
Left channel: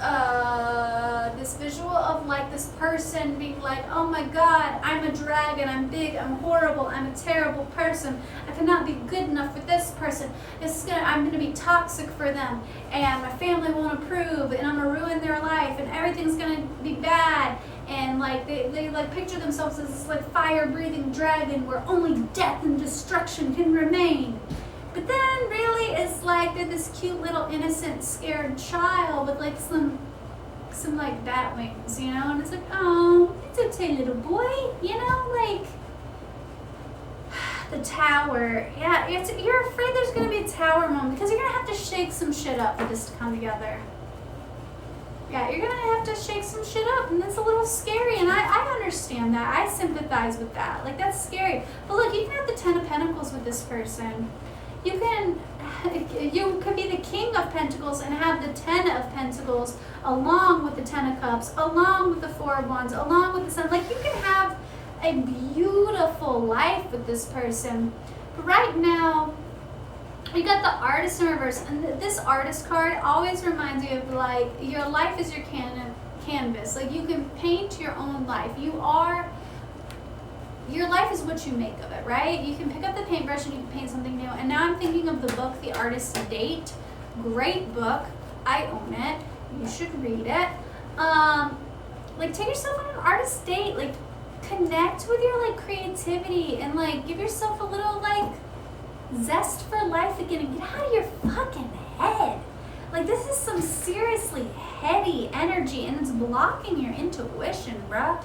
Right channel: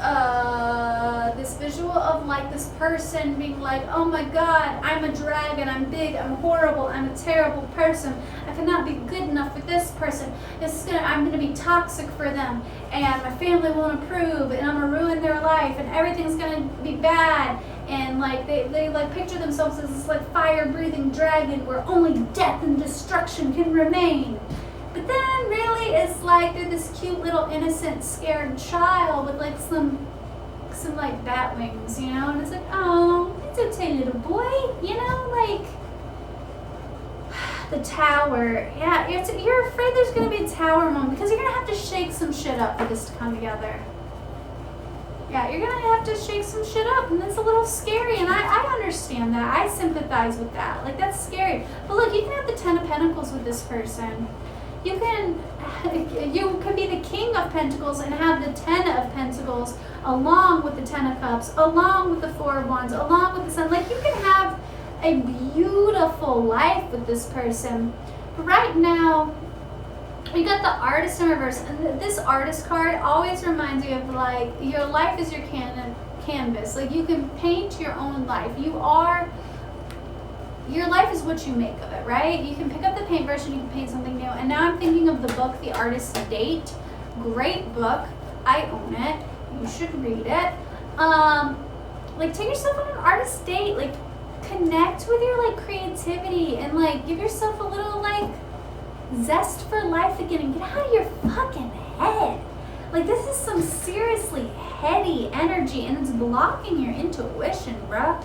this visual of like this person being like, oh my god, I'm a dragon, I'm big, I'm horrible, I'm a terrible person, I cannot be good enough for this person, I'm gonna be toxic for them, and my family won't approve, and I'm gonna ruin their life, and everything's gonna be bad, and like they like picture themselves as this like fire-breathing dragon where only death and destruction can remain. But then really it's like they're this cute little innocent scared child with like some like bat wings, you know, and it's like, oh, it's okay little boy, you know, like the tower. Yeah, you're afraid there's gonna be a tower moment because you're gonna have to shake some shit up for this to come together. Yeah, you're gonna have to shake some shit up, and that's a little scary, and I understand that. I sympathize with that. Like, that's scary. But look, you can have the Ten of Pentacles with this person. You could be the King of Pentacles and have the Ten of Pentacles along with the Ten of Cups, along with the Four of Wands, along with the Sun. Like, you can have a beautiful life with this person. But right now, you got the Artist in reverse, and this Artist card always reminds you of like, your life is your canvas. Like, you can paint your own life. Your life is what you make of it, right? You can pick up the paintbrush and you can paint something new. And now I'm thinking of the book, The Artist's Date. Great book. I own it. You should read it. Like, take yourself on an artist's date. Like, connect with your like creativity and like give yourself a little like zest for life again and get out of your fucking head. Like, this is some seriously heady energy and it's blocking your intuition, bruh.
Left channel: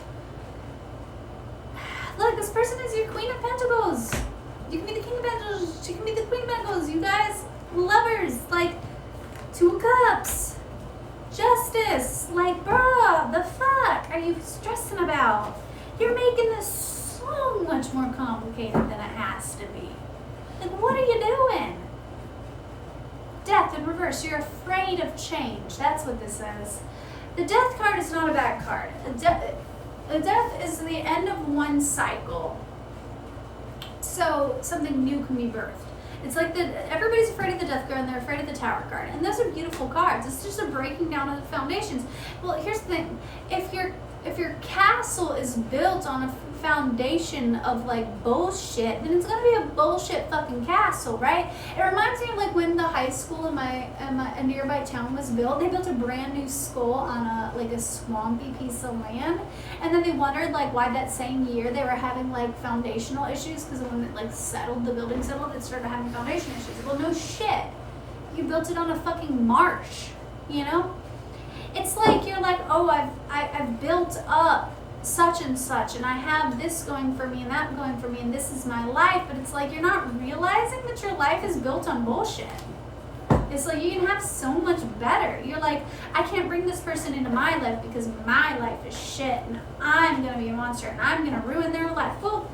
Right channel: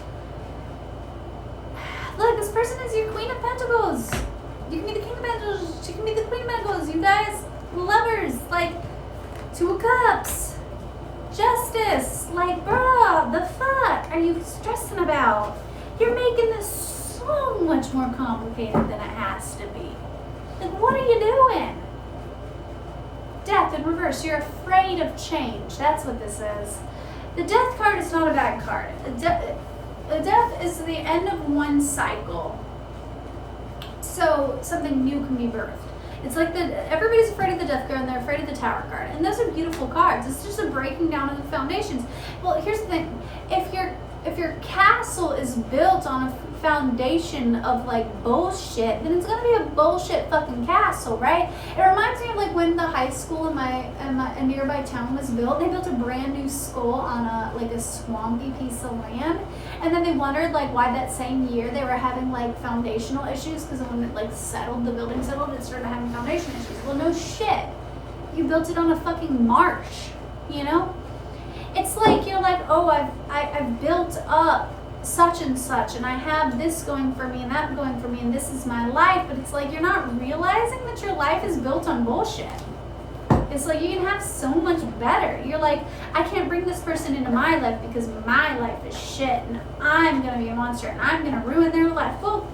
Look, this person is your Queen of Pentacles. You can be the King of Pentacles. She can be the Queen of Pentacles. You guys, lovers. Like, Two of Cups. Justice. Like, bruh, the fuck are you stressing about? You're making this so much more complicated than it has to be. Like, what are you doing? Death in reverse. You're afraid of change. That's what this is. The death card is not a bad card. A death is the end of one cycle. So something new can be birthed. It's like everybody's afraid of the death card and they're afraid of the tower card. And those are beautiful cards. It's just a breaking down of the foundations. Well, here's the thing. If your castle is built on a foundation of like bullshit, then it's gonna be a bullshit fucking castle, right? It reminds me of like when the high school in my nearby town was built. They built a brand new school on a swampy piece of land, and then they wondered like why that same year they were having like foundational issues, because when it like settled, the building settled, it started having foundation issues. Well, no shit, you built it on a fucking marsh, you know? It's like you're like, oh, I've built up such and such, and I have this going for me and that going for me, and this is my life. But it's like you're not realizing that your life is built on bullshit. It's like you can have so much better. You're like, I can't bring this person into my life because my life is shit, and I'm gonna be a monster, and I'm gonna ruin their life. Well,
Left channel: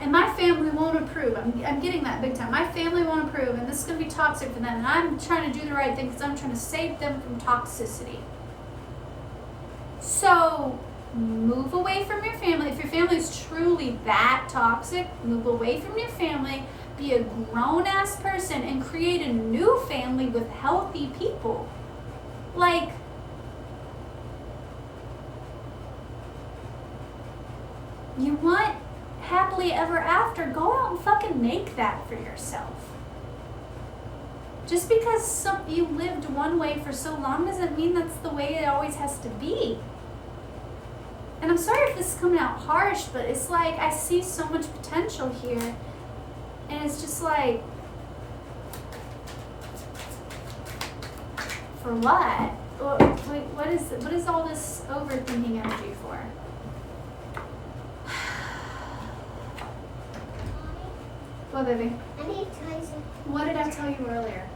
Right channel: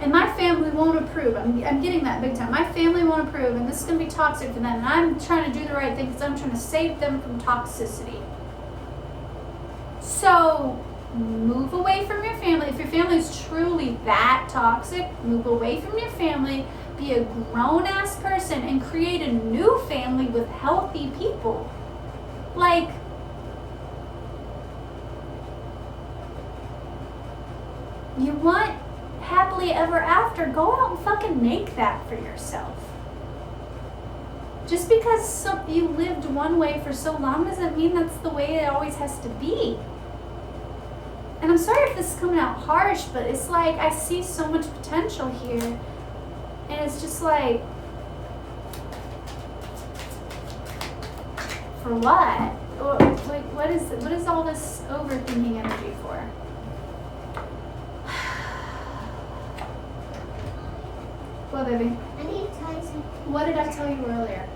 and my family won't approve. I'm getting that big time. My family won't approve, and this is going to be toxic for them. And I'm trying to do the right thing because I'm trying to save them from toxicity. So move away from your family. If your family is truly that toxic, move away from your family. Be a grown-ass person and create a new family with healthy people. Like, you want happily ever after, go out and fucking make that for yourself. Just because you lived one way for so long doesn't mean that's the way it always has to be. And I'm sorry if this is coming out harsh, but it's like I see so much potential here, and it's just like, for what? Like, what is all this overthinking energy for? What, baby? I need to tell you something. What did I tell you earlier?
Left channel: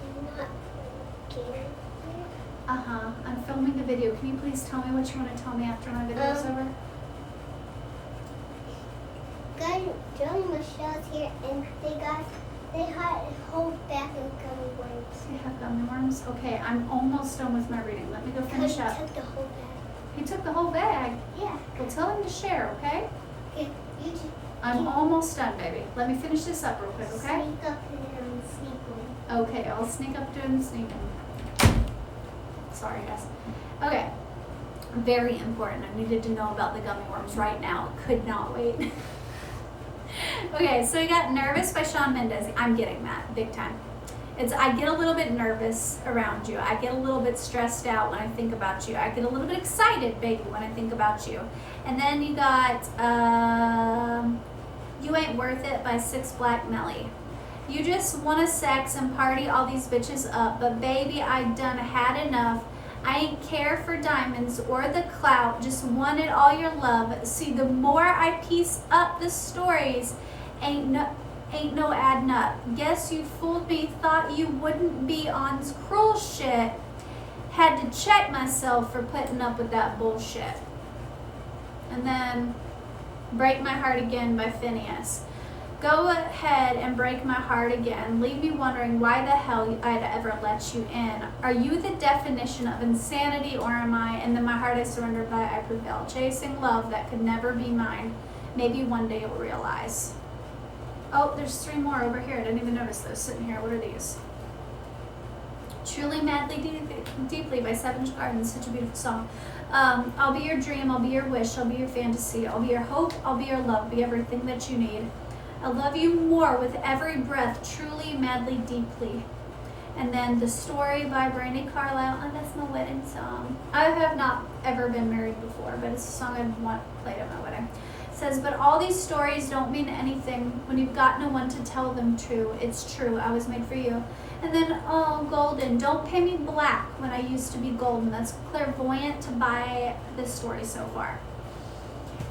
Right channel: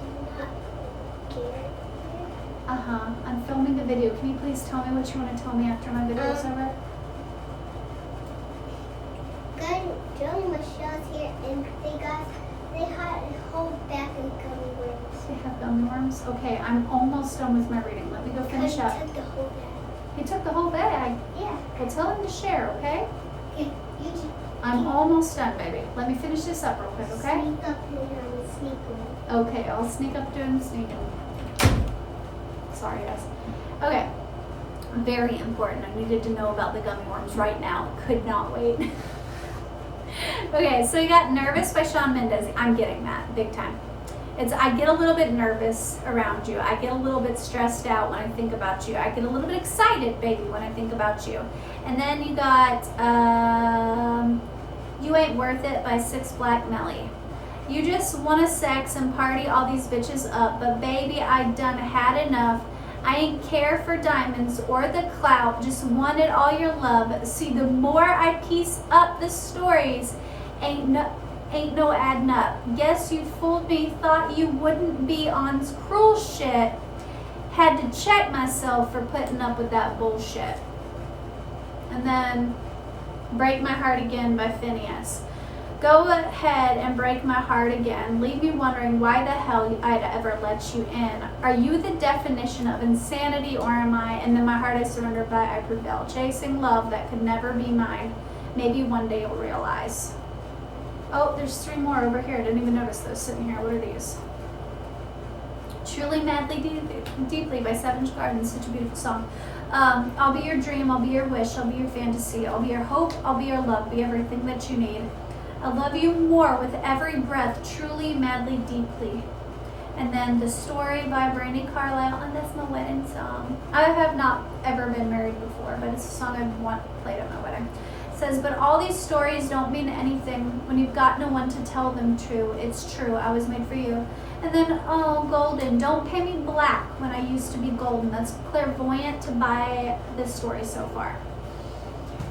Do not care. I'm filming a video. Can you please tell me what you want to tell me after my video is over? During Michelle's here, and they had a whole bag of gummy worms. They have gummy worms? Okay, I'm almost done with my reading. Let me go finish up. He took the whole bag. He took the whole bag? Yeah. Well, tell him to share, okay? Okay. You just I'm almost done, baby. Let me finish this up real quick, okay? sneak up and sneak away. Okay, I'll sneak up to him and sneak him. Sorry, guys. Okay. Very important. I needed to know about the gummy worms right now. Could not wait. Okay, so you got Nervous by Shawn Mendes. I'm getting that big time. I get a little bit nervous around you. I get a little bit stressed out when I think about you. I get a little bit excited, baby, when I think about you. And then you got You Ain't Worth It by Six Black Melly. You just want to sex and party all these bitches up, but baby, I done had enough. I ain't care for diamonds or the clout, just wanted all your love. See, the more I piece up the stories, ain't no adding up. Guess you fooled me, thought you wouldn't be on this cruel shit. Had to check myself for putting up with that bullshit. And then Break My Heart Again by Phineas. Go ahead and break my heart again. Leave me wondering why the hell I'd ever let you in. Are you the definition of insanity, or am I? And then my heart I surrendered by I prevail. Chasing love that could never be mine. Maybe one day you'll realize. Oh, there's 3 more over here. I didn't even notice those sitting here. What are these? Truly Madly Deeply by Savage Garden. Such a beautiful song. I'll be your dream. I'll be your wish. I'll be your fantasy. I'll be your hope. I'll be your love. Be everything that you need. I love you more with every breath, truly, madly, deeply. And then The Story by Brandi Carlile, and that's my wedding song. I have not ever been married before, but it's a song I played at my wedding. It says, but all these stories don't mean anything when you've got no one to tell them true. It's true, I was made for you. And then, oh, golden, don't pay me black when I used to be golden. That's clairvoyant to buy this story so far.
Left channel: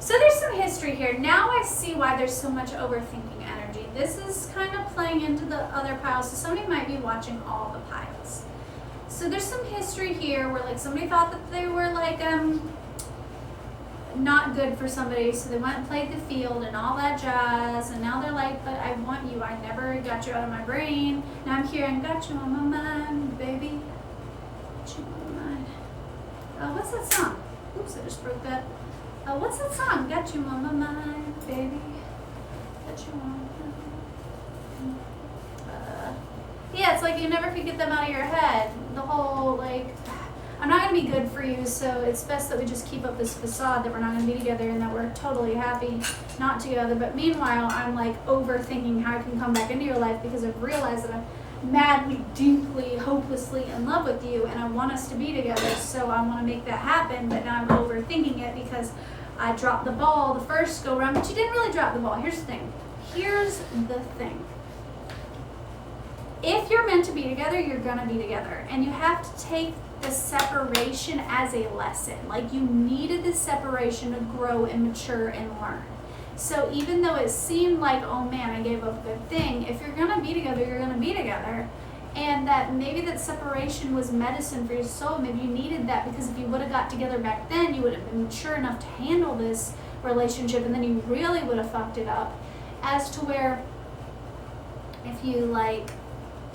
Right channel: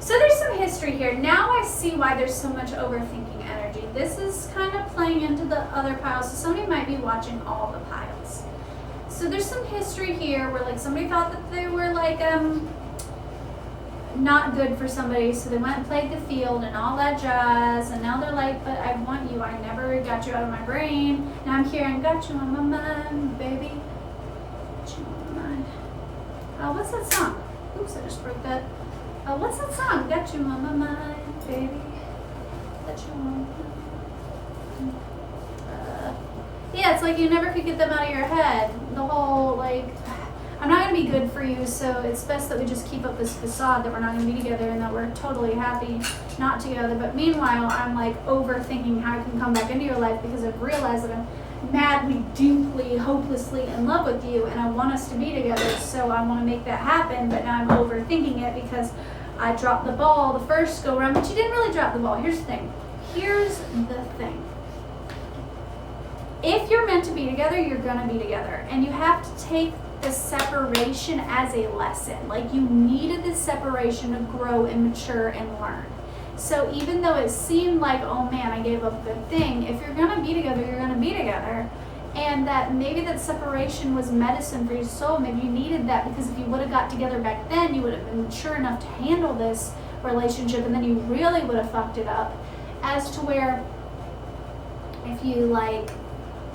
So there's some history here. Now I see why there's so much overthinking energy. This is kind of playing into the other piles. So somebody might be watching all the piles. So there's some history here where like somebody thought that they were like not good for somebody, so they went and played the field and all that jazz, and now they're like, but I want you, I never got you out of my brain. Now I'm here and got you on my mind, baby. Got you on my mind. Oh, what's that song? Oops, I just broke that. Oh, what's that song? Got you on my mind, baby. Got you on my mind. Yeah, it's like you never could get them out of your head. The whole, like, I'm not going to be good for you, so it's best that we just keep up this facade that we're not going to be together and that we're totally happy not together. But meanwhile, I'm like overthinking how I can come back into your life because I've realized that I'm madly, deeply, hopelessly in love with you and I want us to be together, so I want to make that happen. But now I'm overthinking it because I dropped the ball the first go round, but you didn't really drop the ball. Here's the thing. If you're meant to be together, you're going to be together. And you have to take the separation as a lesson. Like, you needed this separation to grow and mature and learn. So even though it seemed like, oh man, I gave up a good thing, if you're going to be together, you're going to be together. And that maybe that separation was medicine for your soul. Maybe you needed that, because if you would have got together back then, you would have been mature enough to handle this relationship, and then you really would have fucked it up. As to where if you like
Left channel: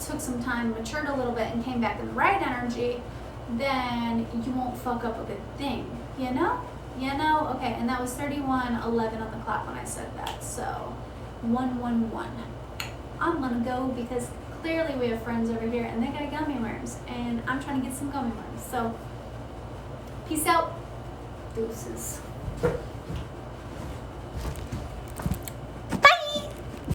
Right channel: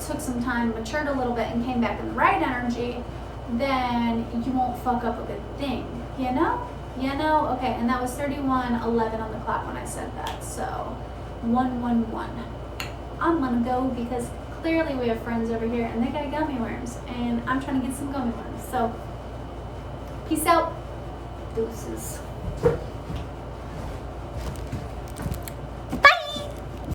took some time, matured a little bit, and came back in the right energy, then you won't fuck up a good thing, you know? Okay, and that was 31:11 on the clock when I said that, so 111. I'm gonna go because clearly we have friends over here and they got gummy worms, and I'm trying to get some gummy worms, so peace out, deuces.